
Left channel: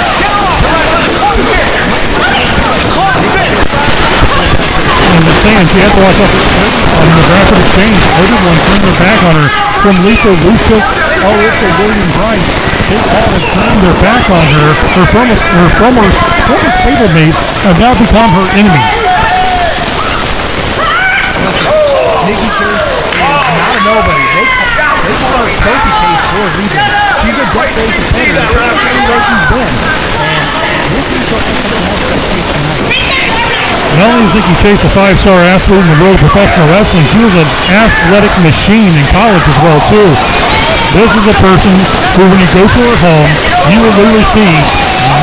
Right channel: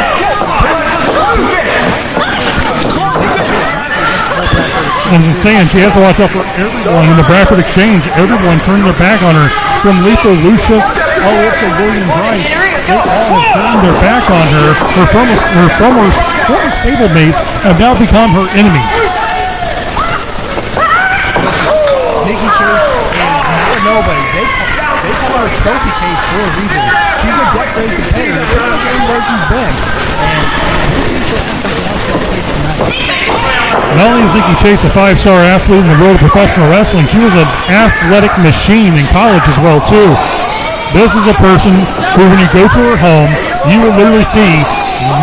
I'm just saying, she has to watch out for everyone in the Bradford Exchange. Everyone turned their back on her, from Lisa Lucius all up to William Bryce. They all have turned their back on her. Her former stablemates have now become her enemies. Listen, Nikki Chase is not a nobody. They call her trophy case for a reason. She's a death-grade competitor, pretty much everywhere she's been. And we'll see if she'll add something else to that case tonight. Not only is Nikki Chase a 5-star athlete in the world of professional wrestling, she was an athletic machine in college as well, too. This is a person who, when you go to her home, you will literally see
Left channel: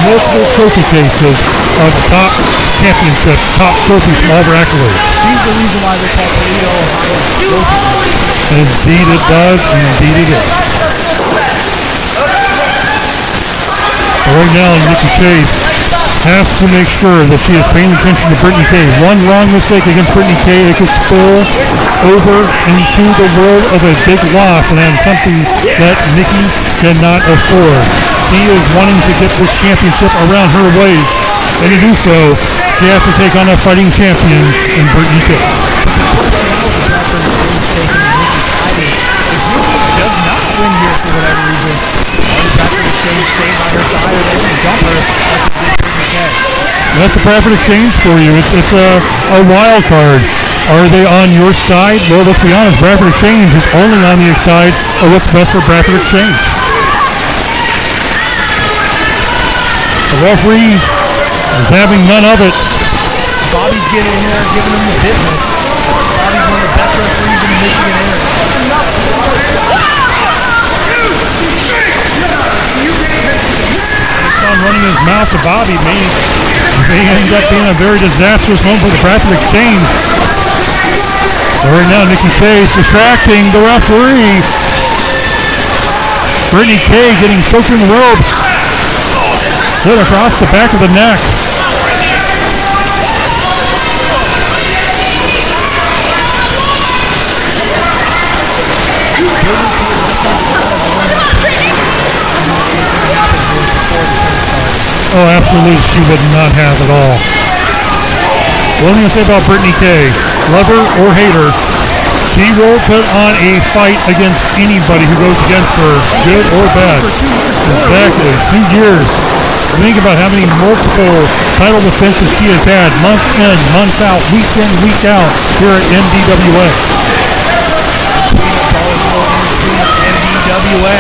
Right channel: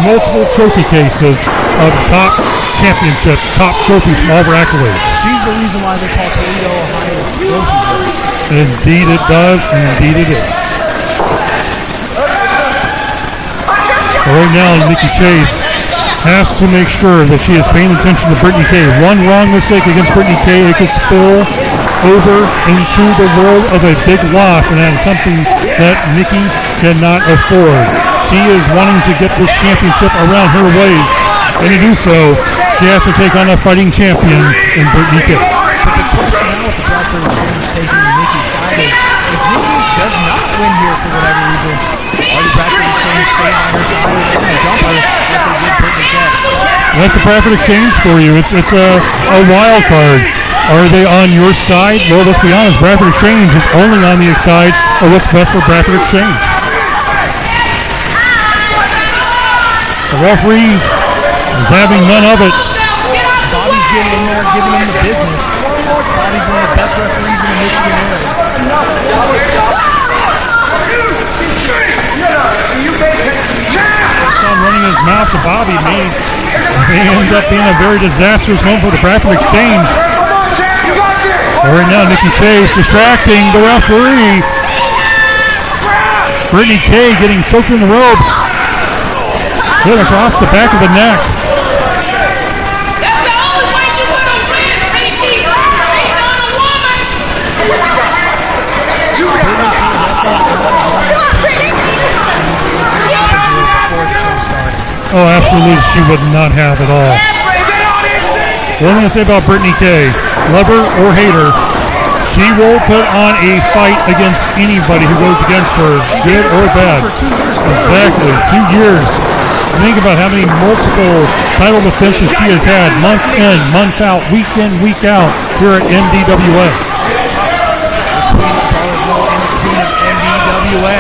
multiple trophy cases of top championships, top trophies from all of her accolades. She's the reason why they call Toledo, Ohio, Trophy. And indeed it does, and indeed it is. But right now, Nikki Chase has to make sure that she is paying attention to Brittany Kay. One wrong mistake against Brittany Kay, it could spill over into the world of a big loss, and that is something that Nikki cannot afford. She is wanting to get this championship around her waist, and to do so, she has to take on a fighting champion in Brittany Kay. But the question now with the Bradford Exchange taking Nikki's side is, if Nikki does not win here for whatever reason, are the Bradford Exchange staying by her side, or are they going to dump her like they did Brittany Kay? That's the Bradford Exchange for you. It's a wild card. Are they on your side? Well, let's be honest, Bradford Exchange is only on the side of what's best for Bradford Exchange. The referee is having none of it. Bobby's getting in there, giving him the business. Bobby's one of the best referees in the Michigan area. Keeps on running his mouth to Bobby. May end up being a very disastrous moment for the Bradford Exchange. But right now, Nikki Chase distracting the referee. Brittany Kay getting choked in the ropes. Hit across the back of the neck. Brittany Kay definitely got a one that was going to happen to her before the show started. Oh, absolutely, she would not have at all. One thing I say about Brittany Kay, love her or hate her, she will put on a fight against anybody who goes against her, good or bad. For 2 years. Exactly, 2 years. Think about how many multiple title defenses she has had, month in, month out, week in, week out, here at MDWA. The Queen of Brawlerville and the Queen of MDWA.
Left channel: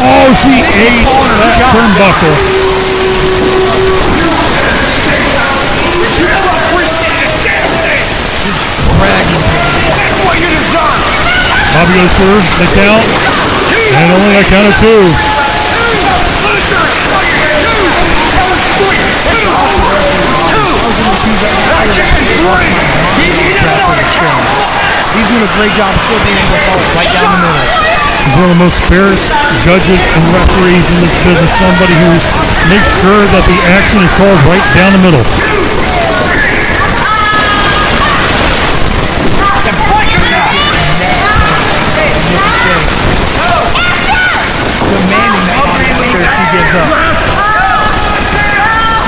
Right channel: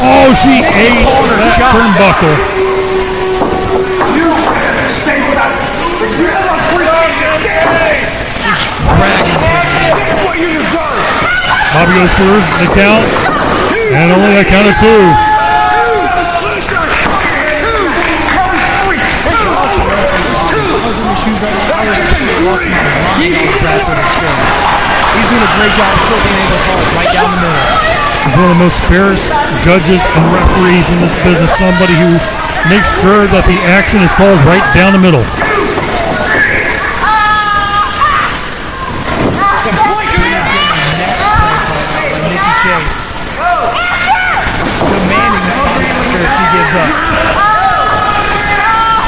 Oh, she ate that shot. turnbuckle. Just dragging Brittany Kay. Bobby goes for the count, and only a count of 2. I was in the shoes right now, I would have actually lost my mind on the Bradford Exchange. He's doing a great job of still being able to call it right down the middle. He's one of the most fierce judges and referees in this business, somebody who makes sure that the action is called right down the middle. Chase. Demanding that body after if she gives up.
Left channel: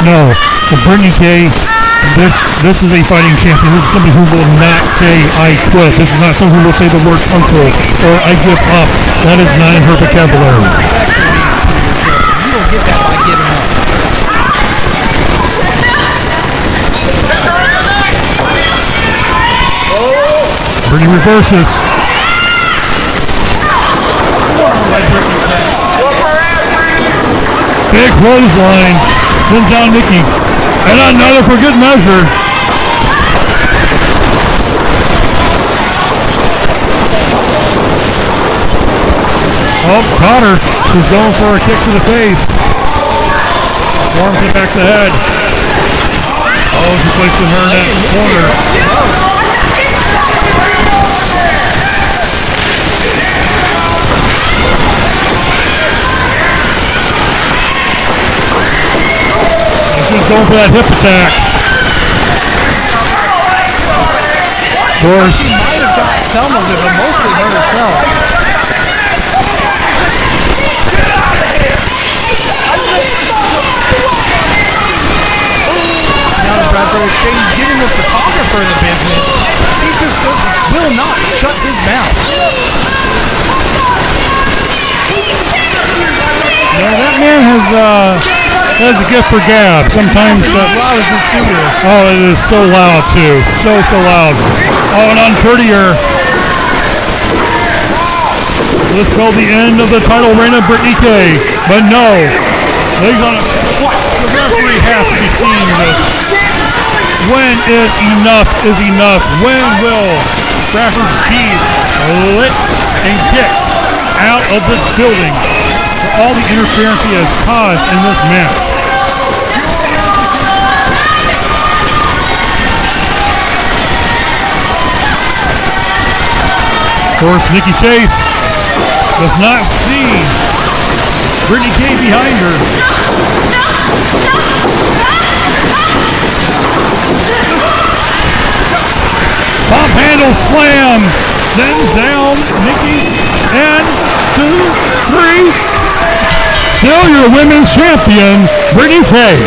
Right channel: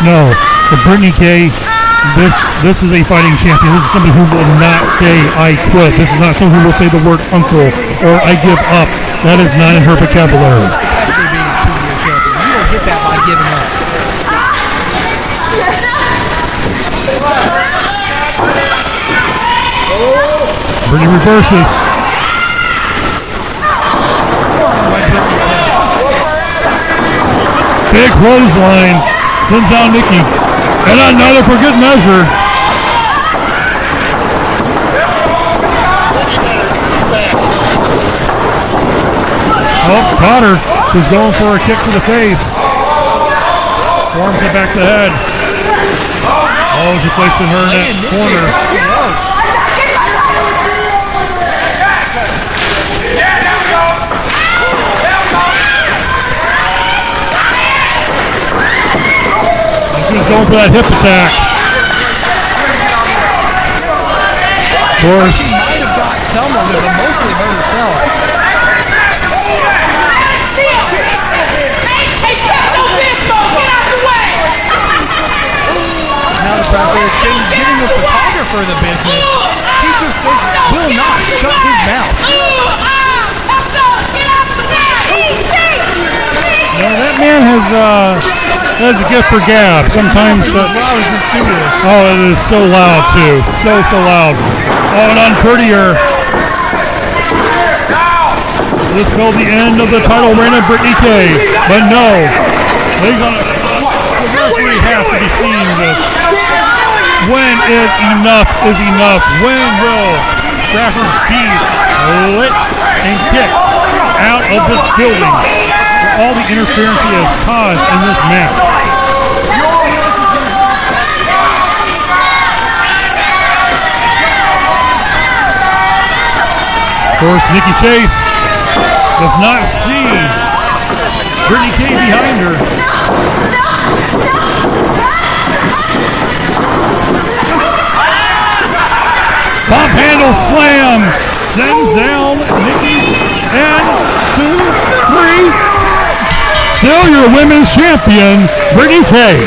No, for Brittany Kay, this is a fighting champion. This is somebody who will not say I quit. This is not someone who will say the word uncle or I give up. That is not in her vocabulary. Especially being a 2-year champion. You don't get that by giving up. Brittany reverses. Forearm by Brittany Kay. Big clothesline. Sends down Nikki. And another for good measure. Oh, caught her. She's going for a kick to the face. Warms it back to the head. Oh, she placing her in that corner. She's going for that hip attack. Of course. She might have got some of it, but mostly hurt herself. Now the Bradford Exchange is giving the photographer the business. He just will not shut his mouth. No, that man has a gift for gab. Sometimes. As loud as this suit is. Oh, it is so loud too. So loud. Oh, and unprettier. This spelled the end of the title reign of Brittany Kay. But no. The referee has to be seeing this. When is enough? When will Bradford be lit and kicked out of this building for all the interference he has caused in this match? Of course, Nikki Chase does not see Brittany Kay behind her. Pump handle slam sends down Nikki, and 2, 3. Still your women's champion, Brittany Kay.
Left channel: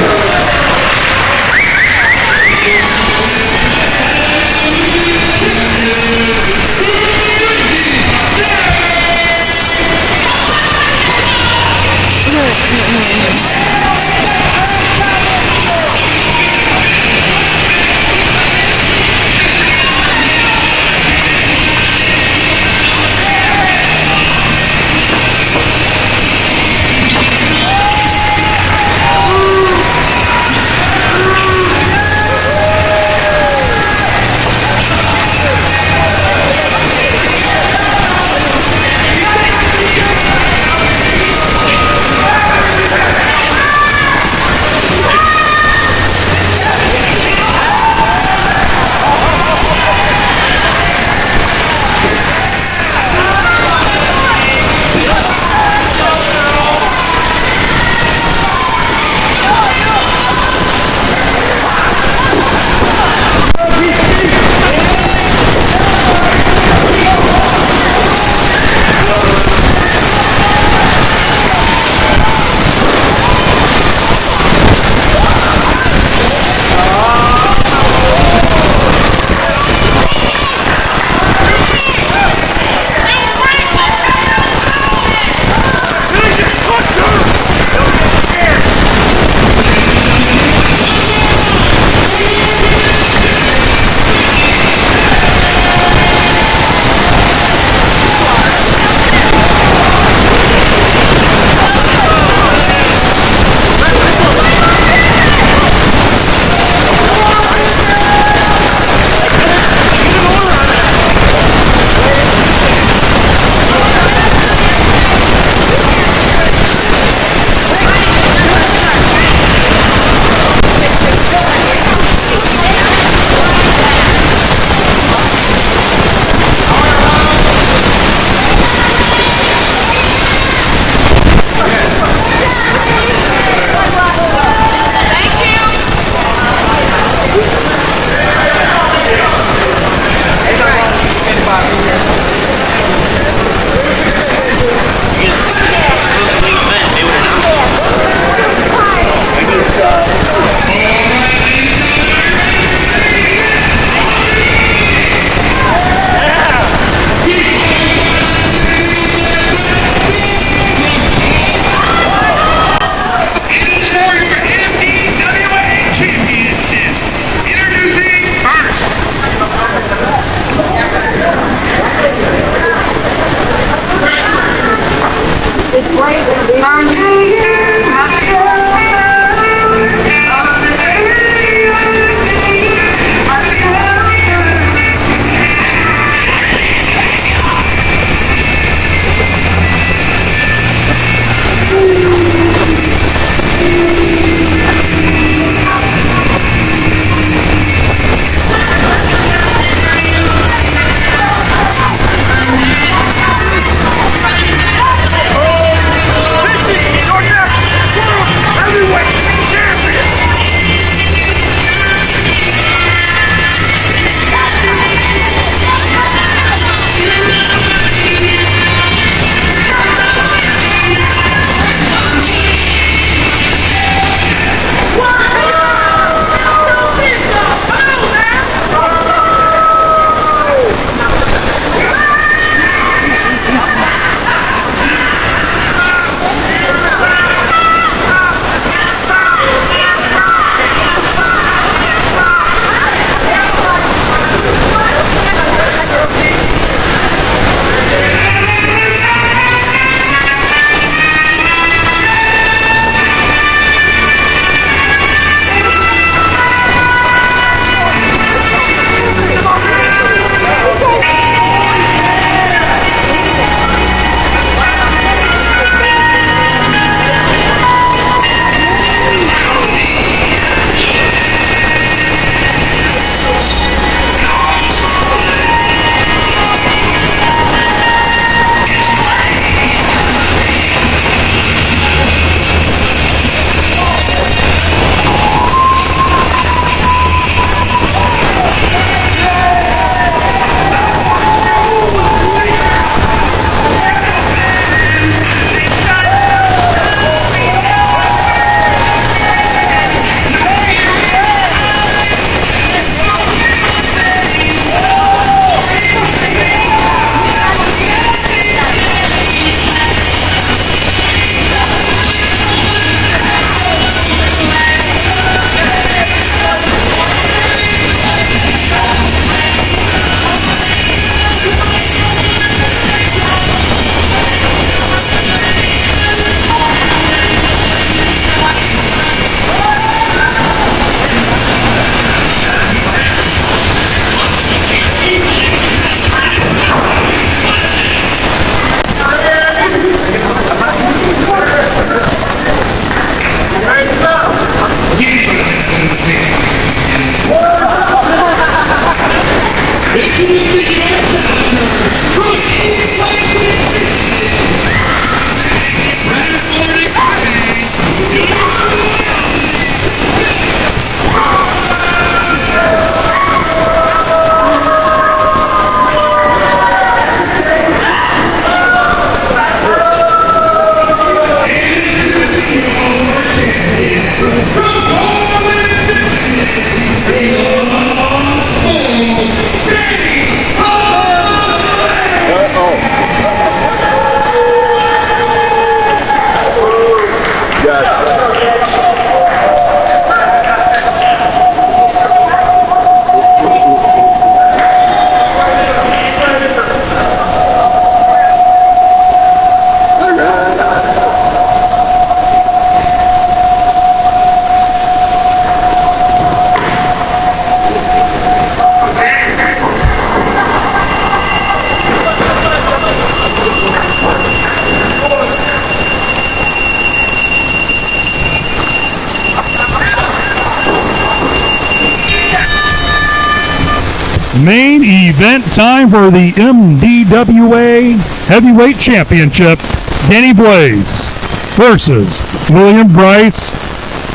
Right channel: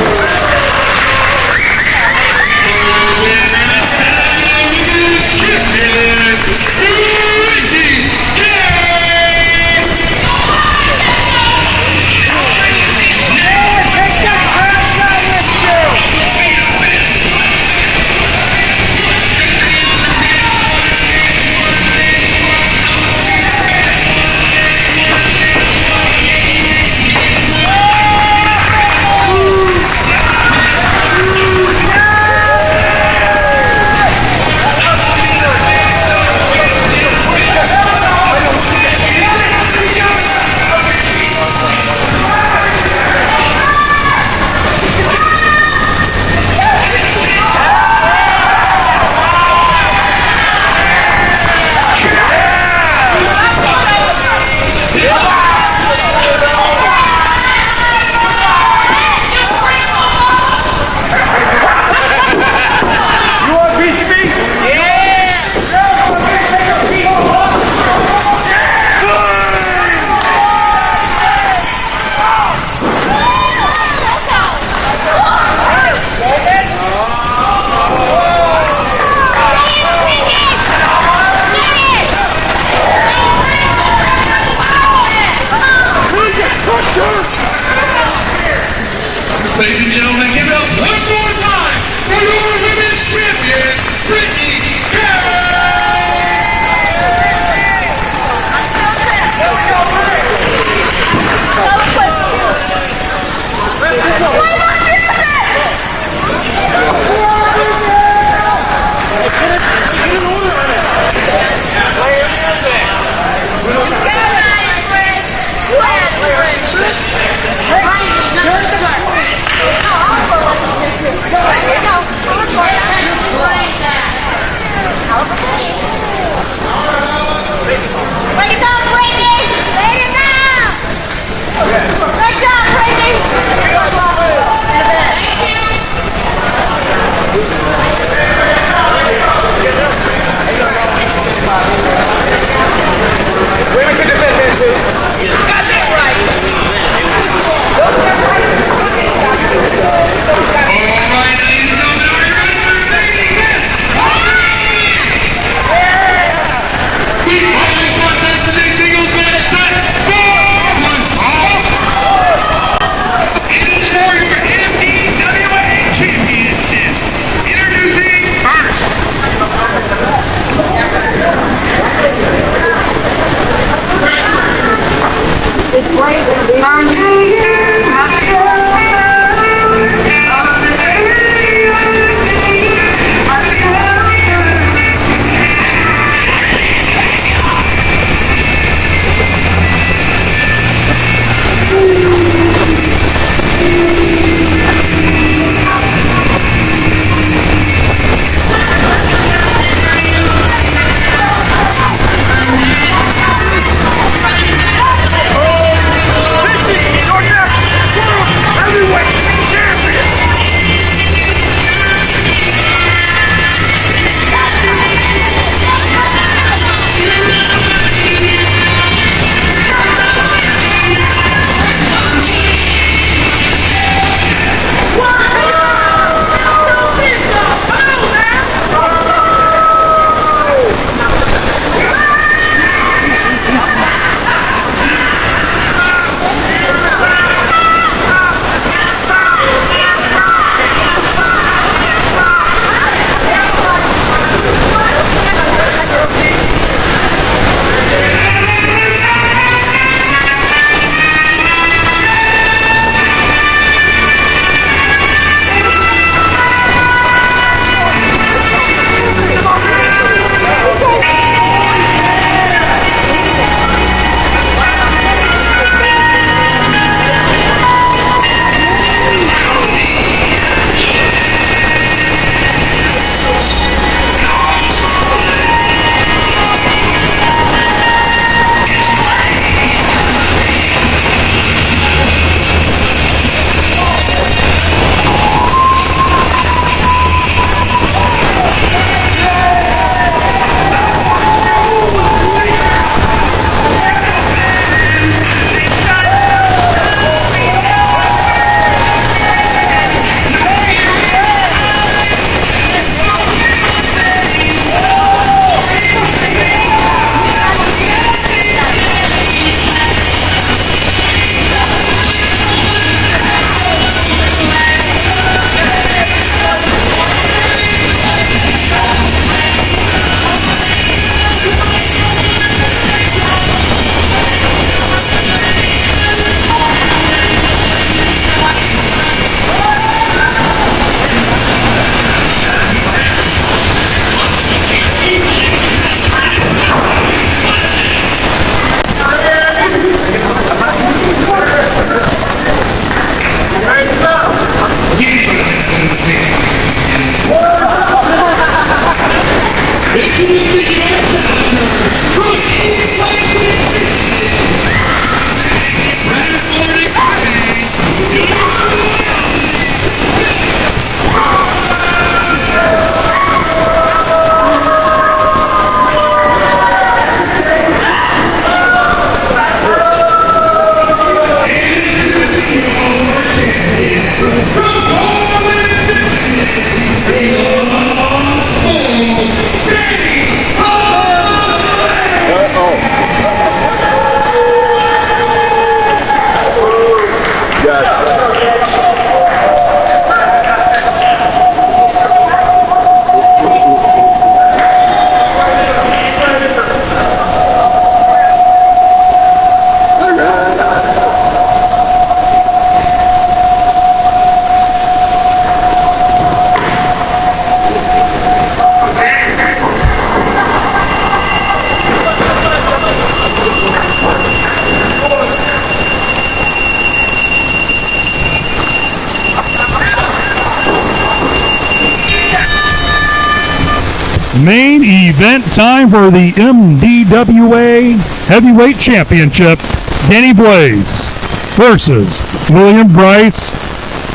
Main event time for the MDWA Heavyweight Championship. Danny Blaze versus William Bryce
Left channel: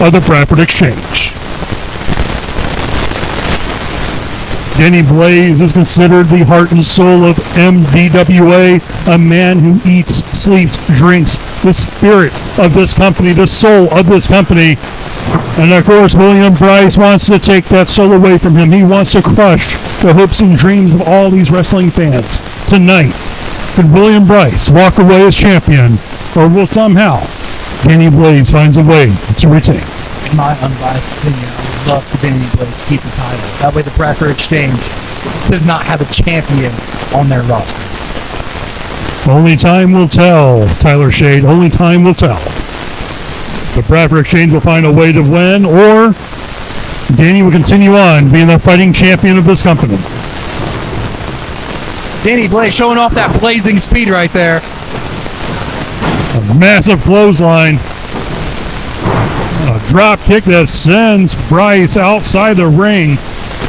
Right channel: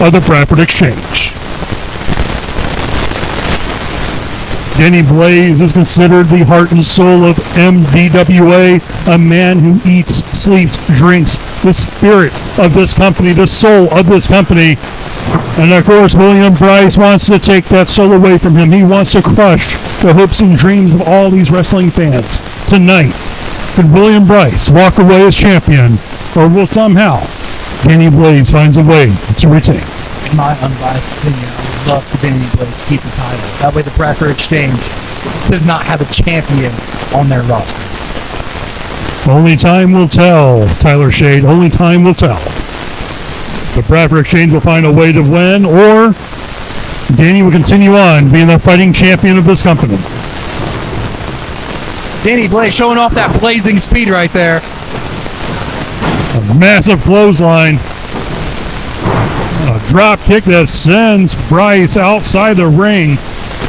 of the Bradford Exchange. Danny Blaze is considered the heart and soul of MDWA, a man who eats, sleeps, drinks, the spirit of this company, the soul of this company. And of course, William Bryce wants to take that soul away from him. He wants to crush the hopes and dreams of all these wrestling fans. Tonight, could William Bryce walk away as champion, or will somehow Danny Blaze finds a way to retain? In my unbiased opinion, I would love for Danny Blaze to keep the title. That way the Bradford Exchange does not have a champion on their roster. Only time will tell, Tyler Shade. Only time will tell. But Bradford Exchange will find a way to win, or Danny will continue on being the fighting champion of this company. Danny Blaze showing off that blazing speed right there. A massive clothesline. A drop kick that sends Bryce outside the ring.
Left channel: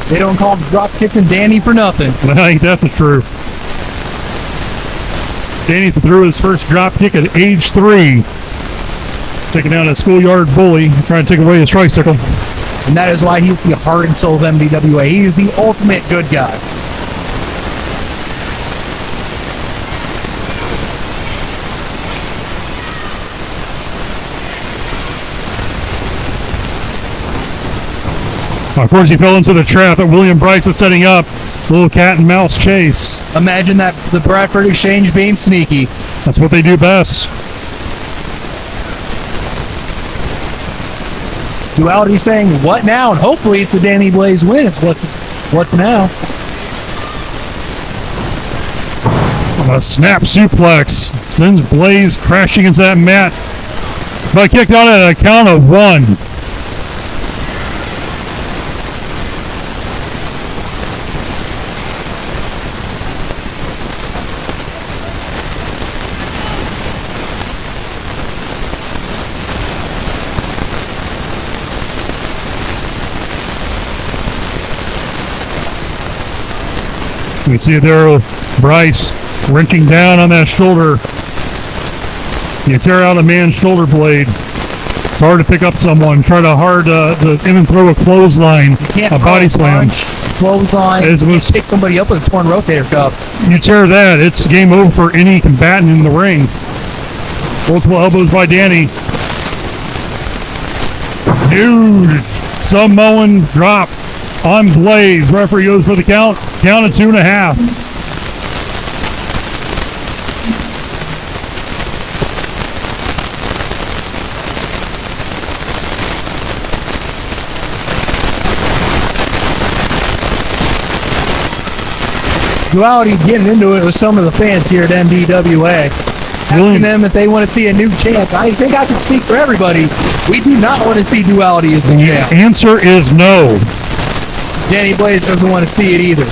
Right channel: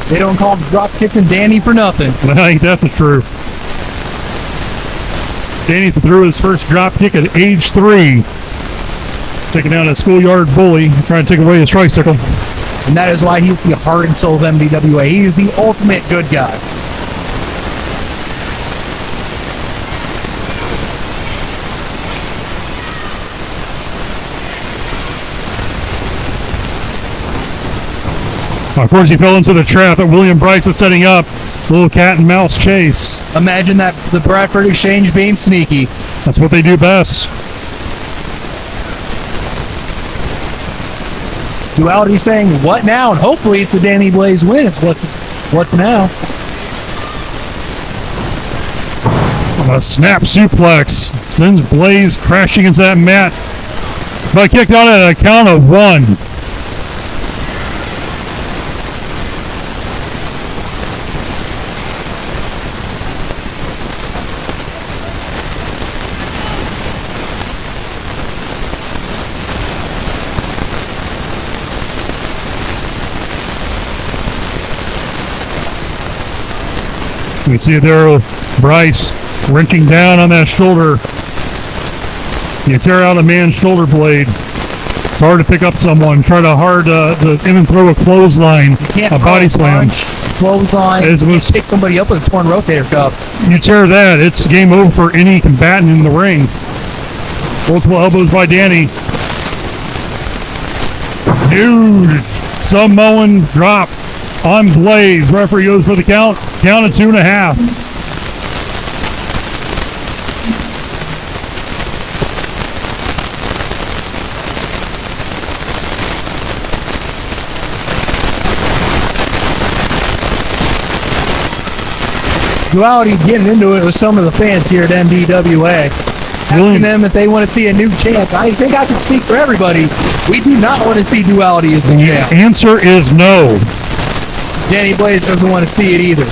They don't call him drop kicking Danny for nothing. I think that's the truth. Danny threw his first drop kick at age 3. Taking down a schoolyard bully, trying to take away his tricycle. And that is why he's the heart and soul of MDWA. He is the ultimate good guy. Of course, he fell into the trap that William Bryce was setting up. Little cat and mouse chase. Imagine that, the Bradford Exchange being sneaky. That's what they do best. Duality saying, what now? And hopefully it's the Danny Blaze win. It's what's now. A snap suplex sends Blaze crashing into that mat. But kicked out at a count of 1. We see there Bryce wrenching down on that shoulder. You tear out a man's shoulder blade. It's hard to pick up someone. Try to even throw a clothesline, a body slam. Clothesline. It's You can't pick somebody up with a torn rotator cuff. You tear that, it's game over for any combatant in the ring. Multiple elbows by Danny. Huge Samoan drop on Blaze. Referee goes for the count. Count of 2.5. Duality getting into it with some of the fans here at MDWA. Asking them if they want to see a new champ. I think I can speak for everybody. We do not want to see Duality as the champ. Answer is no. Danny Blaze doesn't want to see it either.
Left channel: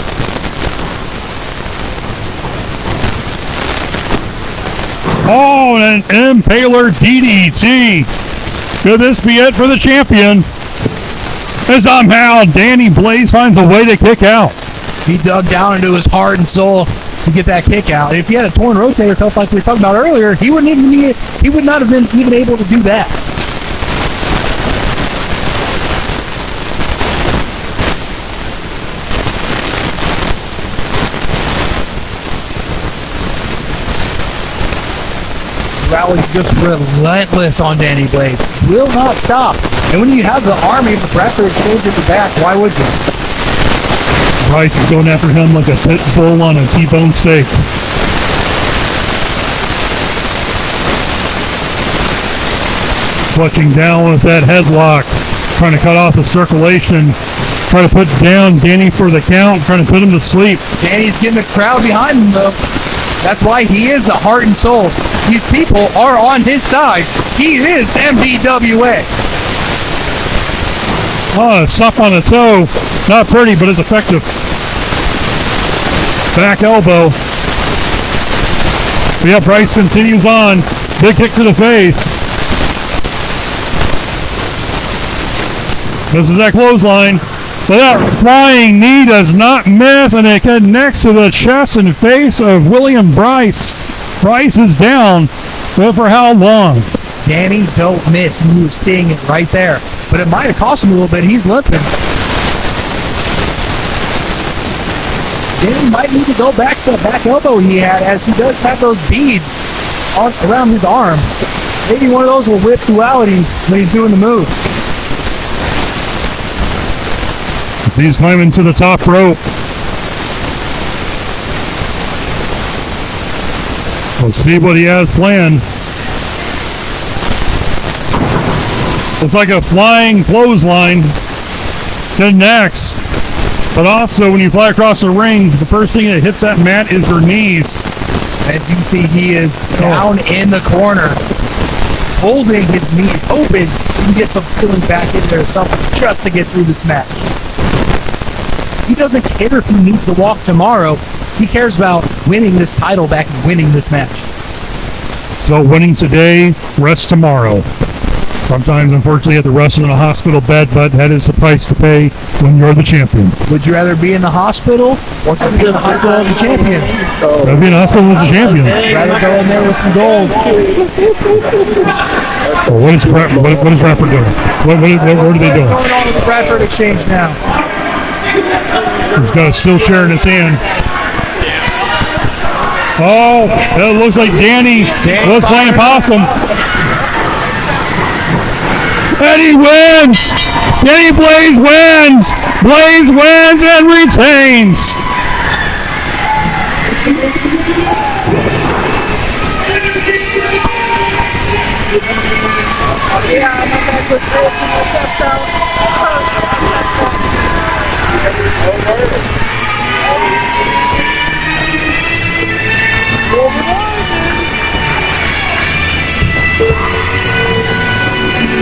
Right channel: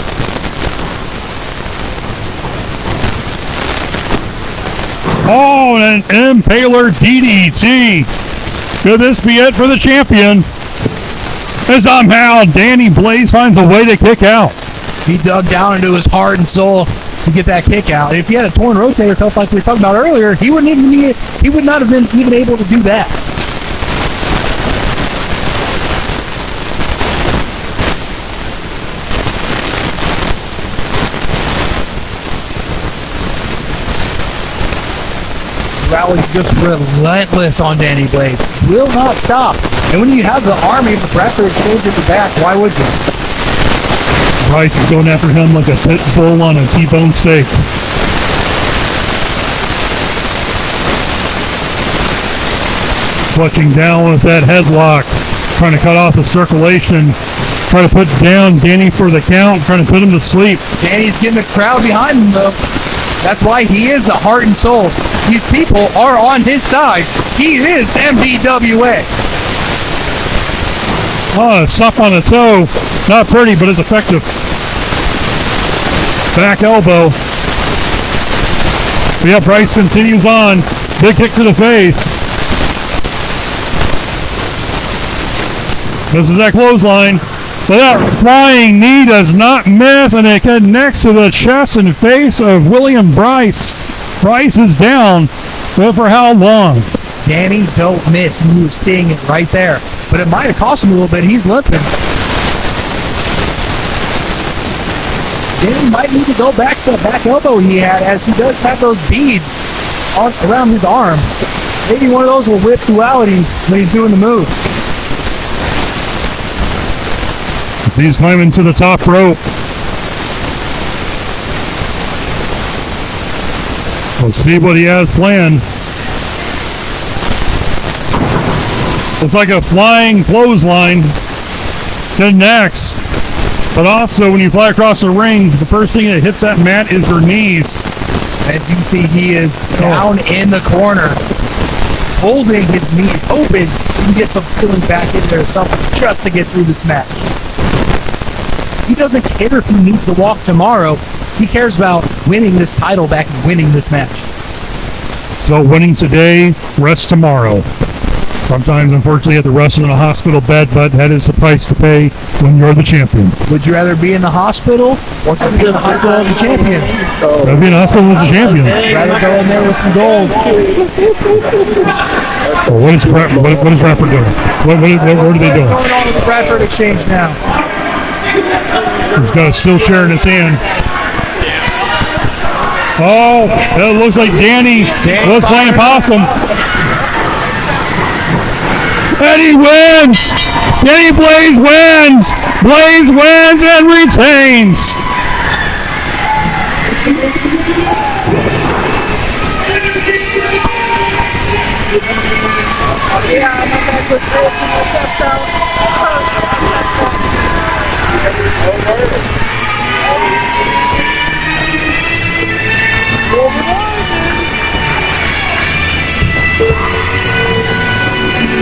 Oh, and an Impaler DDT. Could this be it for the champion? And somehow Danny Blaze finds a way to kick out. He dug down into his heart and soul to get that kick out. If he had a torn rotator cuff like we were talking about earlier, he would not have been even able to do that. Rally just relentless on Danny Blaze. Will not stop. And when you have the army of the Bradford Exchange at the back, why would you? Bryce is going after him like a pit bull on a T-bone steak. Clutching down with that headlock. Trying to cut off the circulation. Trying to put down Danny for the count. Trying to put him to sleep. Danny's getting the crowd behind him, though. That's why he is the heart and soul. These people are on his side. He is MDWA. Oh, stuff on the toe. Not pretty, but it's effective. Back elbow. But yeah, Bryce continues on. Big kick to the face. This is that clothesline. But that flying knee does not miss, and it connects to the chest and face of William Bryce. Bryce is down, but for how long? Danny, don't miss. You were seeing it right there. But it might have cost him a little bit. He's limping. Danny might need to go back to the back elbow he had, as he does have those beads around his arm. Maybe one of those will whip Duality when he's doing the move. He's climbing to the top rope. Let's see what he has planned. Looks like a flying clothesline connects. But also, when you fly across the ring, the first thing that hits that mat is your knees. As you see, he is down in the corner, holding his knee open. He can get some feeling back in there, something just to get through this match. He doesn't care if he needs to walk tomorrow. He cares about winning this title back and winning this match. So winning today, rest tomorrow. Sometimes, unfortunately, you have to rest in a hospital bed, but that is the price to pay when you're the champion. Would you rather be in the hospital or be in the hospital as a champion? I'd be in the hospital as a champion. Rather go in there with some gold. Well, what is Bradford doing? What are they doing? What's going on with the Bradford Exchange now? He's got a steel chair in his hand. Oh, it looks like Danny was playing possum. And he wins! Danny Blaze wins! Blaze wins and retains!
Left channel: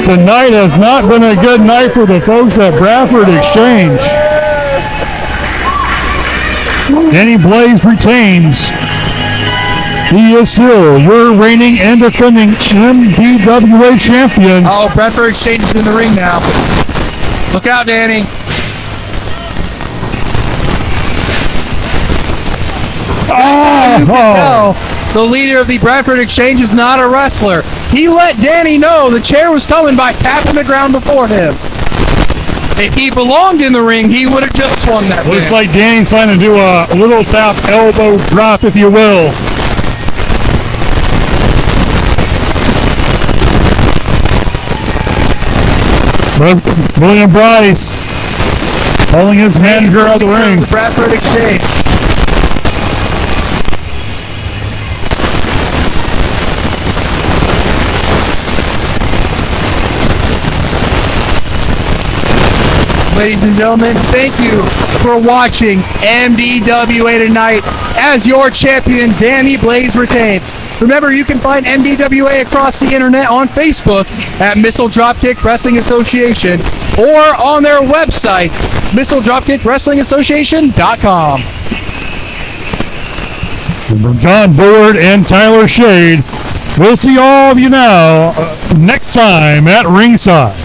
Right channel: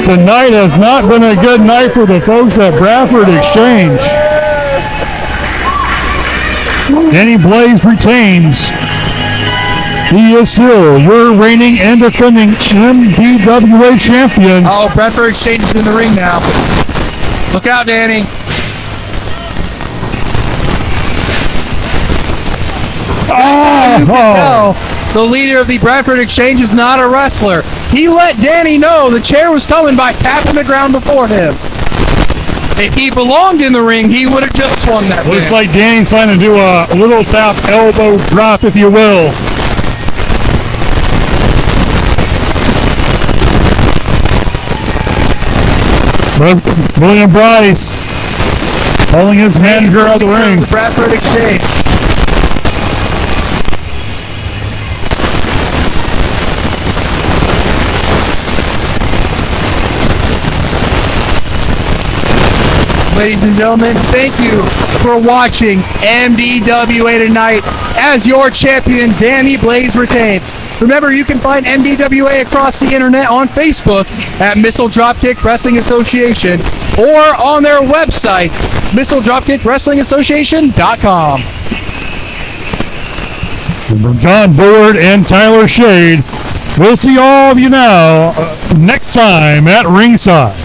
Tonight has not been a good night for the folks at Bradford Exchange. Danny Blaze retains. He is still your reigning and defending MDWA champion. Oh, Bradford Exchange is in the ring now. Look out, Danny. The leader of the Bradford Exchange is not a wrestler. He let Danny know the chair was coming by tapping the ground before him. If he belonged in the ring, he would have just swung that Looks thing. like Danny's trying to do a little tap elbow drop, if you will. William Bryce holding his manager out of the ring. Bradford Exchange. Ladies and gentlemen, thank you for watching MDWA tonight. As your champion, Danny Blaze retains. Remember, you can find MDWA across the internet on Facebook at Missile Dropkick Wrestling Association or on their website, MissileDropkickWrestlingAssociation.com. From John Bullard and Tyler Shade, we'll see all of you now next time at ringside.